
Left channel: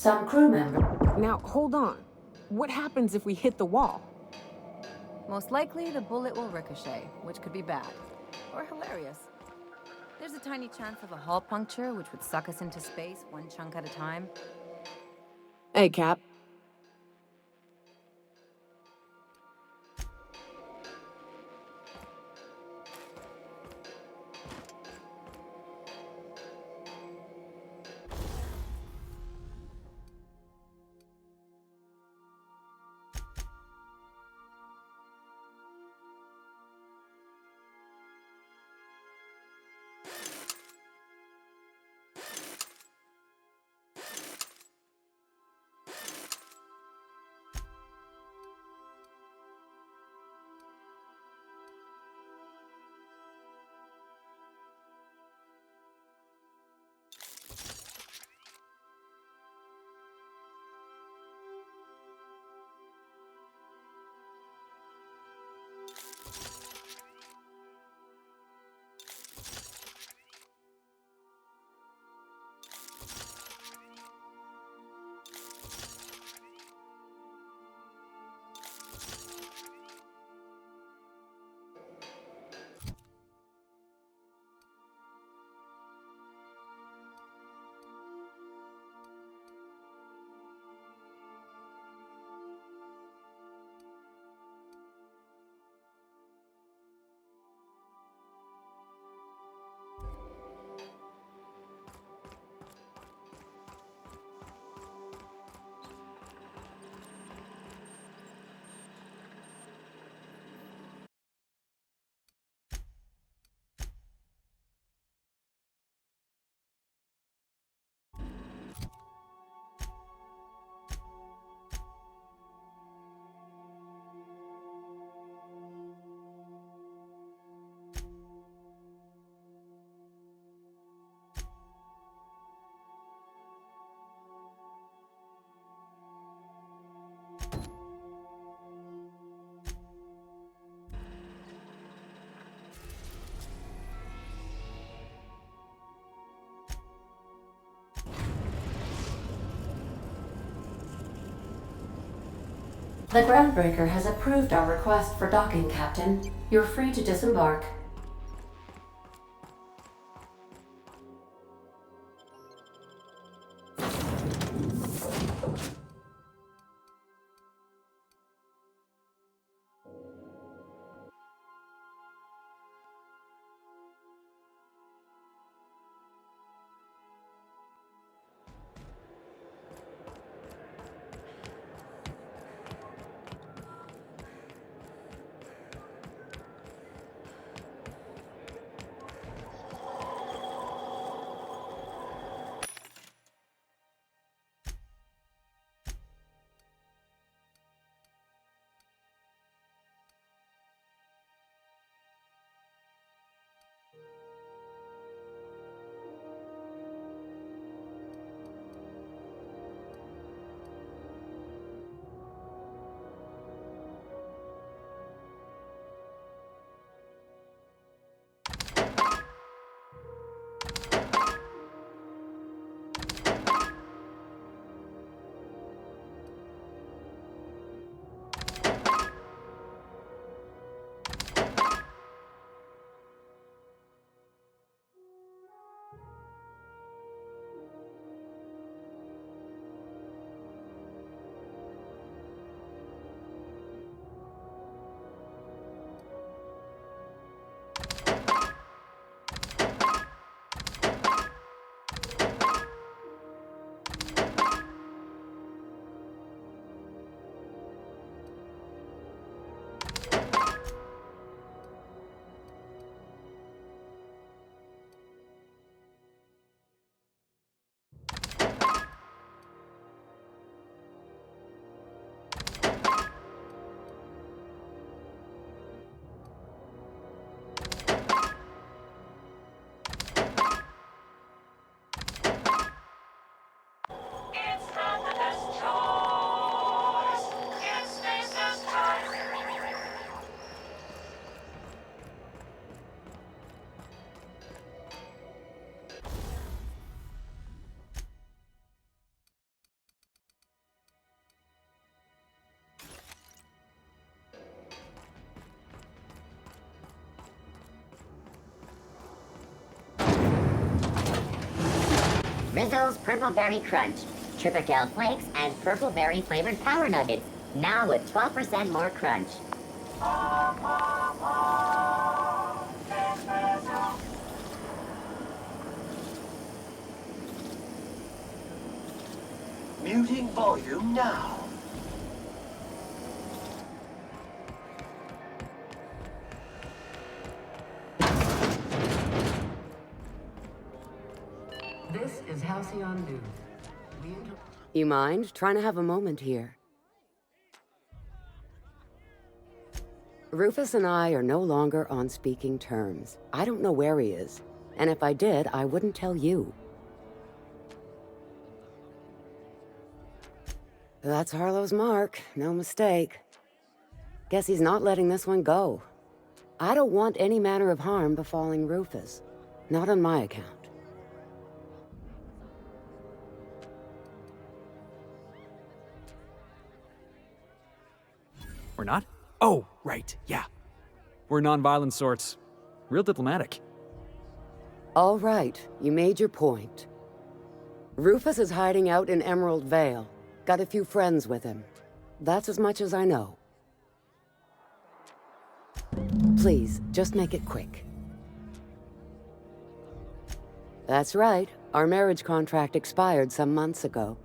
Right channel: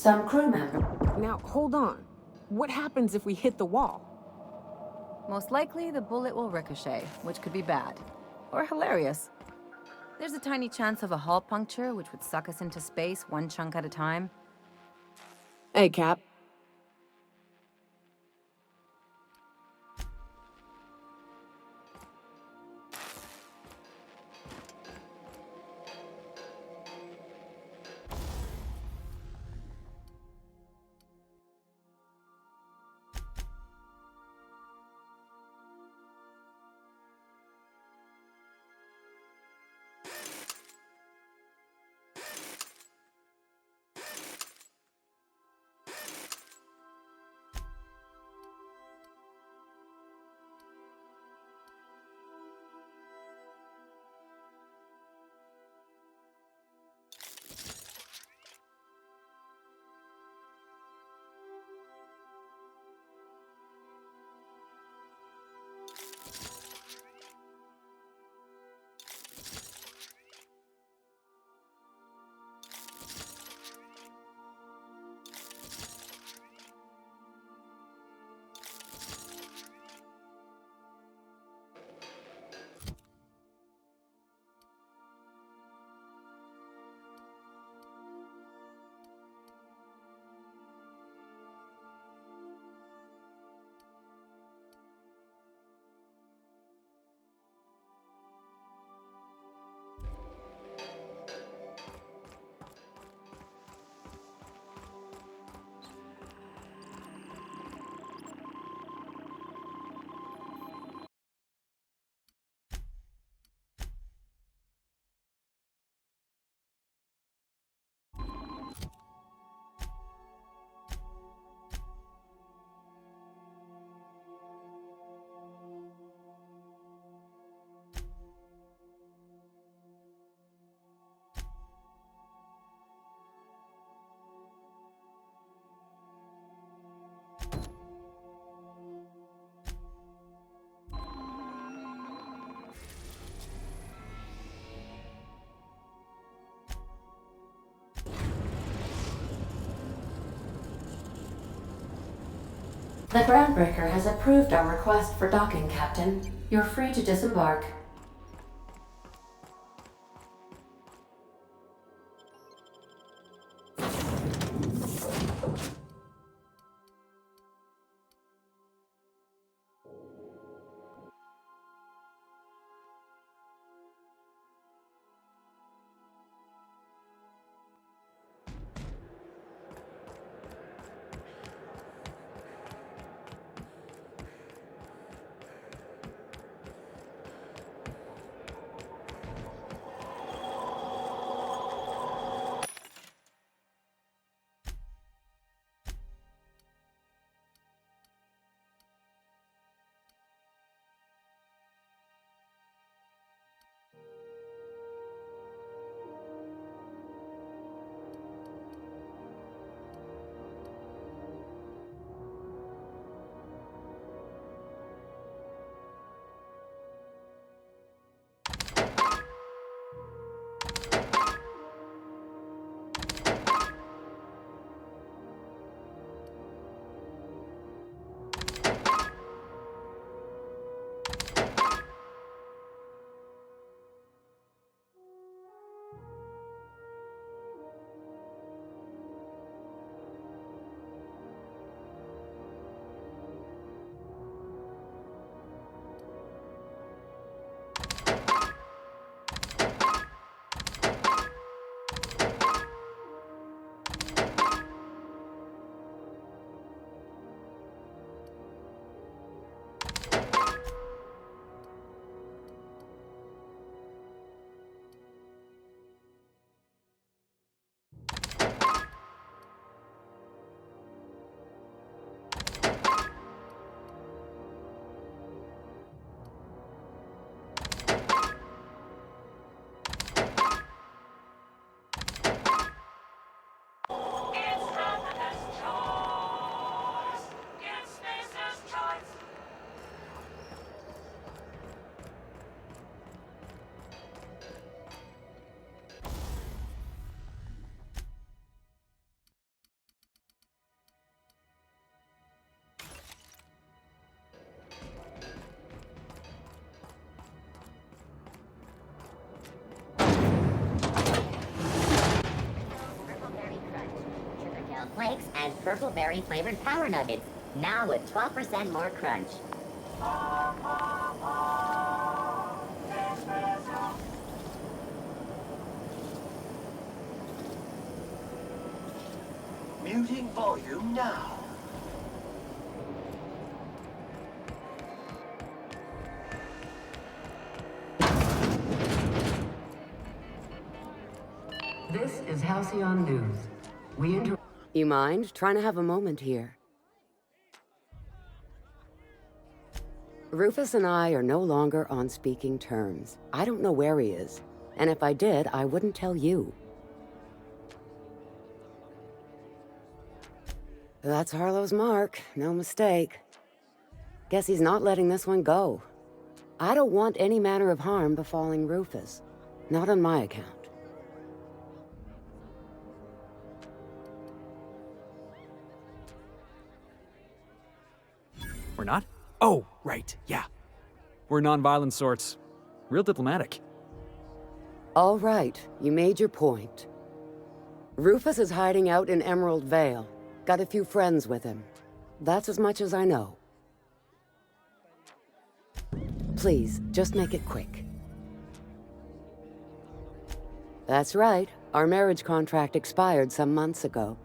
Some crew members... Now, hold on. What happens if we hit the wall? Most likely, the bullet will ricochet, which could be bad. Or hilarious. There's a tiny chance of a hull puncture, which would suck us into space one chunk at a time. Hey, Cap. The Groundbreaker has approved our request for docking, Captain. You're free to disembark. Purple Berry Crunch, Triple Flakes, and Purple Berry flavored Power Nuggets, now with 12% more crunch. Muting volume now. This is Halcyon News. You mind trying to have a moment here? Rufus and I are no longer on speaking terms. I don't know where he is, and if I did, I wouldn't tell you. That's Harlow's mark, no mistake. Guess he's not letting this one go. I don't want any manner of harm befalling Rufus. Not on my account. We're not? Oh, right, yeah. We're nonviolent sorts. Real diplomatic. All right, you made your point. Rufus is hiding out in Emerald Vale. Got a few friends with him. That's as much as I know. Please, just make it quick. That's right. Our marriage contract expired some months ago.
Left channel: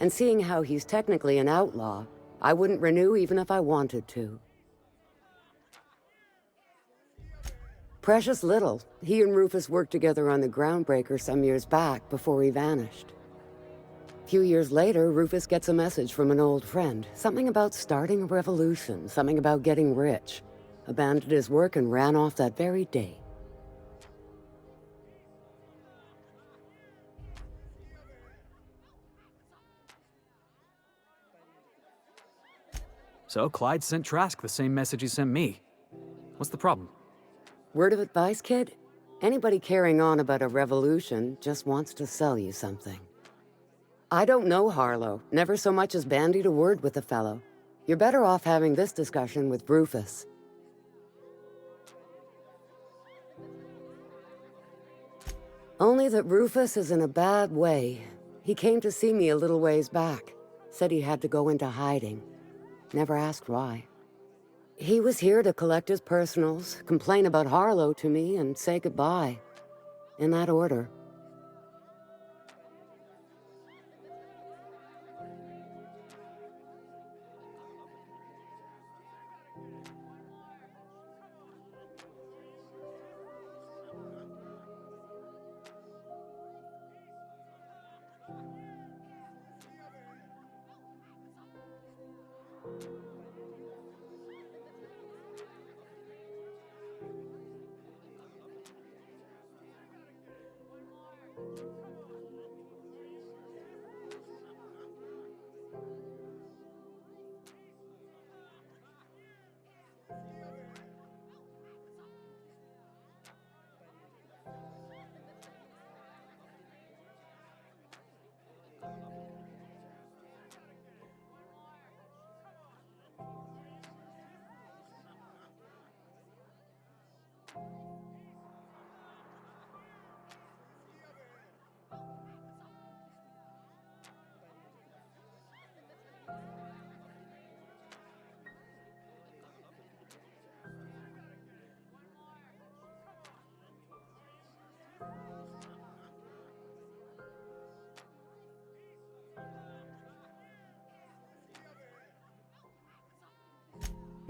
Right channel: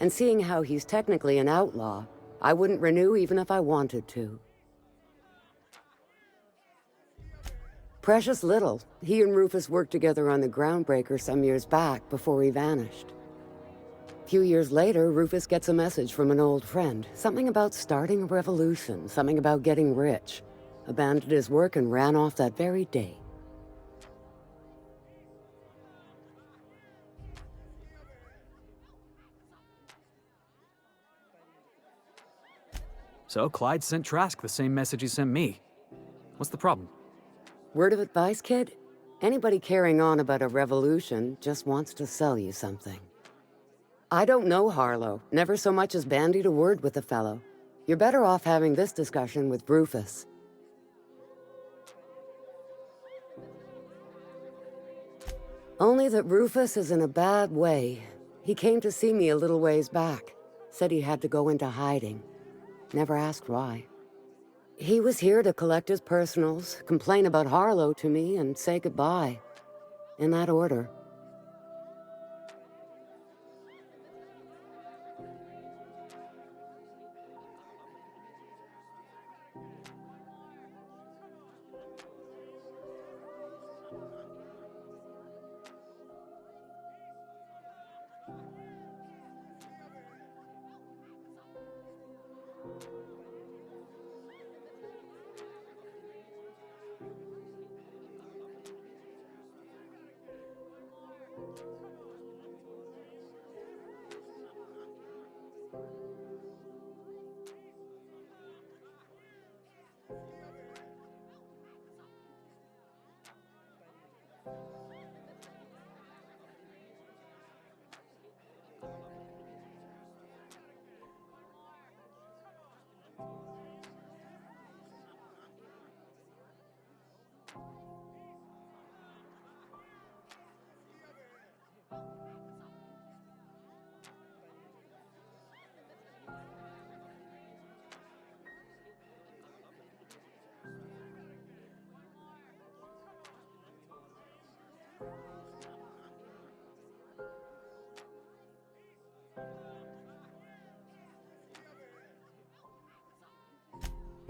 And seeing how he's technically an outlaw, I wouldn't renew even if I wanted to. Precious little. He and Rufus worked together on the Groundbreaker some years back before he vanished. A few years later, Rufus gets a message from an old friend. Something about starting a revolution, something about getting rich. Abandoned his work and ran off that very day. So Clyde sent Trask the same message he sent me. What's the problem? Word of advice, kid? Anybody carrying on about a revolution just wants to sell you something. I don't know Harlow, never so much as bandied a word with the fellow. You're better off having this discussion with Rufus. Only that Rufus is in a bad way. He came to see me a little ways back. Said he had to go into hiding. Never asked why. He was here to collect his personals, complain about Harlow to me, and say goodbye. In that order.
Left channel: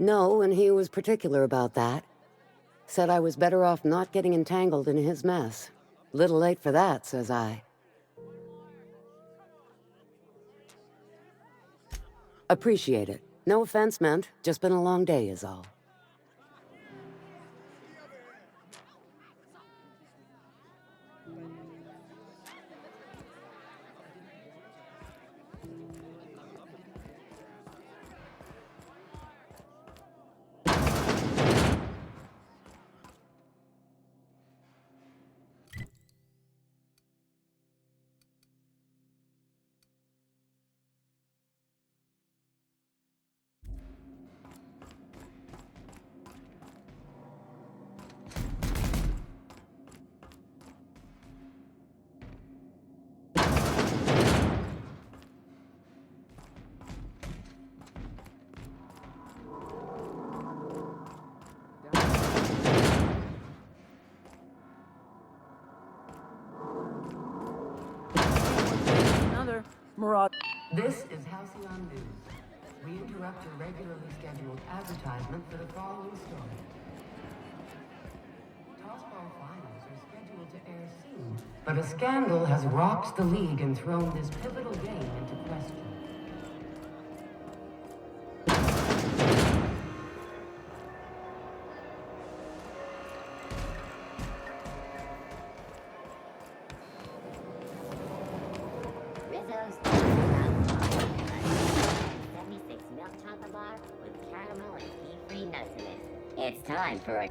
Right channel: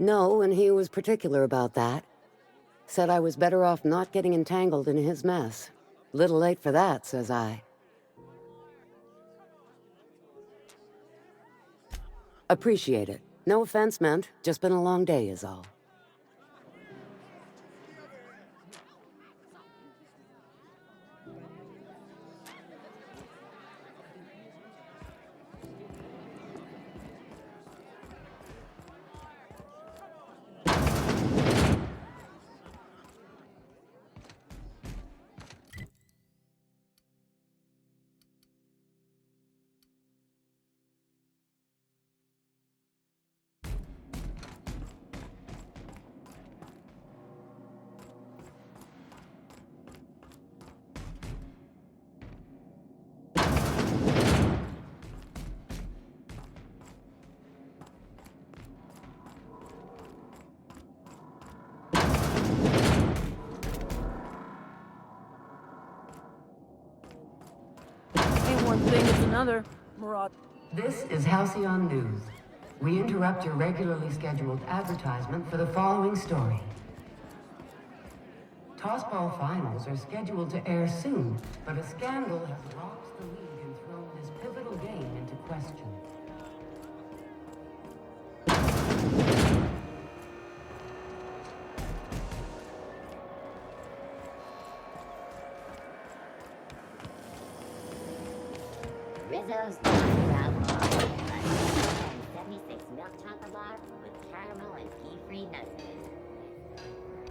No, and he was particular about that. Said I was better off not getting entangled in his mess. Little late for that, says I. Appreciate it. No offense meant, just been a long day is all. another Marauder. This is Halcyon News. We interrupt your regularly scheduled advertisement for the following story. Tossball finals are scheduled to air soon, but a scandal has rocked the league and thrown this pivotal game into question. Rizzo's Brown Bar, a 76 milk chocolate bar with caramel and pea-free nuts in it. It's time for a...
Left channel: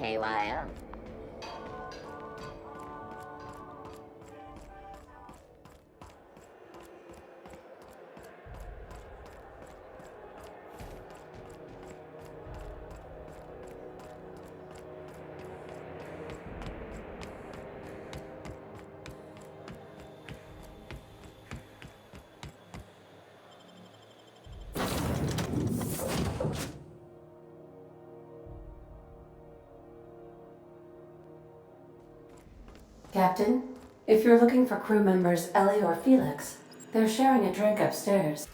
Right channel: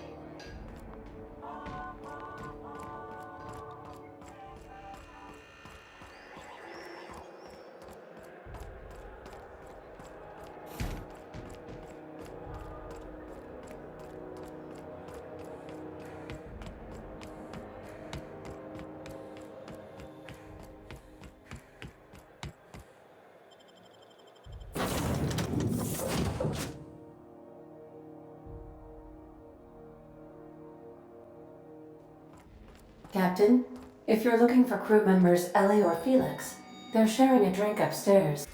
KYO. Captain, if you're looking for crew members Ellie or Felix, they're sharing a drink upstairs.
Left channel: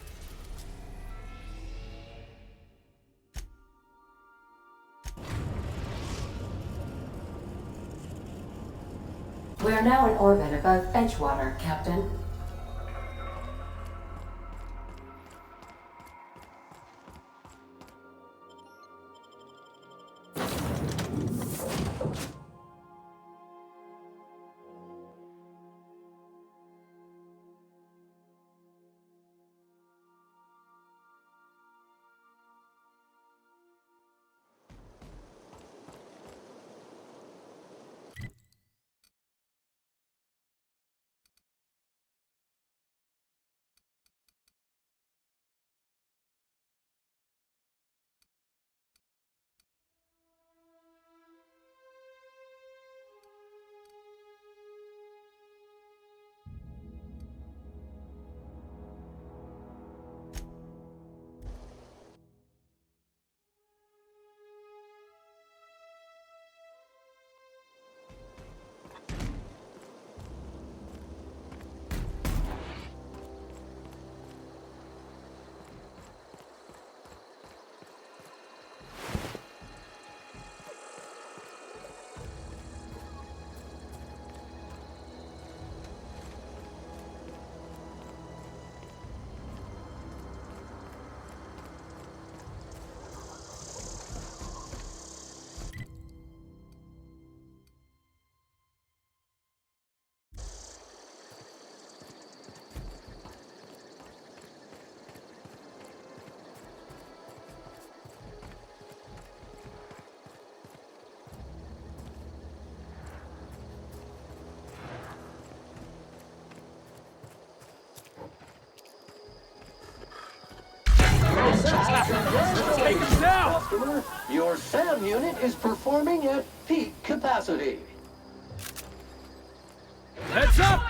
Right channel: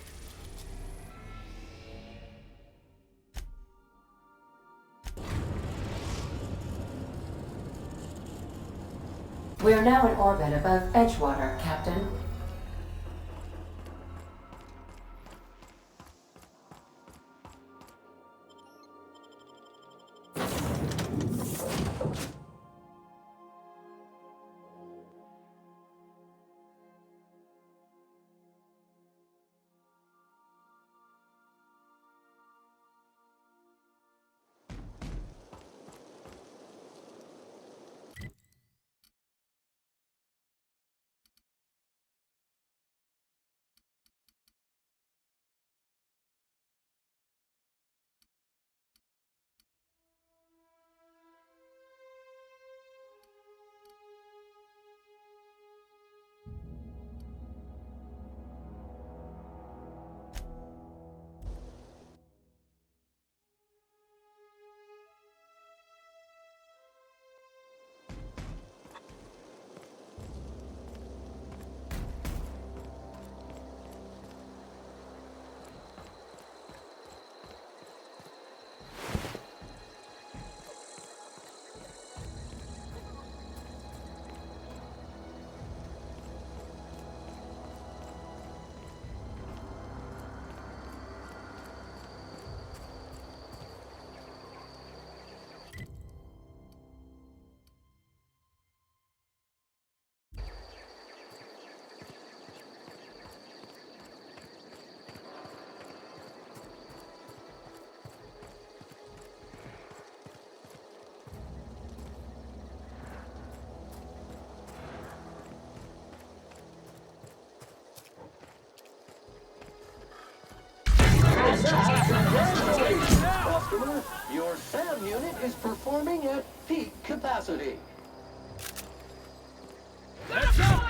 We are now in orbit above Edgewater, Captain. Your SAM unit is performing at peak capacity. Heads up!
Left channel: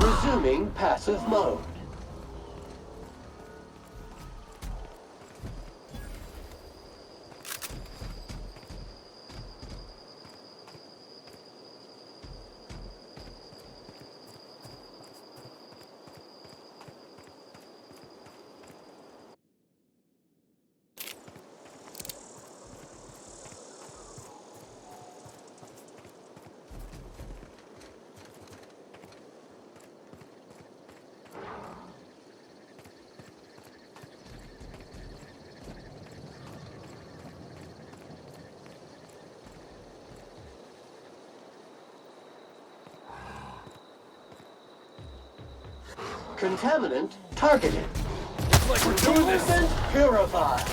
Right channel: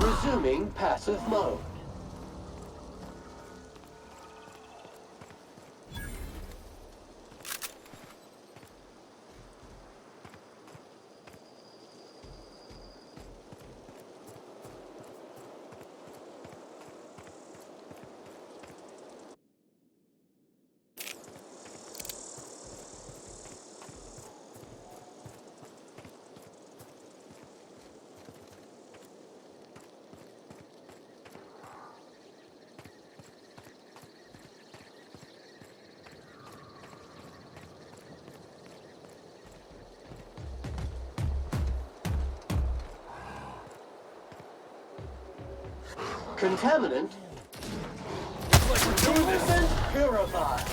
Resuming passive mode. Contaminant targeted. Movement purified.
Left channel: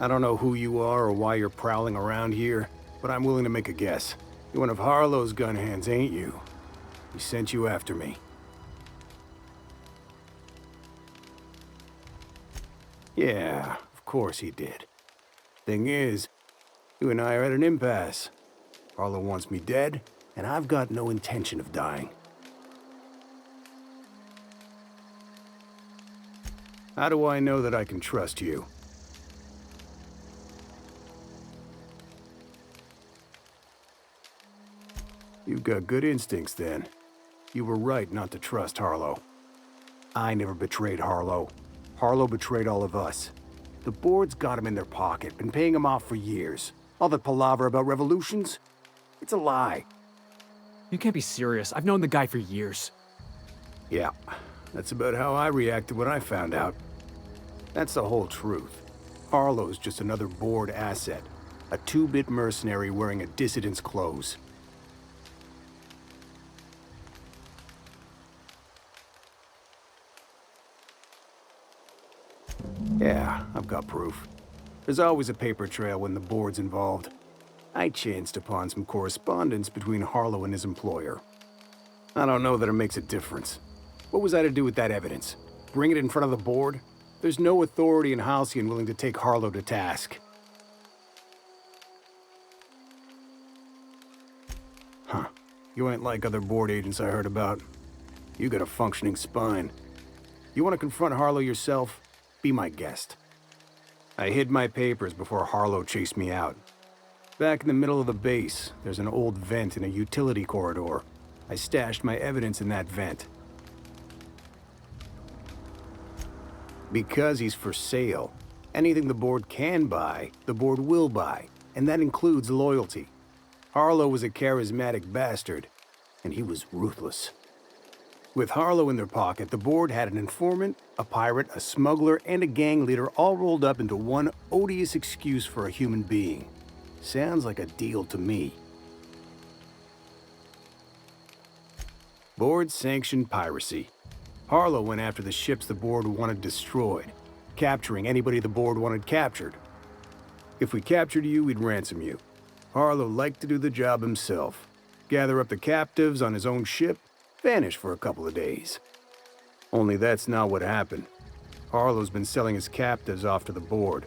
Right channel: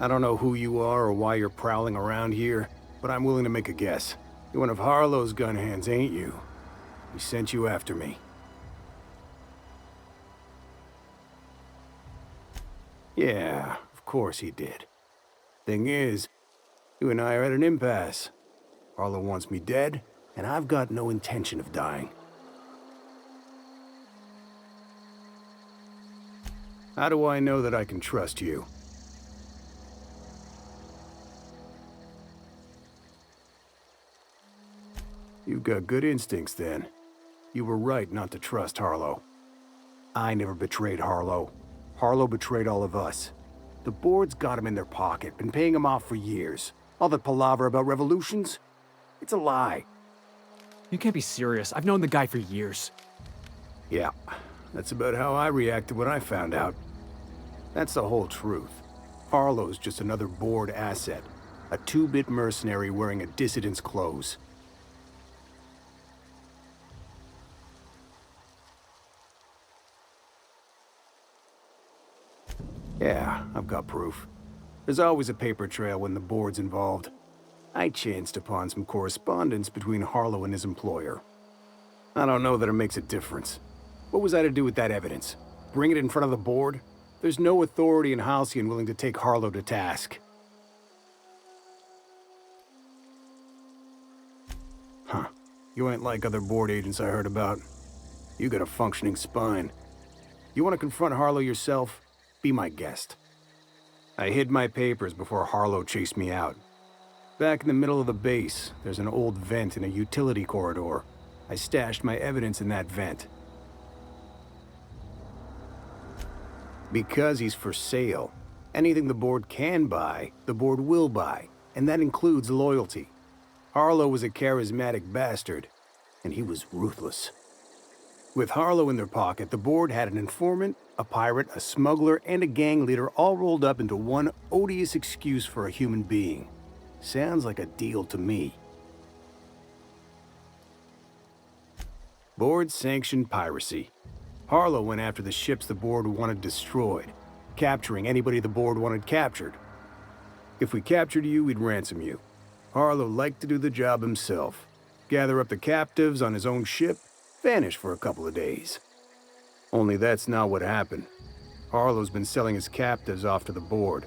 I don't know who you are or why you're prowling around here, but I'm willing to make a guess. You're one of Harlow's gun hands, ain't you? He sent you after me. Yeah, of course he did. Thing is, you and I are at an impasse. Harlow wants me dead, and I've got no intention of dying. How do I know that I can trust you? You've got good instincts, then. You were right not to trust Harlow. I never betrayed Harlow. Harlow betrayed all of us. The board's got him in their pocket, been paying him off for years. All that palaver about revolutions? It's a lie. You can't be serious. I've known the guy for years. Yeah, that's about how I reacted when I found out. That's the whole truth. Harlow's just another board asset. A two-bit mercenary wearing a dissident's clothes. Yeah, I've got proof. There's always a paper trail when the board's involved. I chanced upon some correspondence between Harlow and his employer. I don't know that it makes a difference. What was I to do with that evidence? Bring it in front of the board? There's no authority in Halcyon willing to take Harlow to task. Huh. You ain't like other board agents I heard about. You got a functioning spine. You want to confront Harlow yourself? Be my guest. I hid my papers before Harlow chased me out. Back in the middle of the base, there's an old vent in a utility corridor. I stashed my evidence in that vent. Because he's for sale. Anything the board can buy, the board will buy, and that includes loyalty. Harlow was a charismatic bastard, and he was ruthless. With Harlow in their pocket, the board had an informant, a pirate, a smuggler, and a gang leader all rolled up into one odious excuse for a human being. Sounds like a deal to me. Board sanctioned piracy. Harlow went after the ships the board wanted destroyed. capturing anybody the board wanted captured. If we captured you, we'd ransom you. Harlow liked to do the job himself. Gather up the captives on his own ship, vanish for a couple of days. Only that's not what happened. Harlow's been selling his captives off to the board.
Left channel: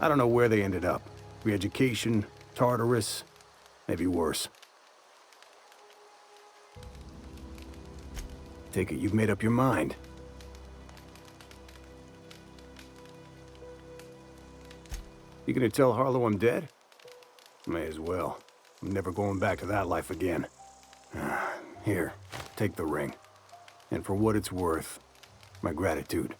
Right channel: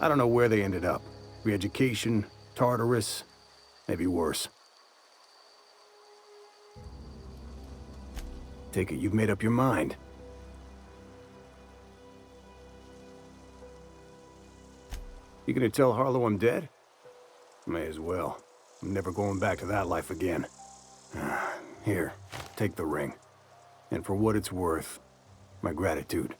I don't know where they ended up. Re-education, Tartarus, maybe worse. Take it you've made up your mind. You gonna tell Harlow I'm dead? May as well. I'm never going back to that life again. Here, take the ring. And for what it's worth, my gratitude.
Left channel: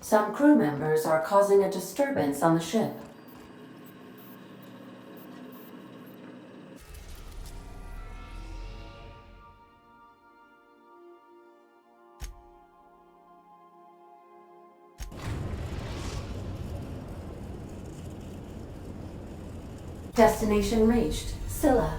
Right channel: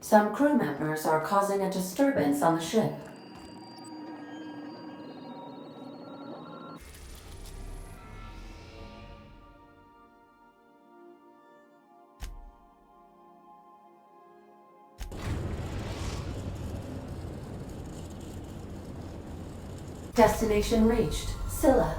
Some crew members are causing a disturbance on the ship. Destination reached. Scylla.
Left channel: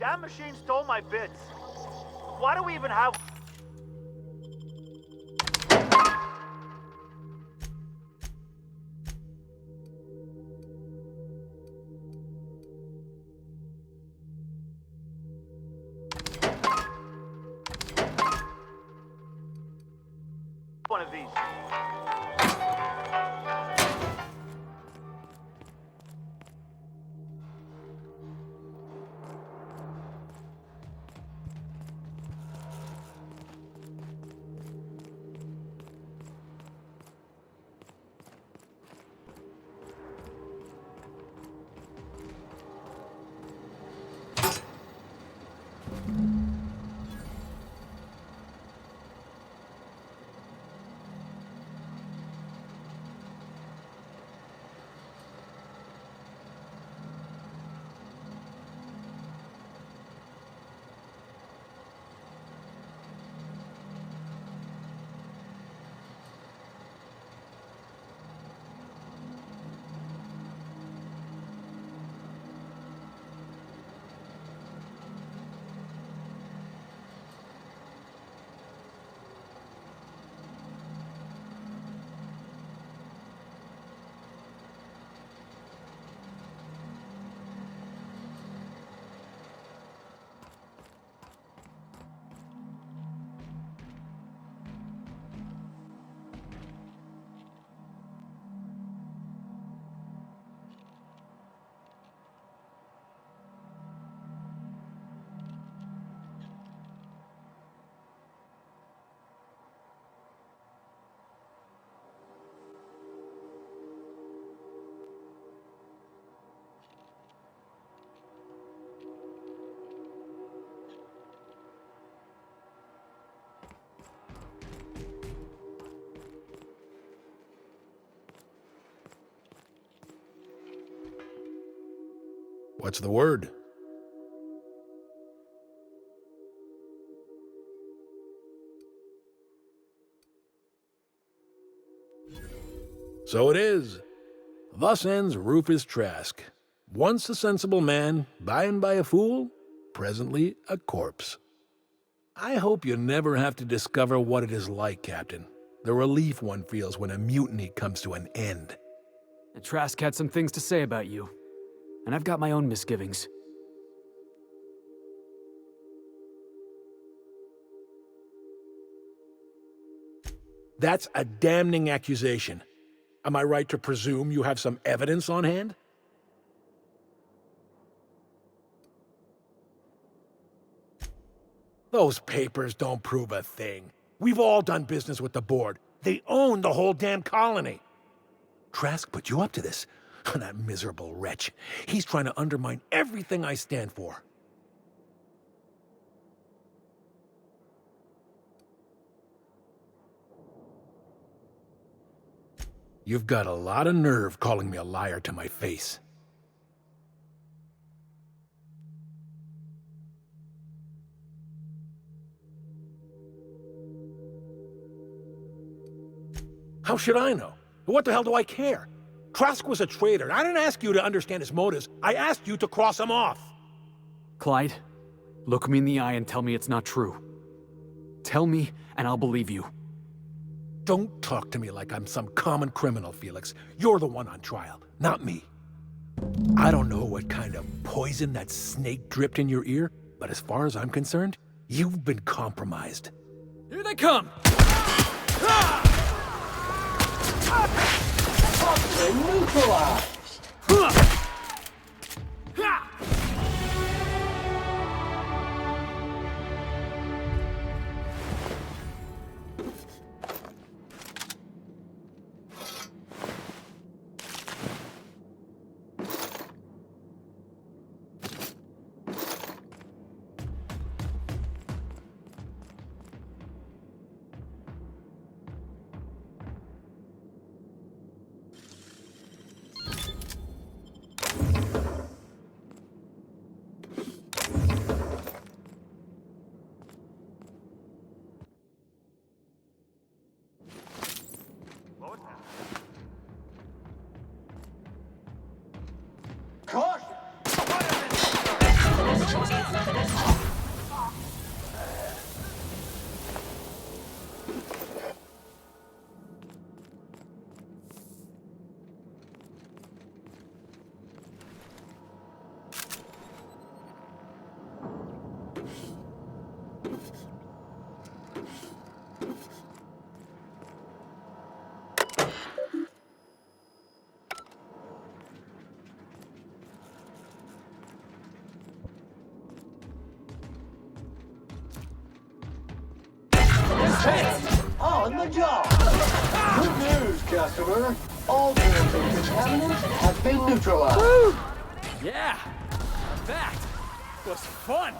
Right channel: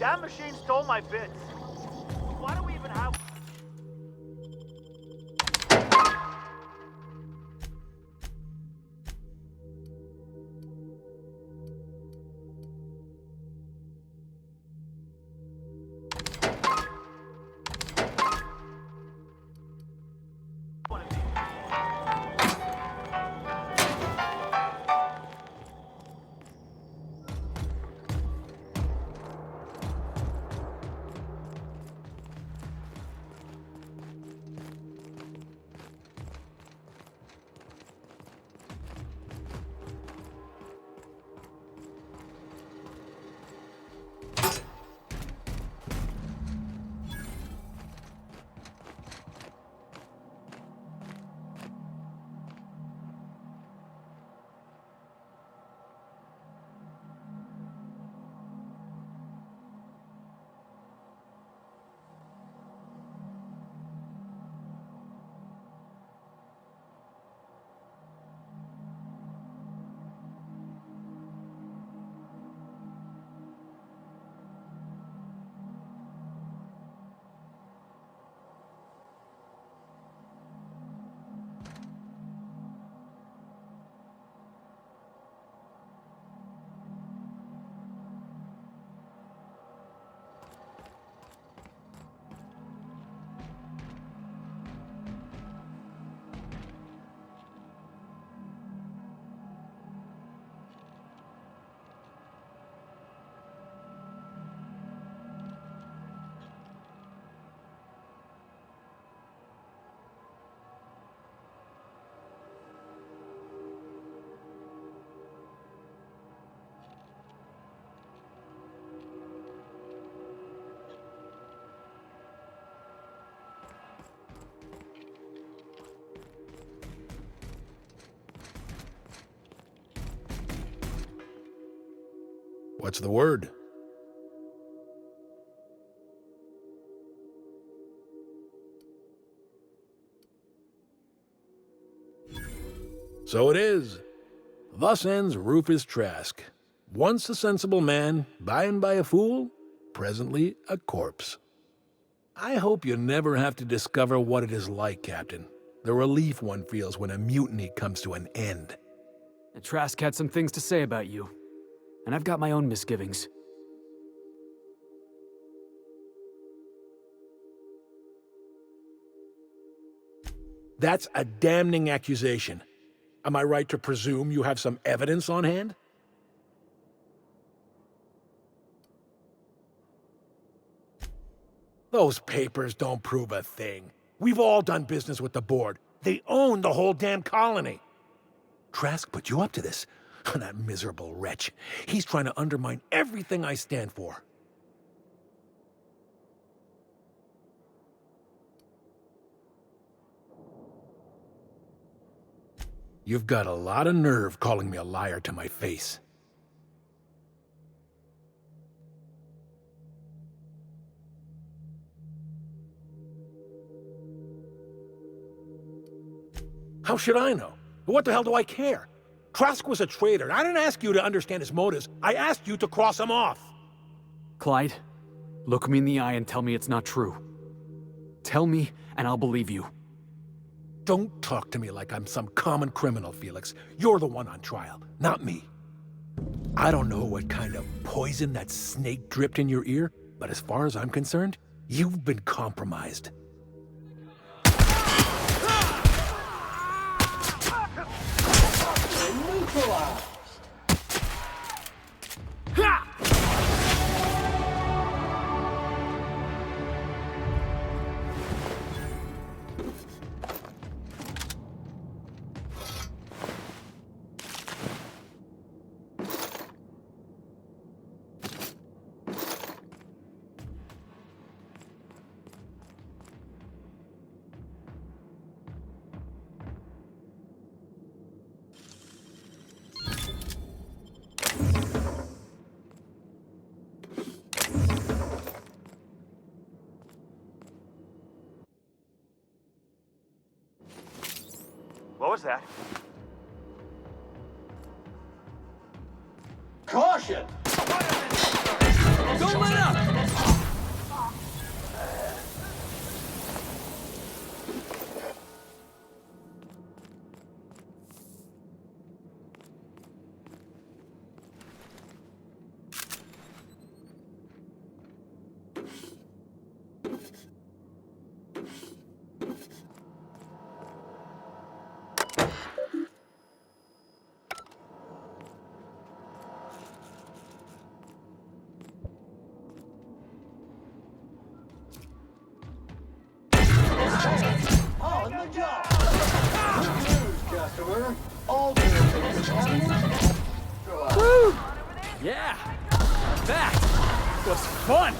That machine stole my bits. Why do we even have... one of these? What's the word? So it is. Thus ends Rufus Trask. Once a sensible man, by and by a fool, presently a corpse. I hope you never have to discover what it is like, Captain. The relief one feels when a mutiny comes to an end. And Trask had some things to say about you. And I've got my own misgivings. That's a damning accusation. Am I right to presume you have some evidence on hand? Those papers don't prove a thing. We've all done business with the board. They own the whole damn colony. Trask put you up to this. That miserable wretch. He's trying to undermine everything I stand for. You've got a lot of nerve calling me a liar to my face. How should I know? What the hell do I care? Trask was a traitor, and I didn't ask you to understand his motives. I asked you to cross him off. Clyde, look me in the eye and tell me it's not true. Tell me, and I'll believe you. Don't talk to me like I'm some common criminal, Felix. You're the one on trial, not me. I don't know what kind of poison that snake dripped in your ear, but as far as I'm concerned, you've been compromised. Here they come! Neutralized! What was that? Caution! Don't let up! On the job! Good news, customer. All tools and contaminants have been neutralized. Woo! Yeah! That was fun!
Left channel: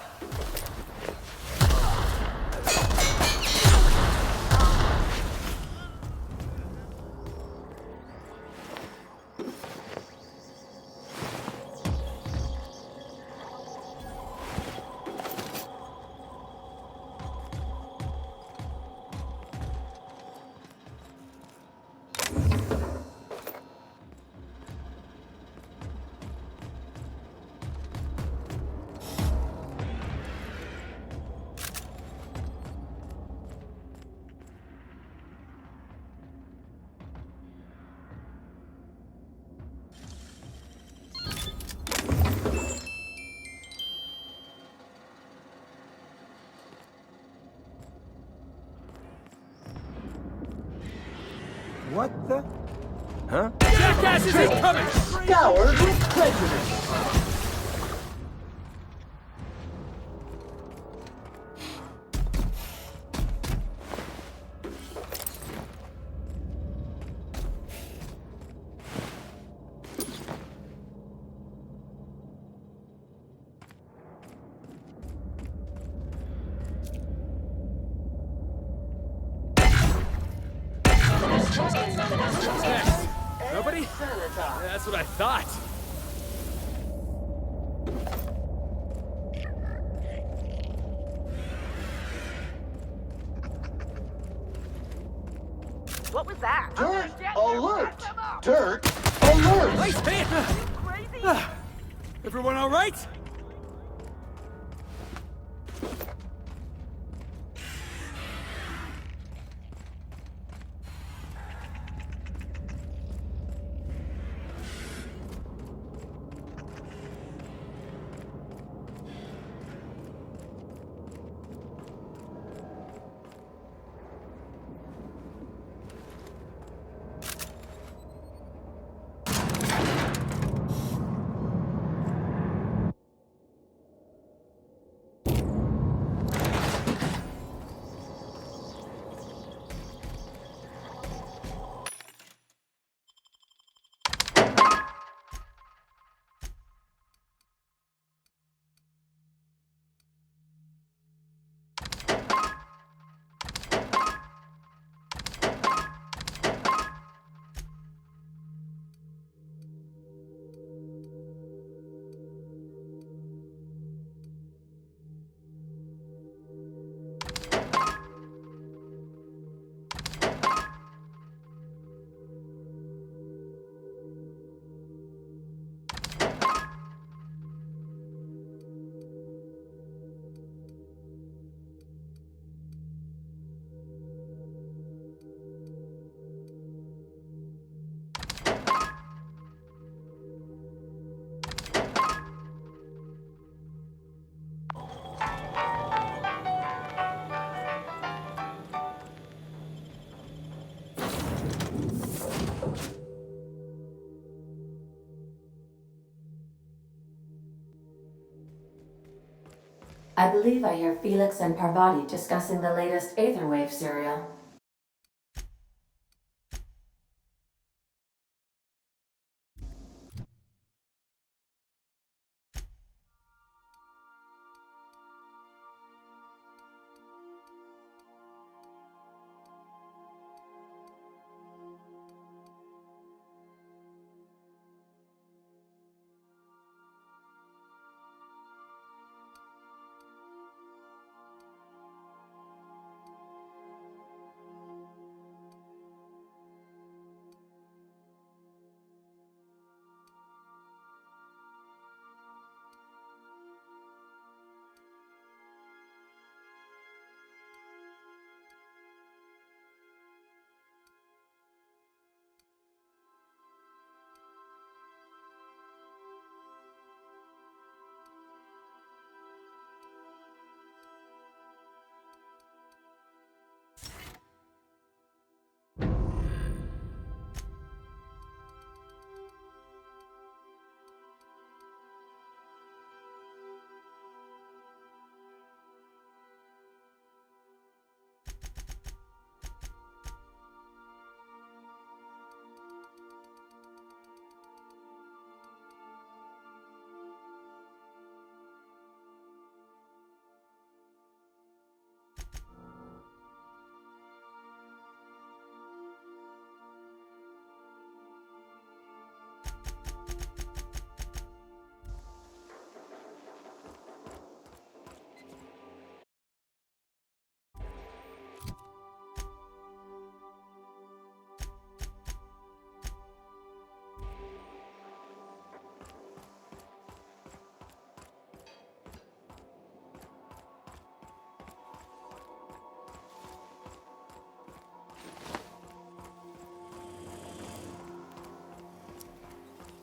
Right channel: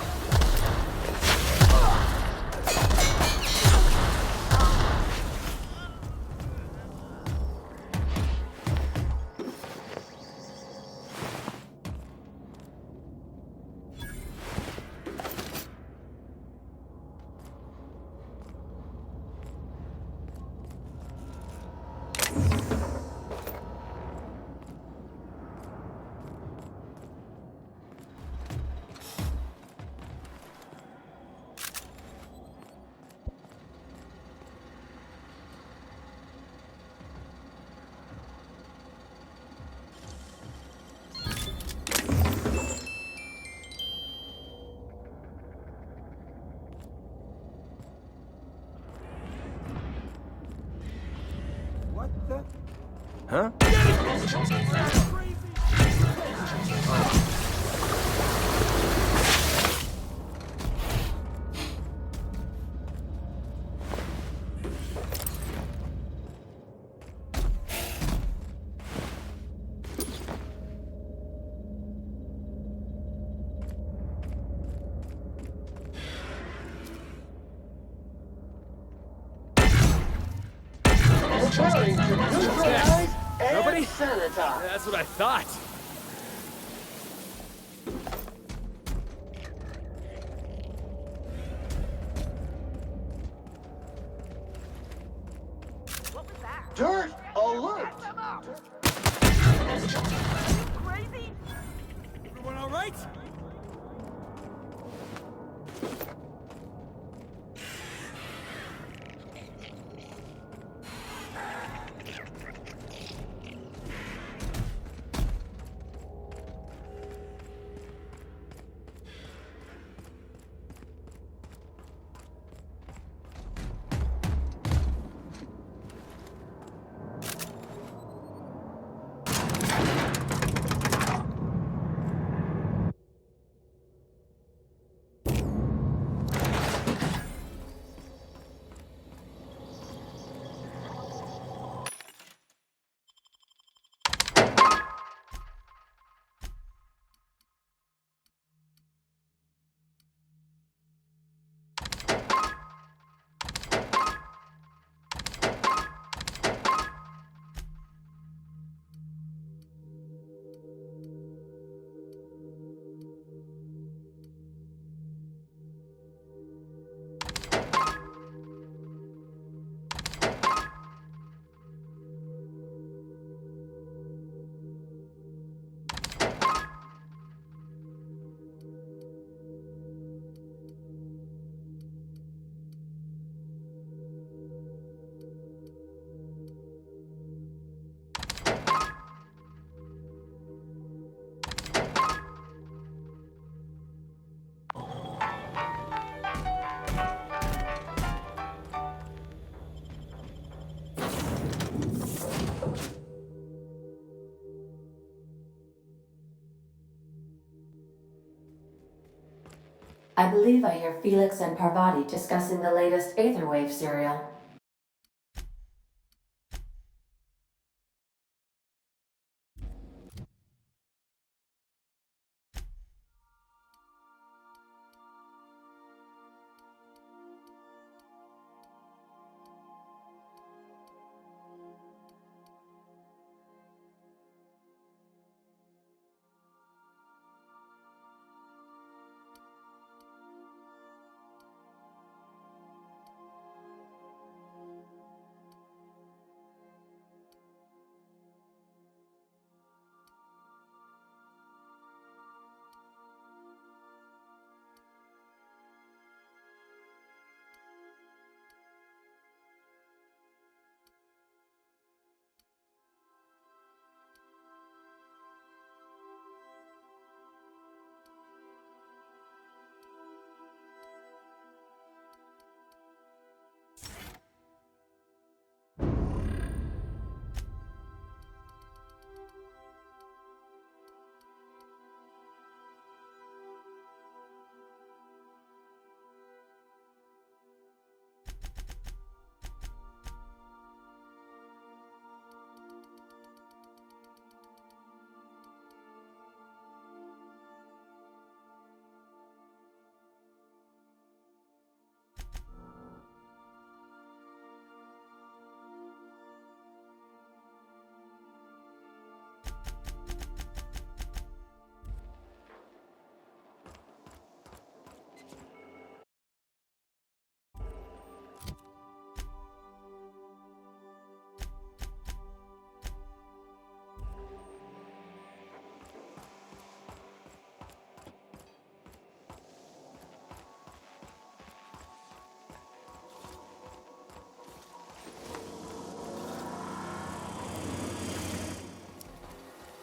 What the? Huh? Scoured with prejudice. Nobody? That's what I thought. What was that? Dirt alert! Dirt alert! Everyone all right? I believe I hear Felix and Parvati discussing the latest Aetherwave serial.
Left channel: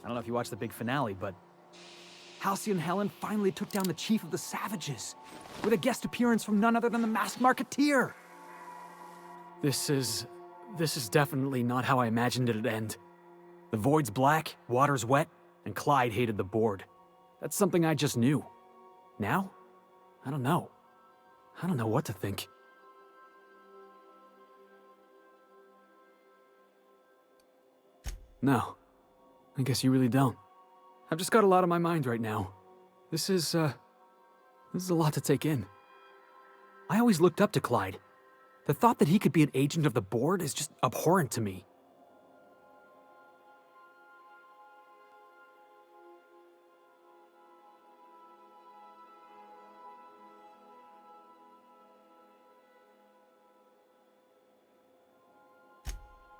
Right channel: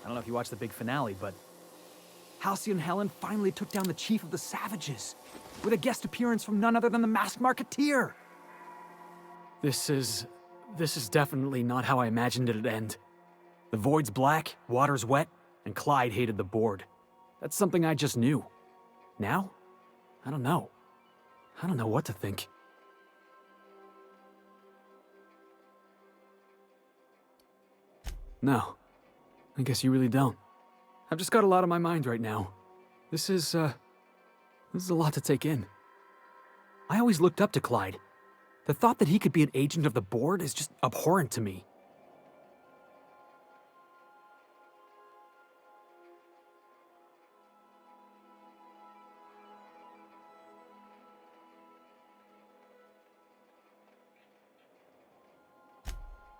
I don't know if you watched the big finale, but Halcyon Helen finally took down the Chief of the Savages with a guest appearance from none other than the Masked Marketeer. This is definitely not how I imagined it'd end. The void's black, water's wet, and Clyde hated the board. That's something I just knew. Now? I don't know. I don't know what to think. No. I guess you really don't. I've just got a lot on my mind right now. This is a lot to take in. I always looked up to Clyde. The thought that he could be an agent of the board is just abhorrent to me.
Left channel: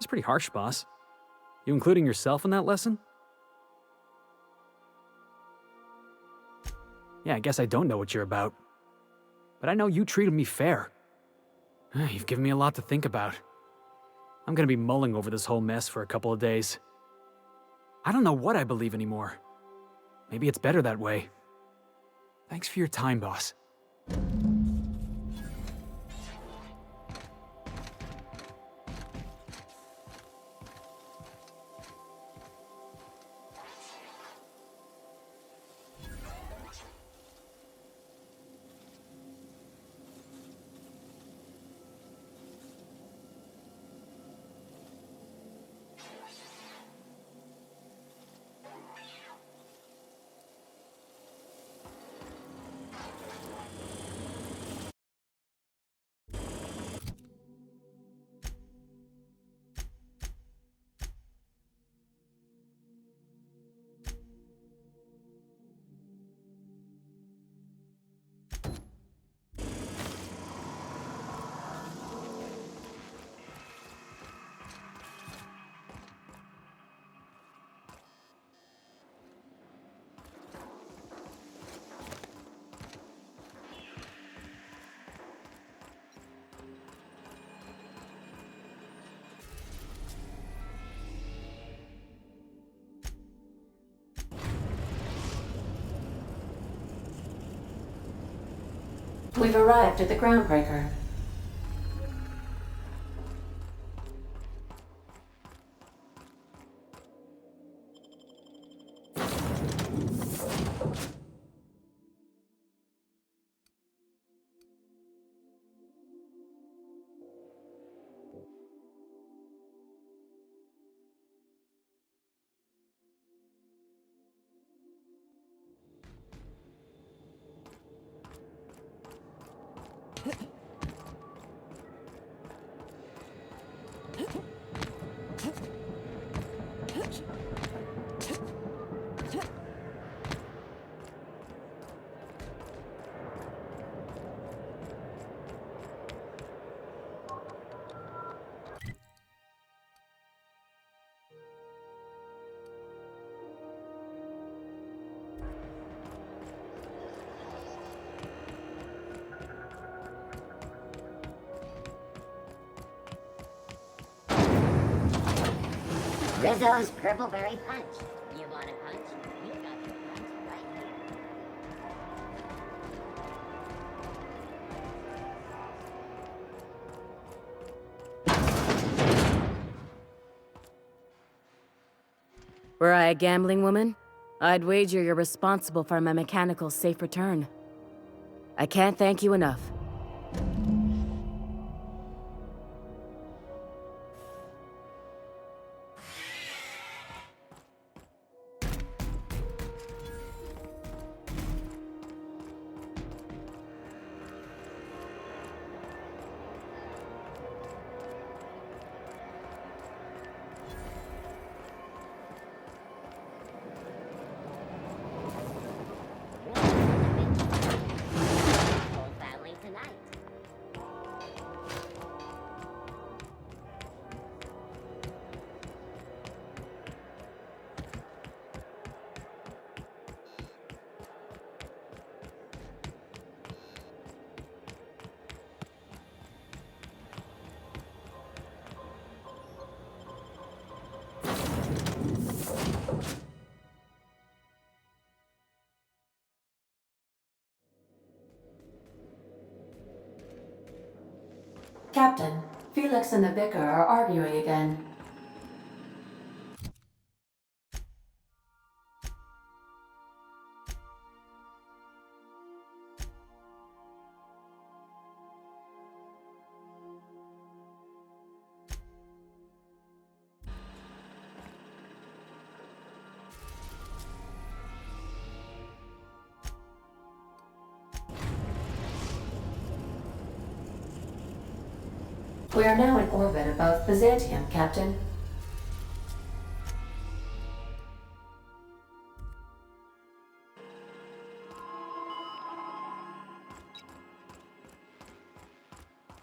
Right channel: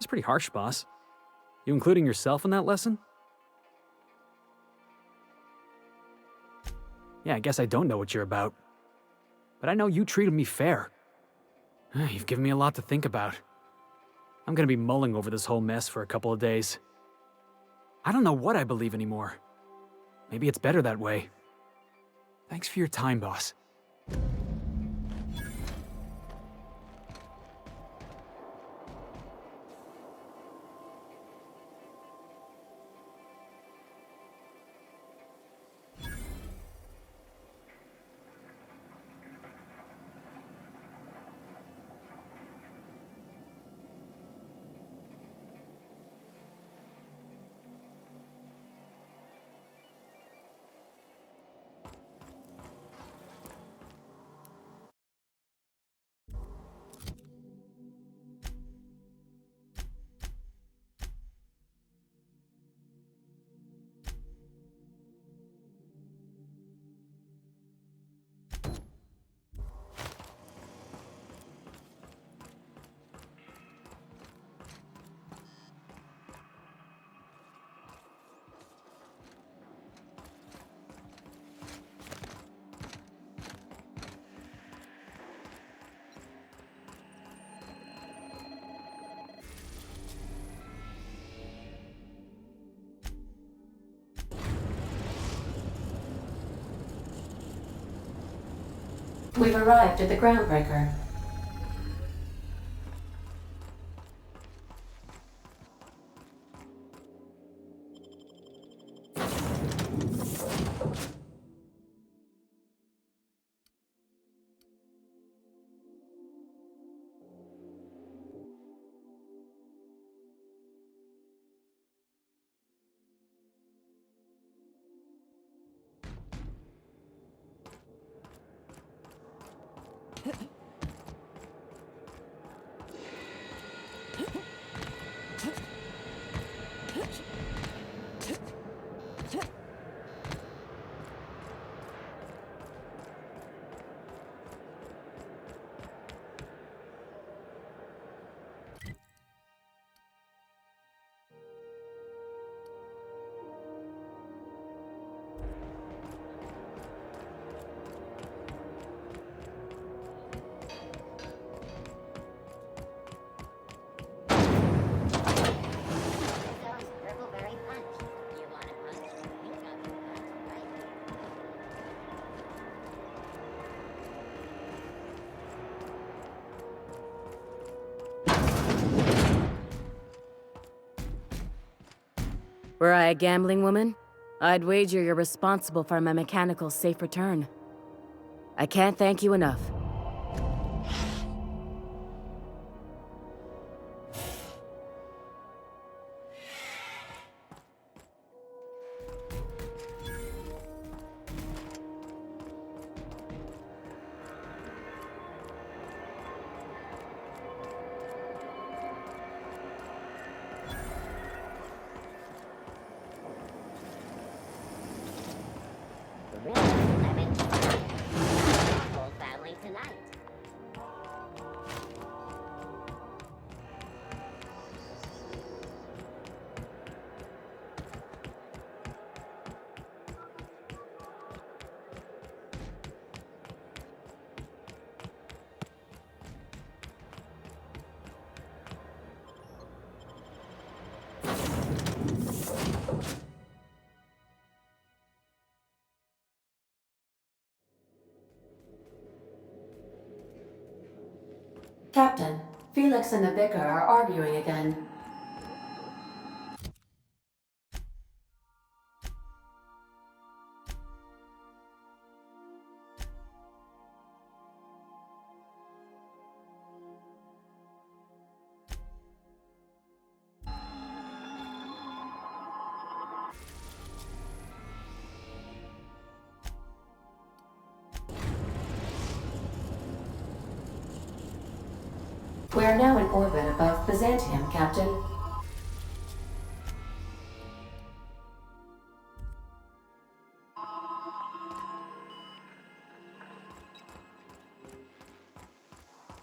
pretty harsh, boss. You including yourself in that lesson? Yeah, I guess I don't know what you're about. But I know you treated me fair. You've given me a lot to think about. I'm gonna be mulling over this whole mess for a couple of days. I don't know what I believe anymore. Maybe it's better that way. Thanks for your time, boss. We've arrived at the Groundbreaker. Rizzo's Purple Berry Punch. You want a punch? We got your punch right here. Were I a gambling woman, I'd wager you're responsible for my mechanical safe return. I can't thank you enough. Whole family tonight. Captain, Felix and the Vicar are arguing again. We are now in orbit above Byzantium, Captain.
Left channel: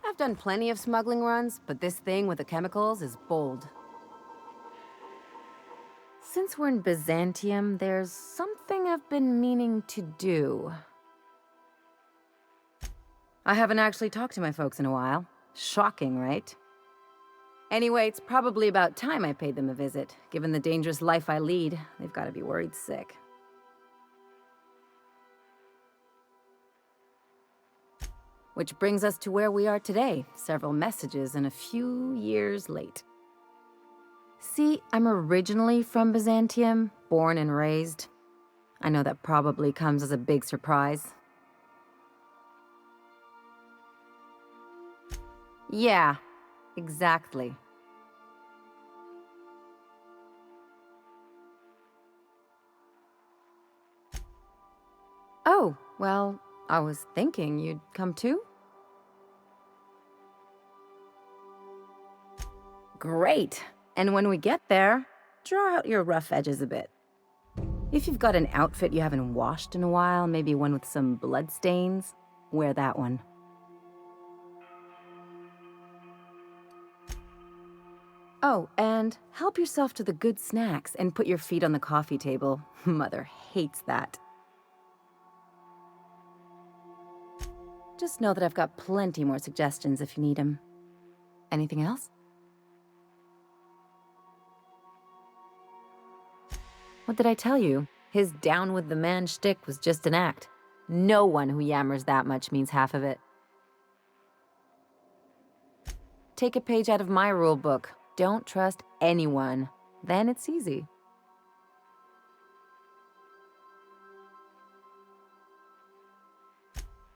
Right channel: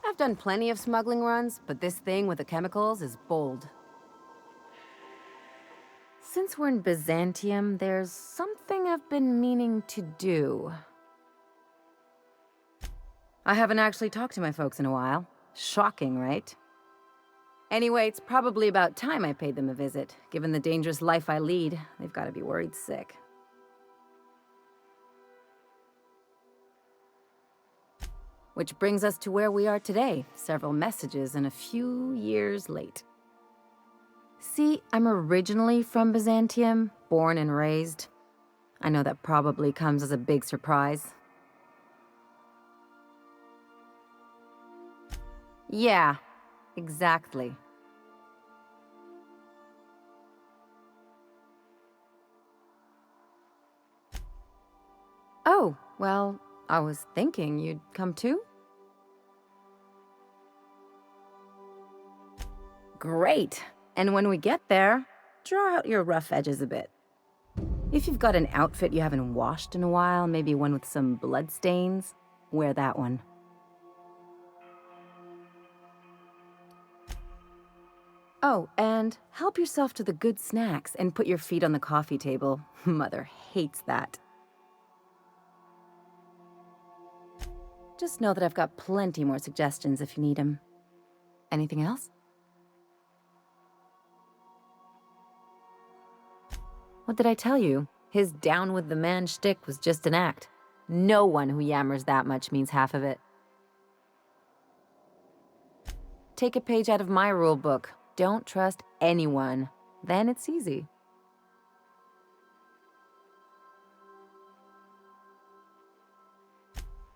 I've done plenty of smuggling runs, but this thing with the chemicals is bold. Since we're in Byzantium, there's something I've been meaning to do. I haven't actually talked to my folks in a while. Shocking, right? Anyway, it's probably about time I paid them a visit. Given the dangerous life I lead, they've got to be worried sick. Which brings us to where we are today, several messages and a few years late. See, I'm originally from Byzantium, born and raised. I know that probably comes as a big surprise. Yeah, exactly. Oh, well, I was thinking you'd come too? Great. And when we get there, draw out your rough edges a bit. If you've got an outfit you haven't washed in a while, maybe one with some blood stains, wear that one. Oh, and help yourself to the good snacks and put your feet on the coffee table. Mother hates that. Just know that I've got plenty more suggestions if you need them. Anything else? What did I tell you? His down with the man shtick was just an act. No one who yammers that much means half of it. Take a page out of my rule book. Don't trust anyone. Then it's easy.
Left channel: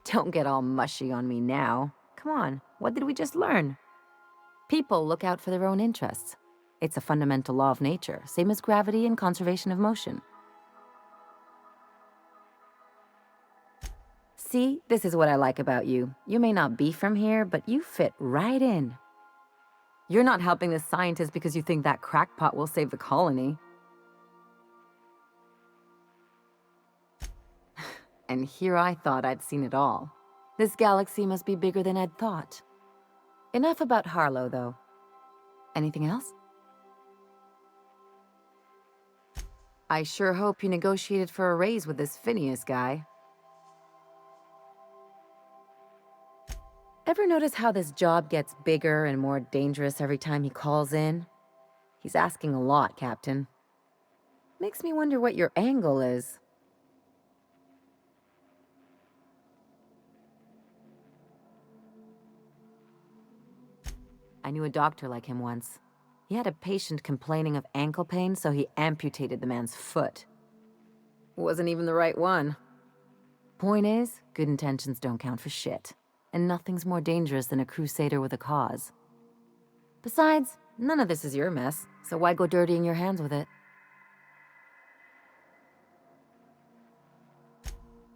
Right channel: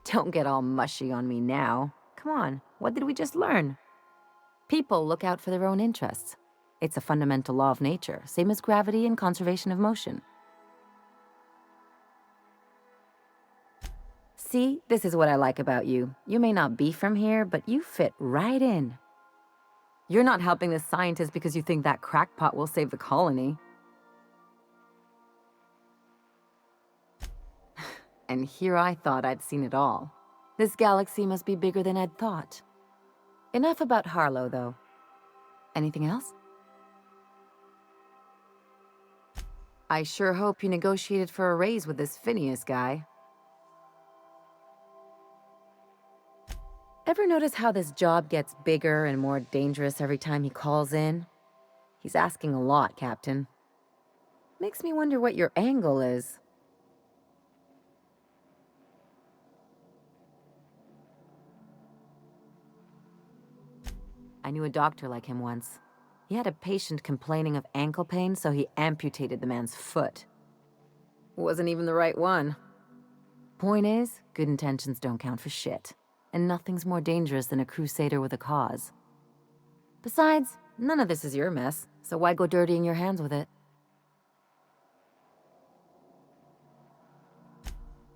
Don't get all mushy on me now. Come on, what did we just learn? People look out for their own interests. It's a fundamental law of nature, same as gravity and conservation of motion. See, this is what I like about you. You may not be from here, but you fit right in. You're not helping the scientists because you think that crackpot will save the colony. And here I thought I'd seen it all. This galaxy must be bigger than I'd thought. Enough about Harlow, though. Anything else? I sure hope you negotiated for a raise with this Phineas guy. Ever notice how this job gets bigger and more dangerous every time he calls in? He's asking a lot, Captain. Makes me wonder what your angle is. I knew a doctor like him once. He had a patient complaining of ankle pain, so he amputated the man's foot. Wasn't even the right one. Point is, good intentions don't count for shit. And nothing's more dangerous than a crusader with a cause. Besides, none of this is your mess, so why go dirtying your hands with it?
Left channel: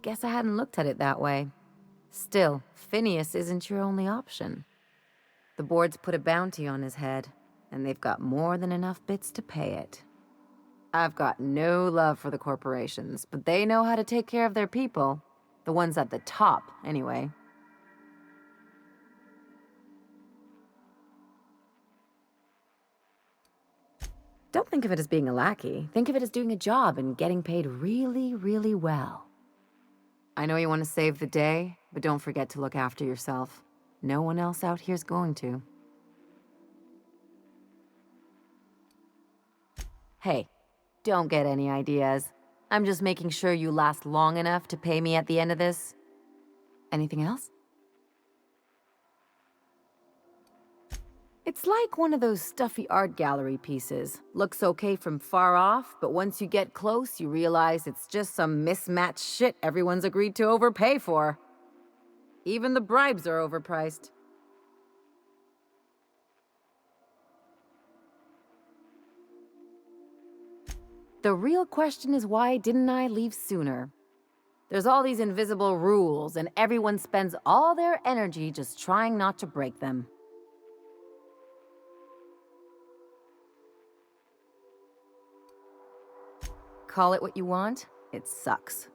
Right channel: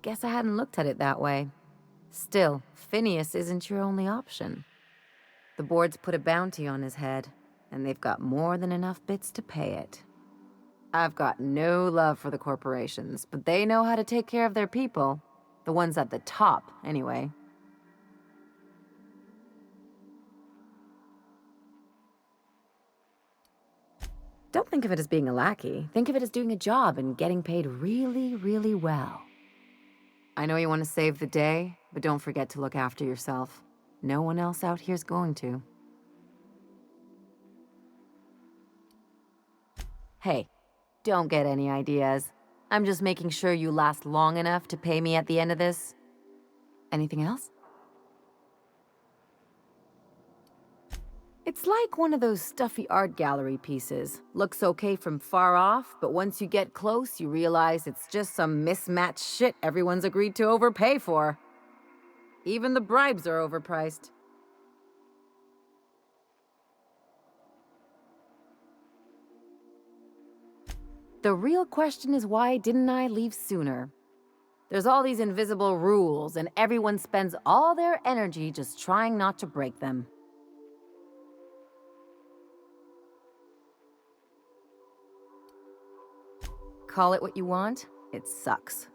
Guess I hadn't looked at it that way. Still, Phineas isn't your only option. The board's put a bounty on his head, and they've got more than enough bits to pay it. I've got no love for the corporations, but they know how to take care of their people. The ones at the top, anyway. Don't think of it as being a lackey. Think of it as doing a job and getting paid really, really well. I know you want to save the day, but don't forget to look after yourself. No one else out here's going to. Hey, don't get any ideas. I'm just making sure you last long enough to pay me at the end of this. Anything else? It's like one of those stuffy art gallery pieces. Looks okay from far off, but once you get close, you realize it's just some mismatched shit everyone's agreed to overpay for. Even the bribes are overpriced. The real question is, why didn't I leave sooner? There's all these invisible rules, and everyone spends all their energy just trying not to break them. Call it what you want, it sucks.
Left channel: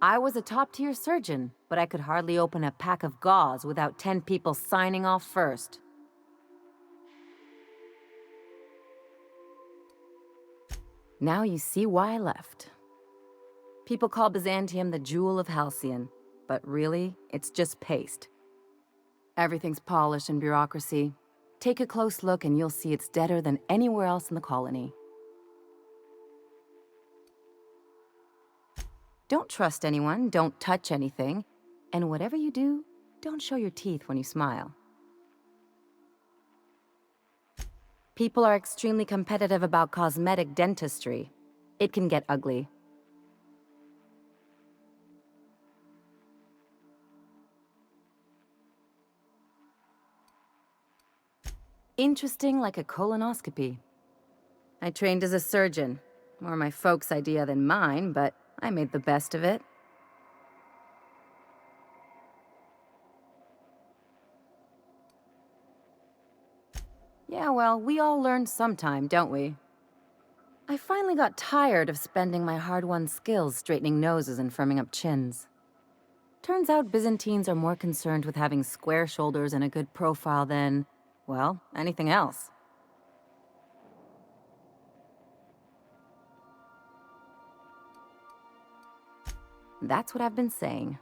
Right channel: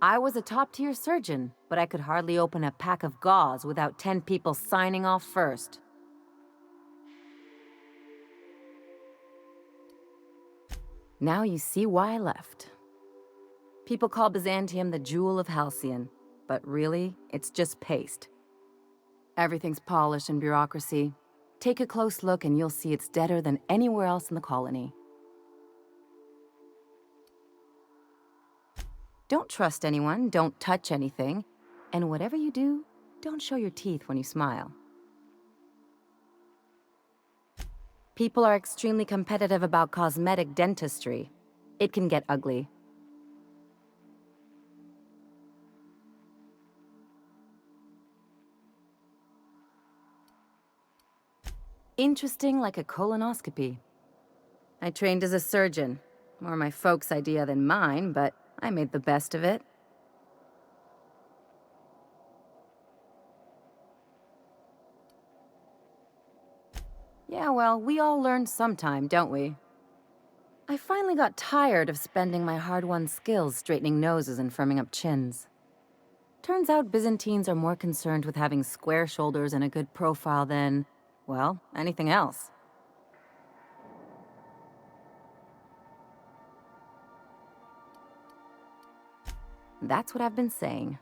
I was a top-tier surgeon, but I could hardly open a pack of gauze without 10 people signing off first. Now you see why I left. People call Byzantium the jewel of Halcyon, but really, it's just paste. Everything's polished and bureaucracy. Take a close look and you'll see it's deader than anywhere else in the colony. Don't trust anyone, don't touch anything, and whatever you do, don't show your teeth when you smile. People are extremely competitive about cosmetic dentistry. It can get ugly. Interesting like a colonoscopy. I trained as a surgeon. More my folks' idea than mine, but I made the best of it. Yeah, well, we all learn sometime, don't we? I finally got tired of spending my hard-won skills straightening noses and firming up chins. Turns out Byzantines are more concerned with having square shoulders and a good profile than, well, anything else. That's what I've been saying.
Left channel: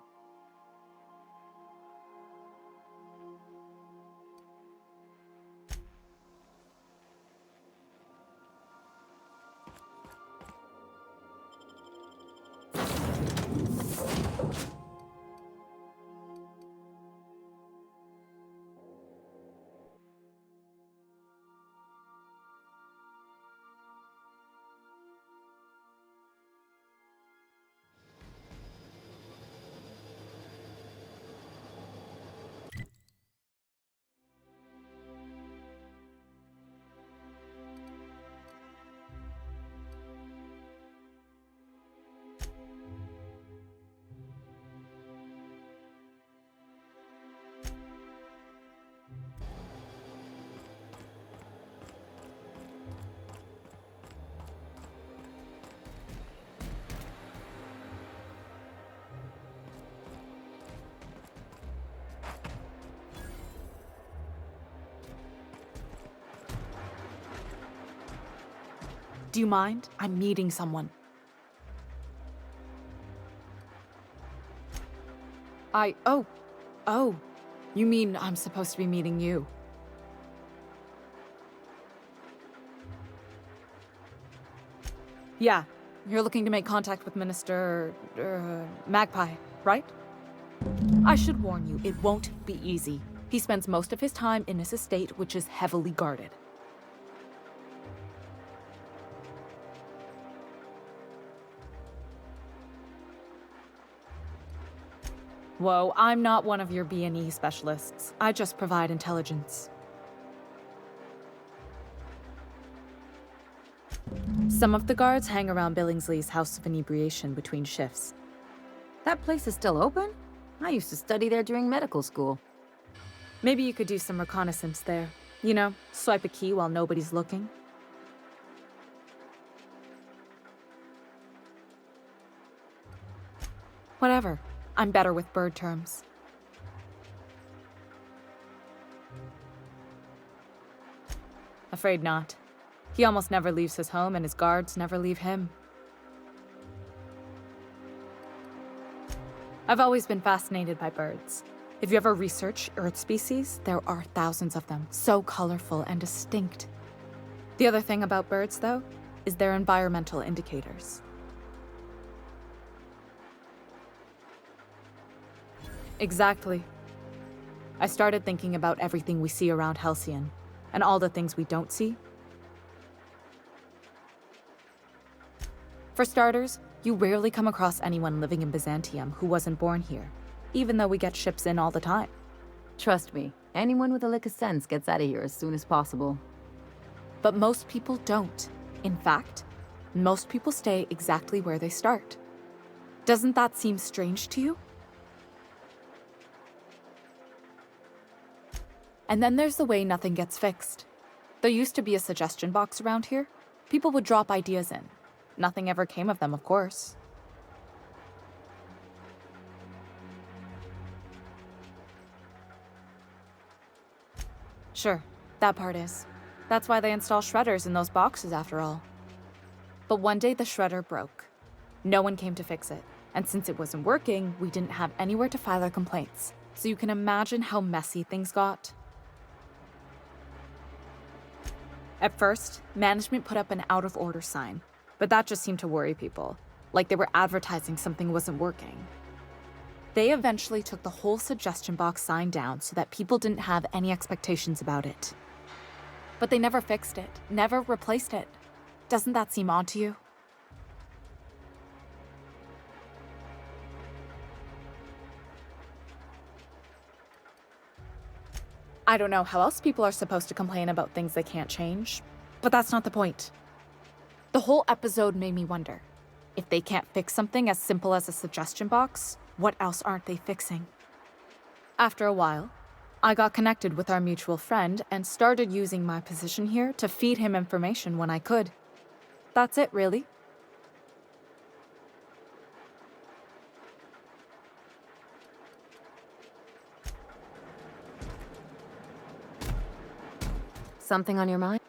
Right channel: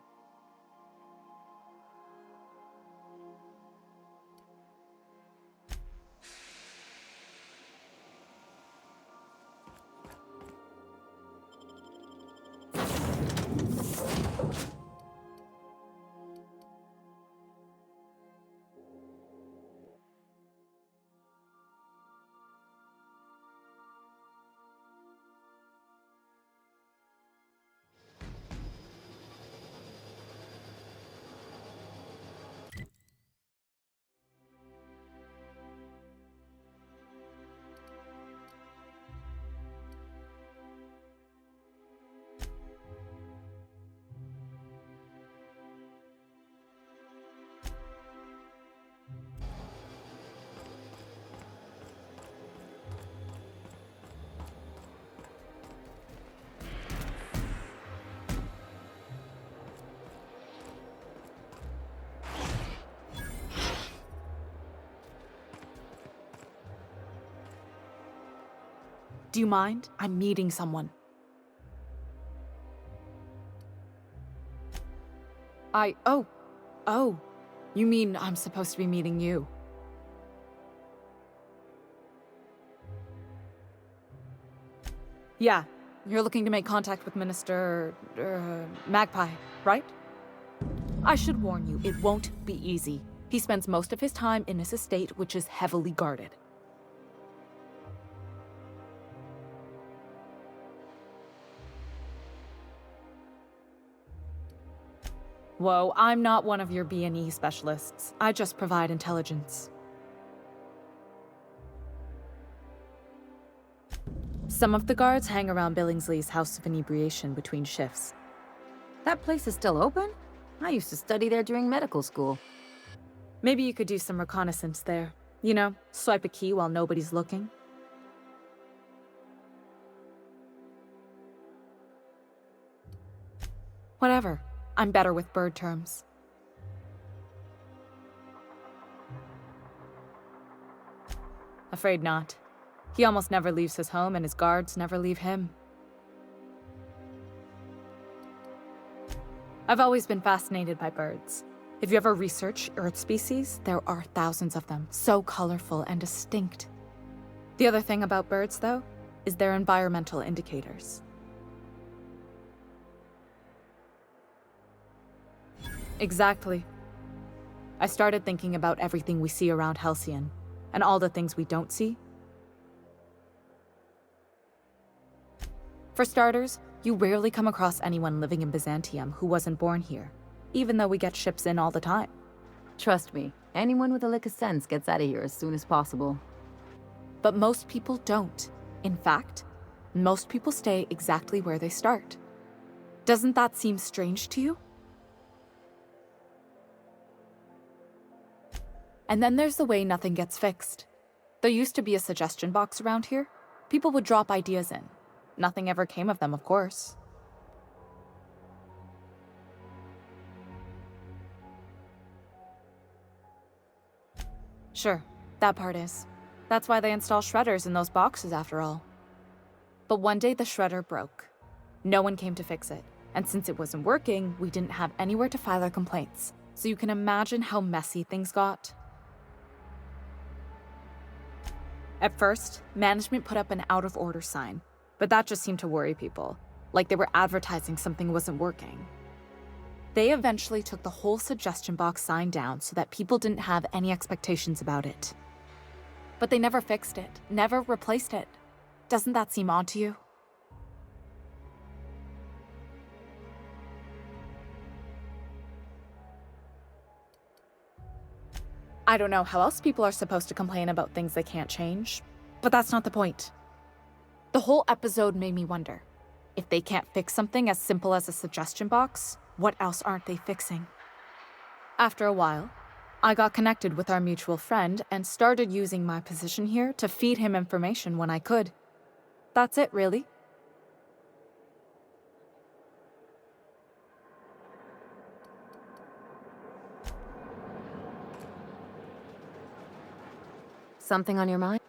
Do you mind? I'm meeting someone. Oh. You mean I'm supposed to be meeting you? Yeah, you're looking to make contact with Minister... Magpie, right? I should warn you, it won't be easy. He spends most of his time in his estate, which is heavily guarded. Whoa, I'm not one of your B&E specialists. I just provide intelligence. Some of the guards hang around Billingsley's House of Inebriation between shifts. That place is still open? I used to study there during medical school. Maybe you could do some reconnaissance there. You know, swipe a key while nobody's looking. Whatever. I'm better with bird terms. Afraid not. He almost never leaves his home, and his guards never leave him. I've always been fascinated by birds. If you ever research Earth species, there are thousands of them, so colorful and distinct. The other thing about birds, though, is their environmental indicators. Exactly. I started thinking about everything we see around Halcyon, and all the things we don't see. For starters, you rarely come across anyone living in Byzantium who wasn't born here, even though we get ships in all the time. Trust me, anyone with a lick of sense gets out of here as soon as possible. But most people don't. In fact, most people stay exactly where they start. Doesn't that seem strange to you? And then there's the way nothing gets fixed. There used to be a suggestion box around here. People would drop ideas in. Nothing ever came of them, of course. Sure, that part is. That's why they install shredders in those boxes, after all. But one day the shredder broke. No one came to fix it, and since it wasn't working, we didn't have anywhere to file our complaints. So you can imagine how messy things got. At first, management put up an out-of-order sign, but that just seemed to worry people, like they were advertising something wasn't working. They eventually took the whole suggestion box sign down so that people didn't have any expectations about it. But they never fixed it, never replaced it. Doesn't that seem odd to you? I don't know how else people are supposed to complain about things they can't change, but that's not the point. The whole episode made me wonder, if they can't fix something as simple as a suggestion box, what else aren't they fixing? After a while, I got connected with our mutual friend and started using my position here to feed him information when I could. That's it, really. Something on your mind?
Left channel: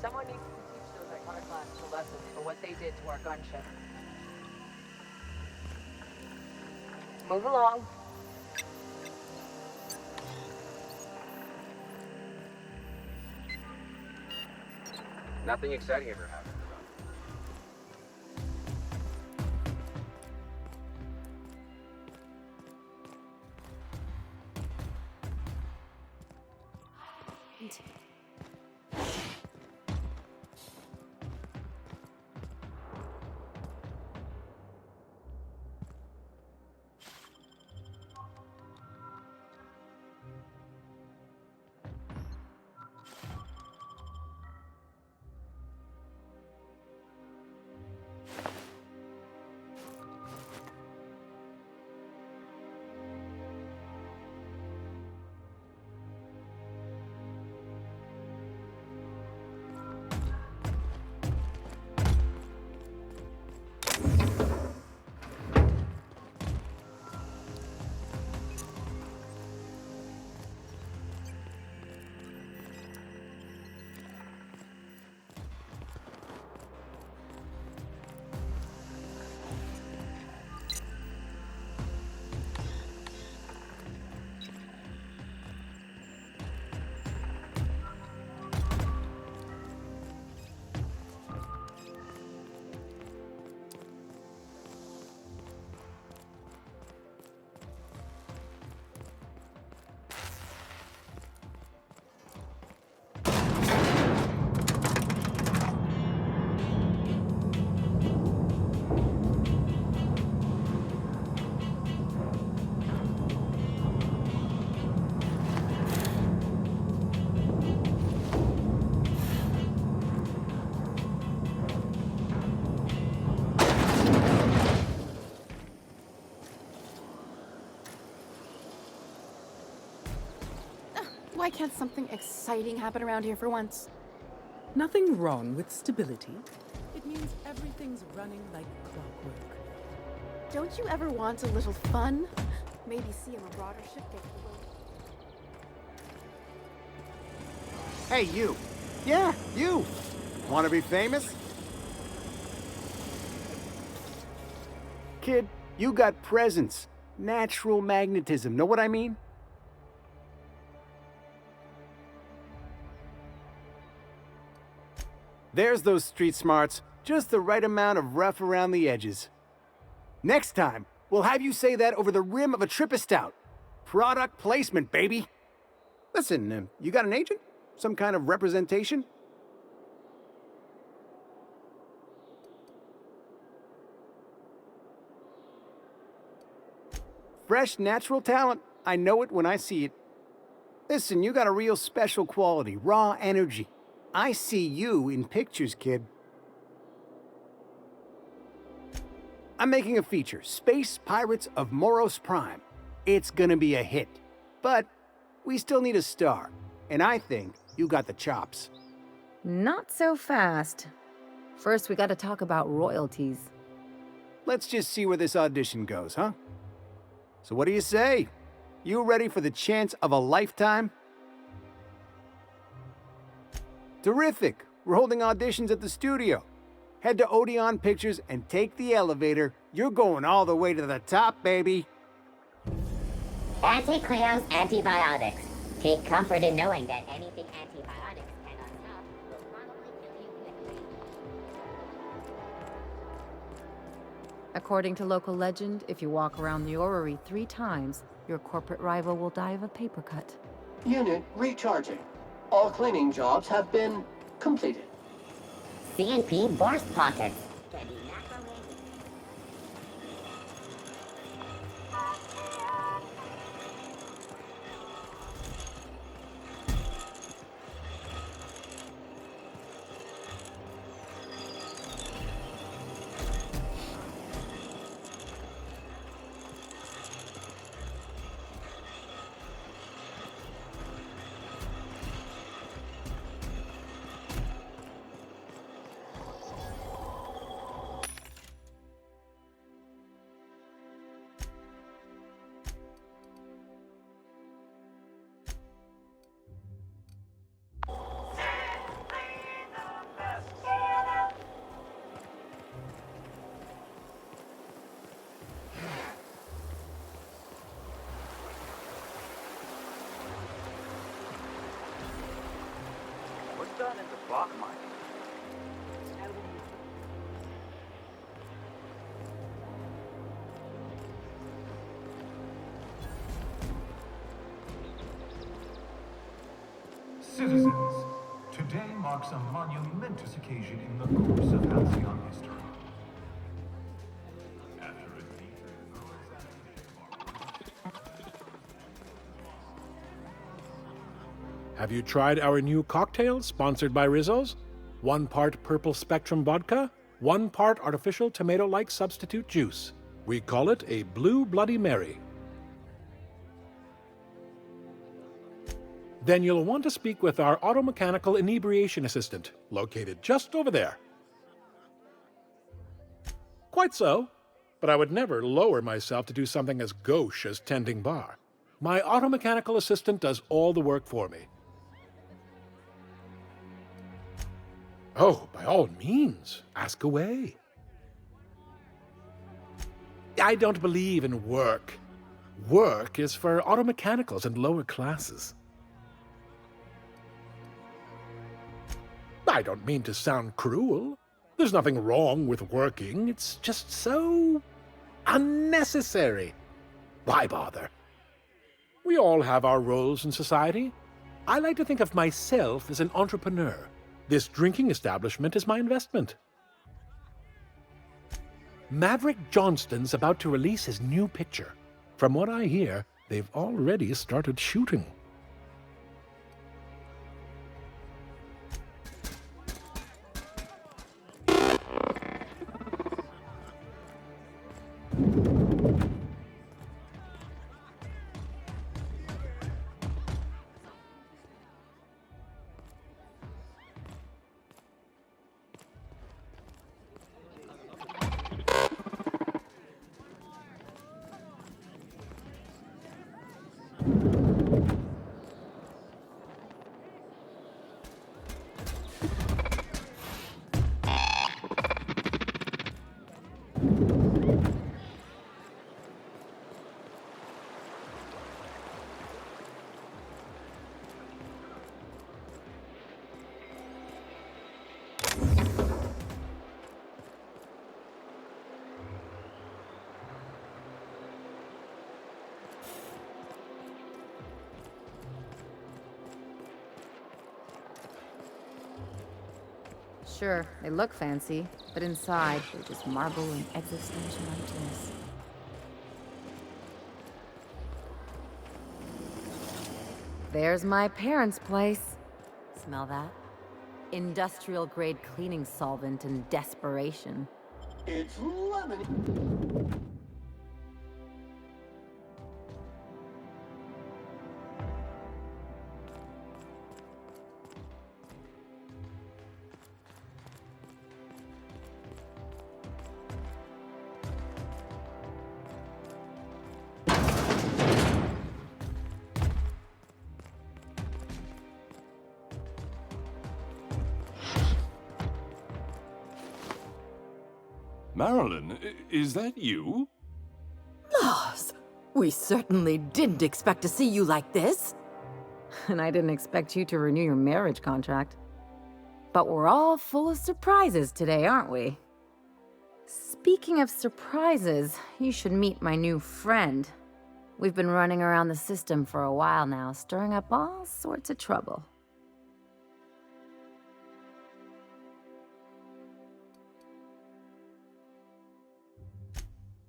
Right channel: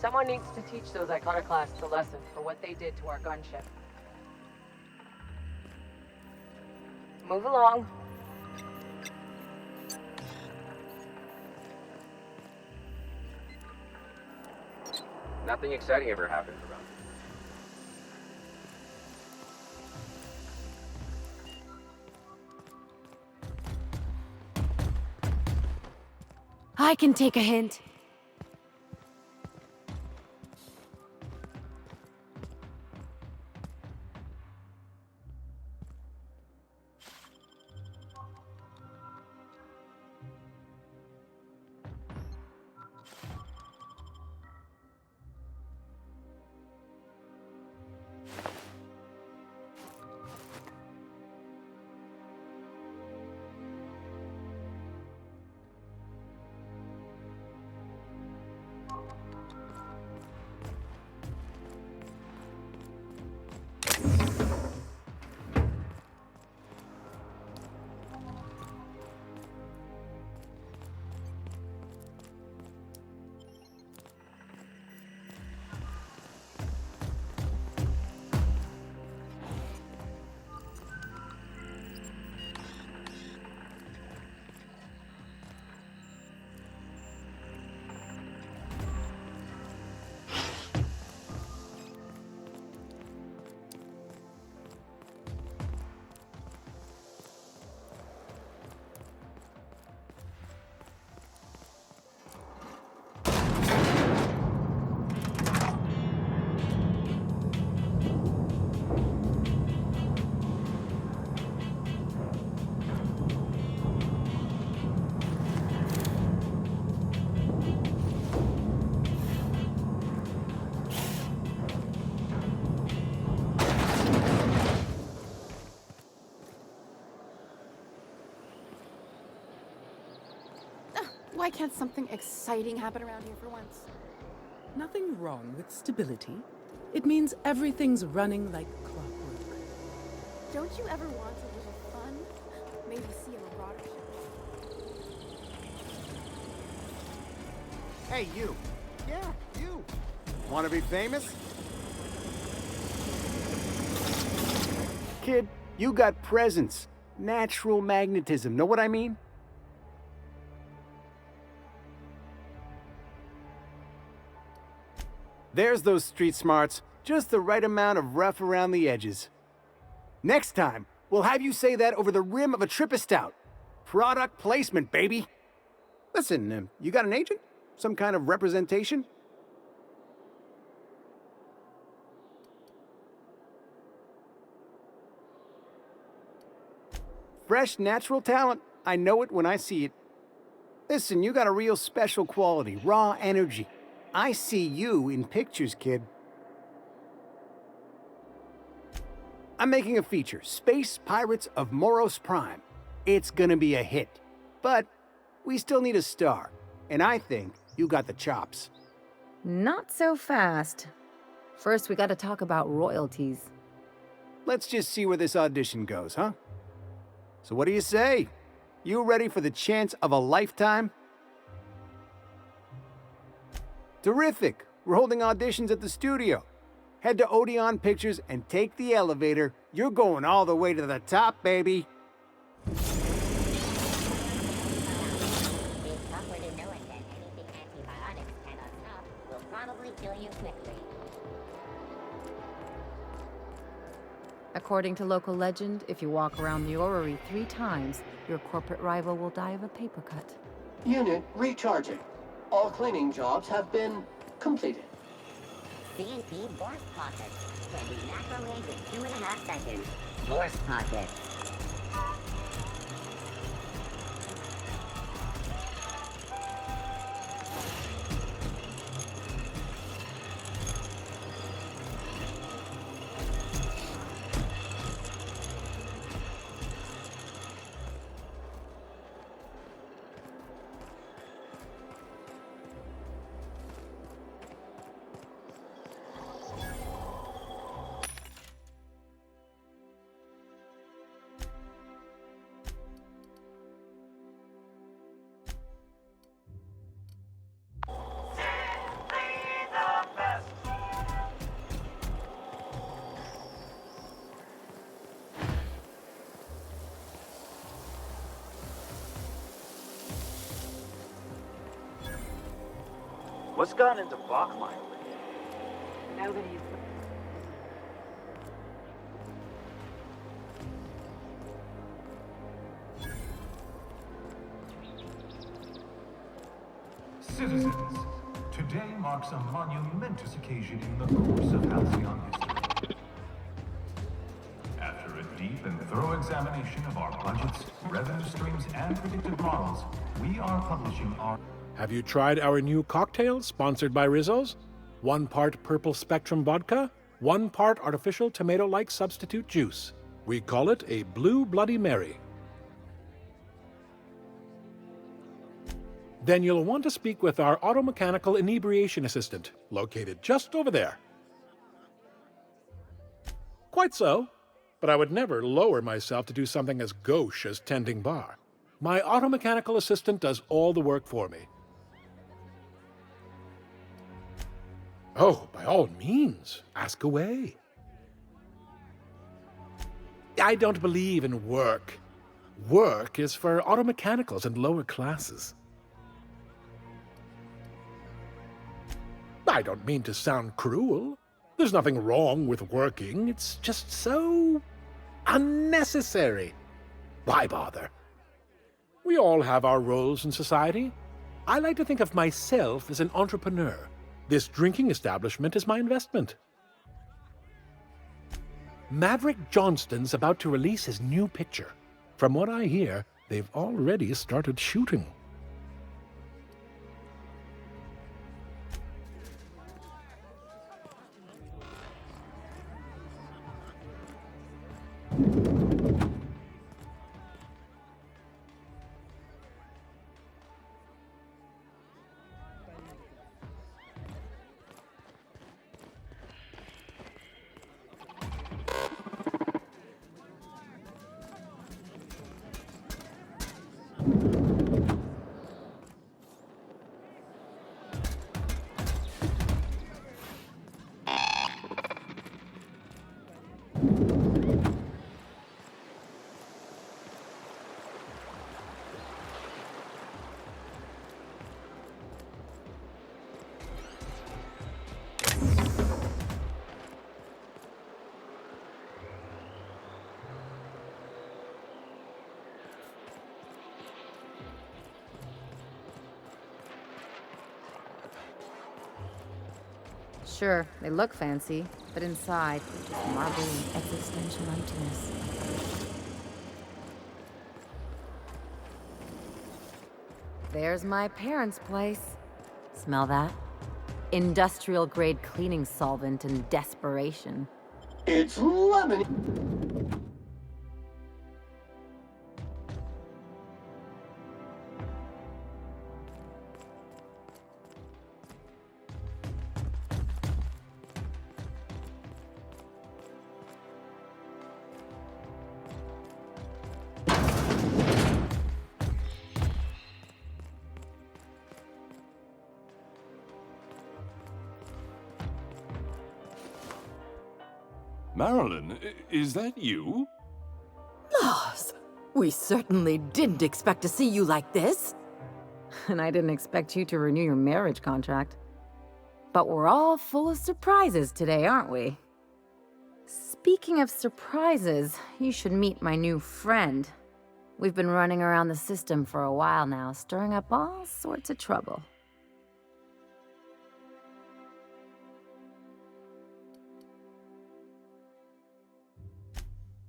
Someone needs to teach those iconoclasts a lesson for what they did to our gunship. Move along. Nothing exciting ever happened around I can take a hint. Why can't something exciting happen around here for once? Nothing wrong with stability. It means everything's running like clockwork. Don't you ever want a little fun? Maybe see a marauder ship Hey, you. Yeah, you. Want to be famous? Kid, you got presence. Natural magnetism. Know what I mean? There's those street smarts. Just the right amount of rough around the edges. Next time, we'll have you say that over the rim of a Trippa Stout. Product placement, baby. Listen, you got an agent? Some kind of representation? Fresh, natural talent. I know it when I see it. Listen, you got a real special quality, raw energy. I see you in pictures, kid. I'm making a feature, Space Pirates of Moros Prime. It's gonna be a hit. But we still need a star, and I think you got the chops. Not so fast. First, we gotta talk about royalties. Let's just see where this audition goes, huh? So what do you say? You ready for the chance of a lifetime? Terrific! We're holding auditions at the studio. Head to Odeon Pictures and take the elevator. You're going all the way to the top, baby. Anti-Cleon's antibiotics. Take comfort in knowing that anything antibiotics cannot stop will probably kill you quickly. According to local legend, if you walk around the orrery 3 times, your corporate rival will die of a paper cut. Unit recharging. All cleaning jobs have been completed. CNP Borst Pockets can be microwaved in 2.5 seconds. Borst Pockets. What's gotten into Bachmeier? Now that he's... Citizens, today marks a monumentous occasion in the course of Halcyon history. After a deep and thorough examination of our budgets, revenue streams, and predictive models, we are publishing our... Have you tried our new cocktail sponsored by Rizzo's? 1 part purple spectrum vodka, 1 part artificial tomato-like substitute juice. We call it a Blue Bloody Mary. Then you'll want to speak with our automechanical inebriation assistant, located just over there. Quite so, but I would never lower myself to do something as gauche as tending bar. My automechanical assistant does all the work for me. Oh, by all means, ask away. I don't believe in work. Work is for automechanicals and lower classes. I don't mean to sound cruel. There's nothing wrong with working. It's just so unnecessary. Why bother? We all have our roles in society. I like to think of myself as an entrepreneur. This drinking establishment is my investment. Maverick Johnston's about to release his new picture. From what I hear, they've already started shooting. Sure, they look fancy, but inside, they're just marble and existential emptiness. There's my parents' place. Smell that? Industrial-grade cleaning solvent and desperation. It's lemon. Marilyn, is that you? Lars, we certainly didn't expect to see you like this. And I didn't expect you to renew your marriage contract. But we're all full of surprises today, aren't we? Speaking of surprises, you should meet my new friend. We've been running around the system for a while now, stirring up all sorts of trouble.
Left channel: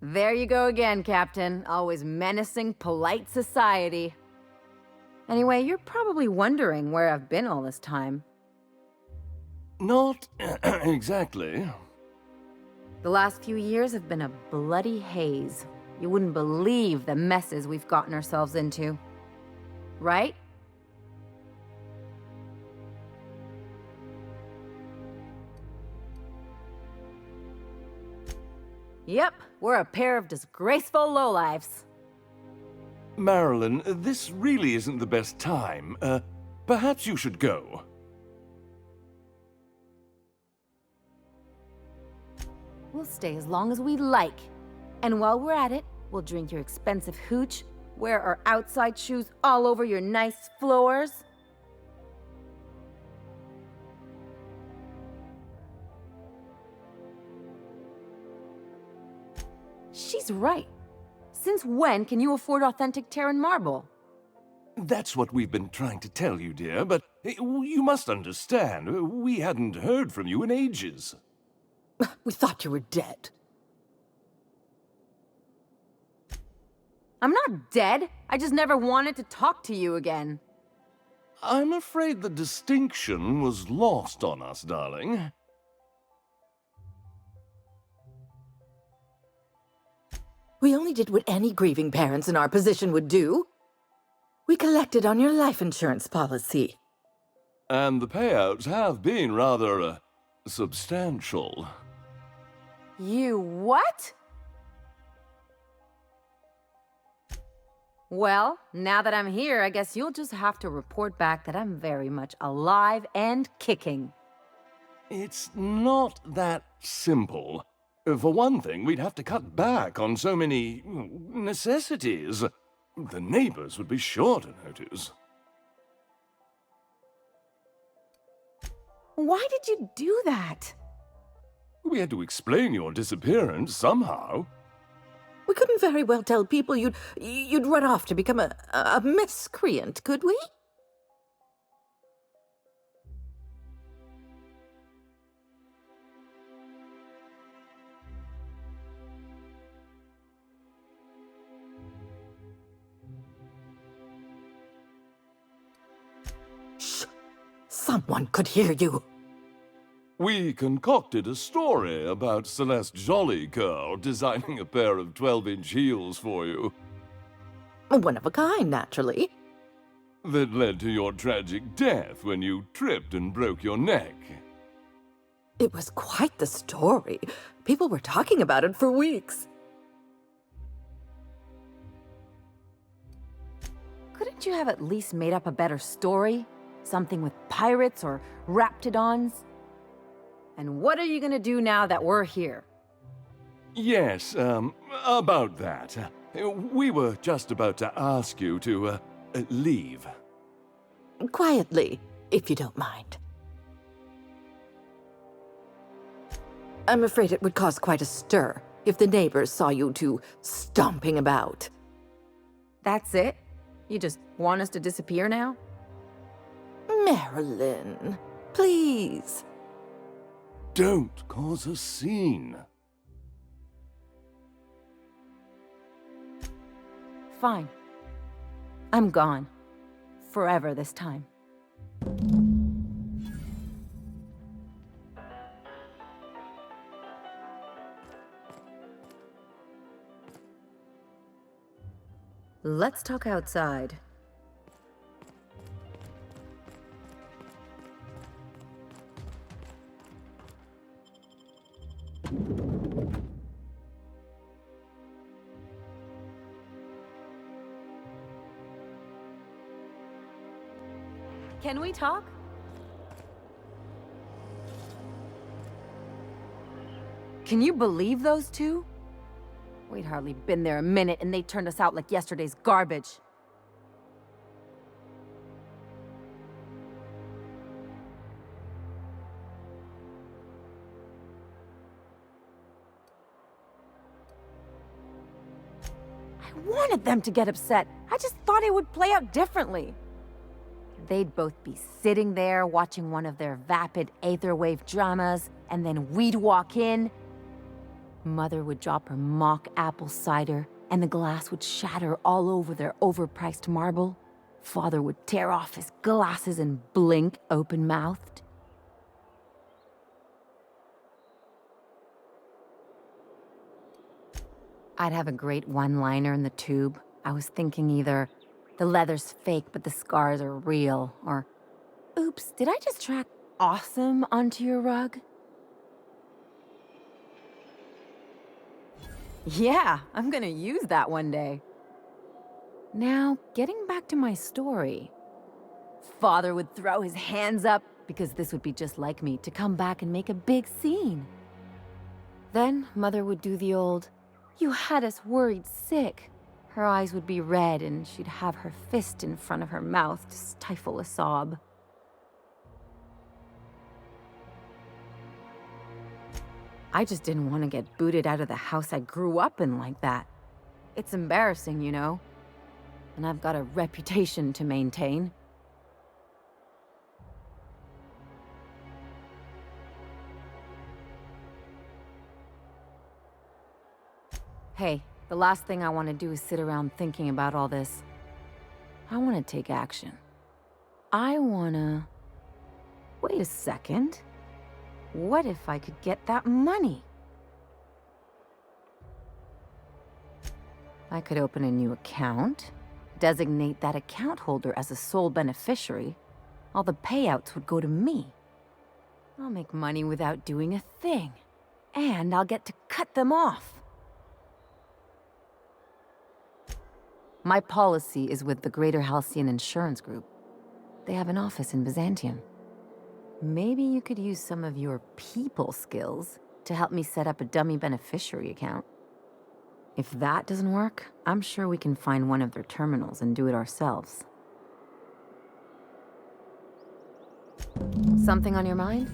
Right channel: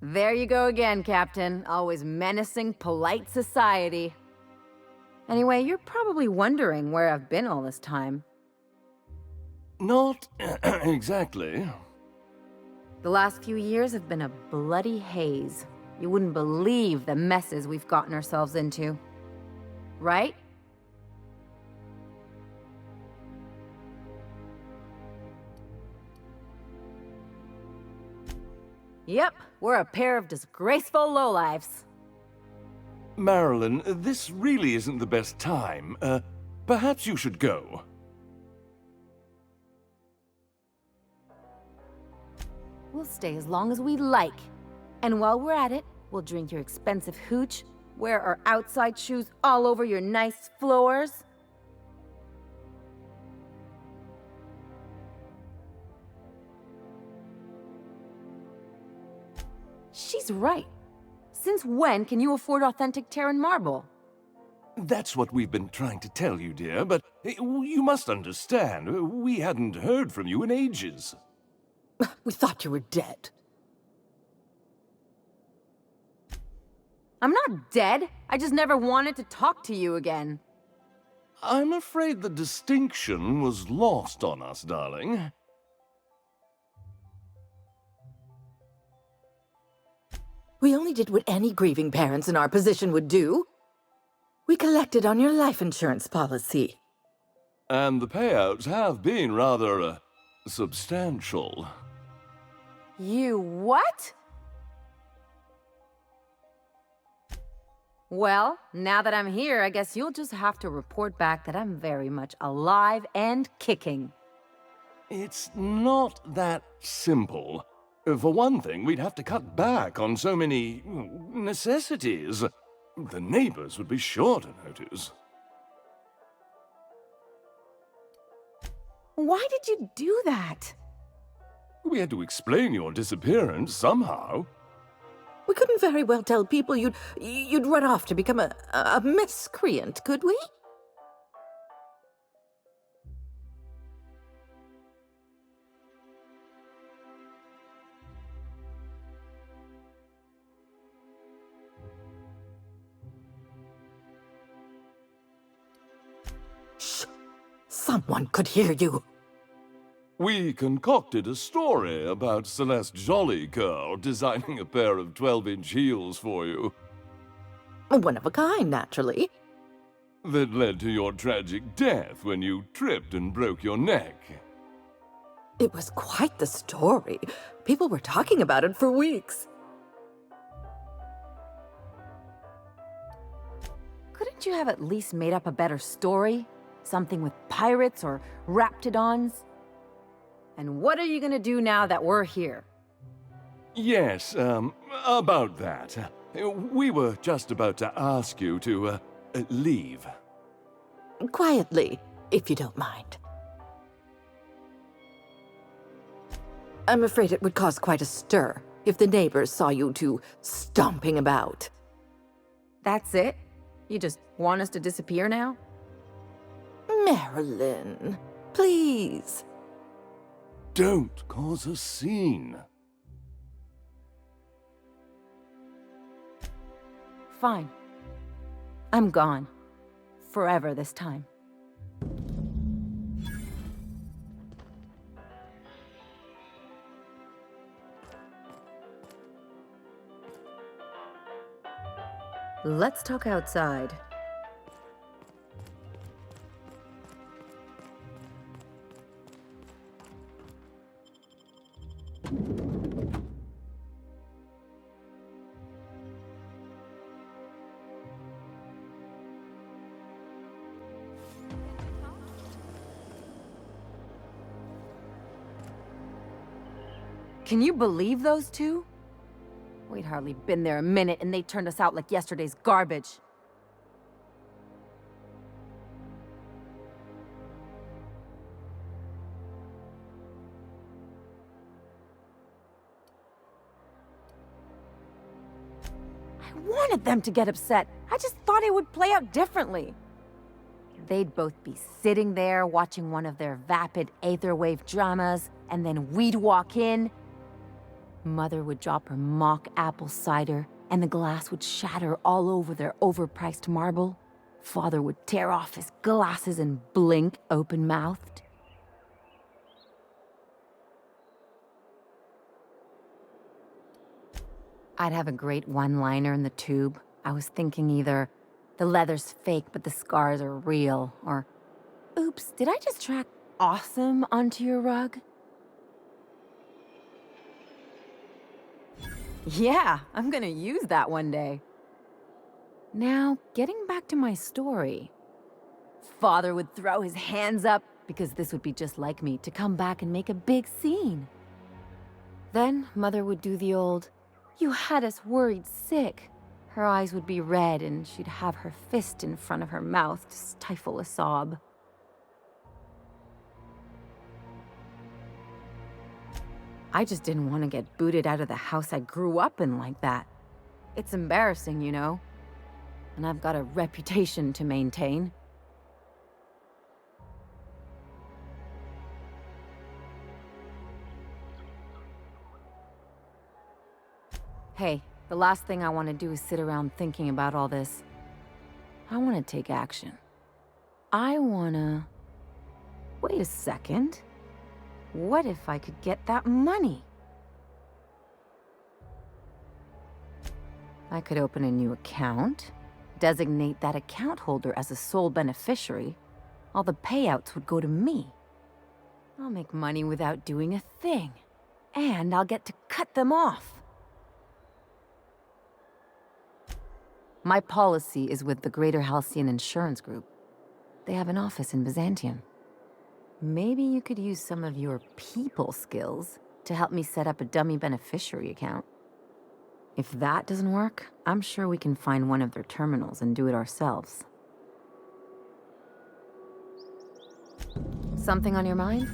There you go again, Captain. Always menacing polite society. Anyway, you're probably wondering where I've been all this time. Not exactly. The last few years have been a bloody haze. You wouldn't believe the messes we've gotten ourselves into. Right? Yep, we're a pair of disgraceful lowlifes. Marilyn, this really isn't the best time. Perhaps you should go. We'll stay as long as we like. And while we're at it, we'll drink your expensive hooch, wear our outside shoes all over your nice floors. He's right. Since when can you afford authentic Terran marble? That's what we've been trying to tell you, dear, but you must understand, we hadn't heard from you in ages. We thought you were dead. I'm not dead. I just never wanted to talk to you again. I'm afraid the distinction was lost on us, darling. We only did what any grieving parents in our position would do. We collected on your life insurance policy. And the payouts have been rather, substantial. You what? Well, now that I'm here, I guess you'll just have to report back that I'm very much alive and kicking. It's not that simple. For one thing, we'd have to cut back on so many necessities. The neighbors would be sure to notice. Why did you do that? We had to explain your disappearance somehow. We couldn't very well tell people you'd run off to become a miscreant, could we? Shh! Someone could hear you. We concocted a story about Celeste Jollycurl designing a pair of 12-inch heels for you. One of a kind, naturally. That led to your tragic death when you tripped and broke your neck. It was quite the story. People were talking about it for weeks. Couldn't you have at least made up a better story? Something with pirates or raptidons? And what are you gonna do now that we're here? Yes, about that. We were just about to ask you to, leave. Quietly, if you don't mind. I'm afraid it would cause quite a stir if the neighbors saw you two stomping about. That's it? You just want us to disappear now? Marilyn, please. Don't cause a scene. Fine. I'm gone. Forever this time. Let's talk outside. Can we talk? Can you believe those two? We'd hardly been there a minute and they turned us out like yesterday's garbage. I wanted them to get upset. I just thought it would play out differently. They'd both be sitting there watching one of their vapid aetherwave dramas, and then we'd walk in. Mother would drop her mock apple cider, and the glass would shatter all over their overpriced marble. Father would tear off his glasses and blink open-mouthed. I'd have a great one-liner in the tube. I was thinking either, the leather's fake but the scars are real, or, oops, did I just track awesome onto your rug? Yeah, I'm gonna use that one day. Now, getting back to my story. Father would throw his hands up, because this would be just like me, to come back and make a big scene. Then Mother would do the old, "You had us worried sick." Her eyes would be red and she'd have her fist in front of her mouth to stifle a sob. I just didn't want to get booted out of the house I grew up in like that. It's embarrassing, you know? And I've got a reputation to maintain. Hey, the last thing I want to do is sit around thinking about all this. I want to take action. I want to... Wait a second. What if I could get that money? I could open a new account, designate that account holder as a sole beneficiary. All the payouts would go to me. I'll make money without doing a thing. And I'll get to cut them off. My policy is with the Greater Halcyon Insurance Group. They have an office in Byzantium. Maybe you could use some of your people skills to help me set up a dummy beneficiary account. If that doesn't work, I'm sure we can find one of their terminals and do it ourselves. Something on your mind?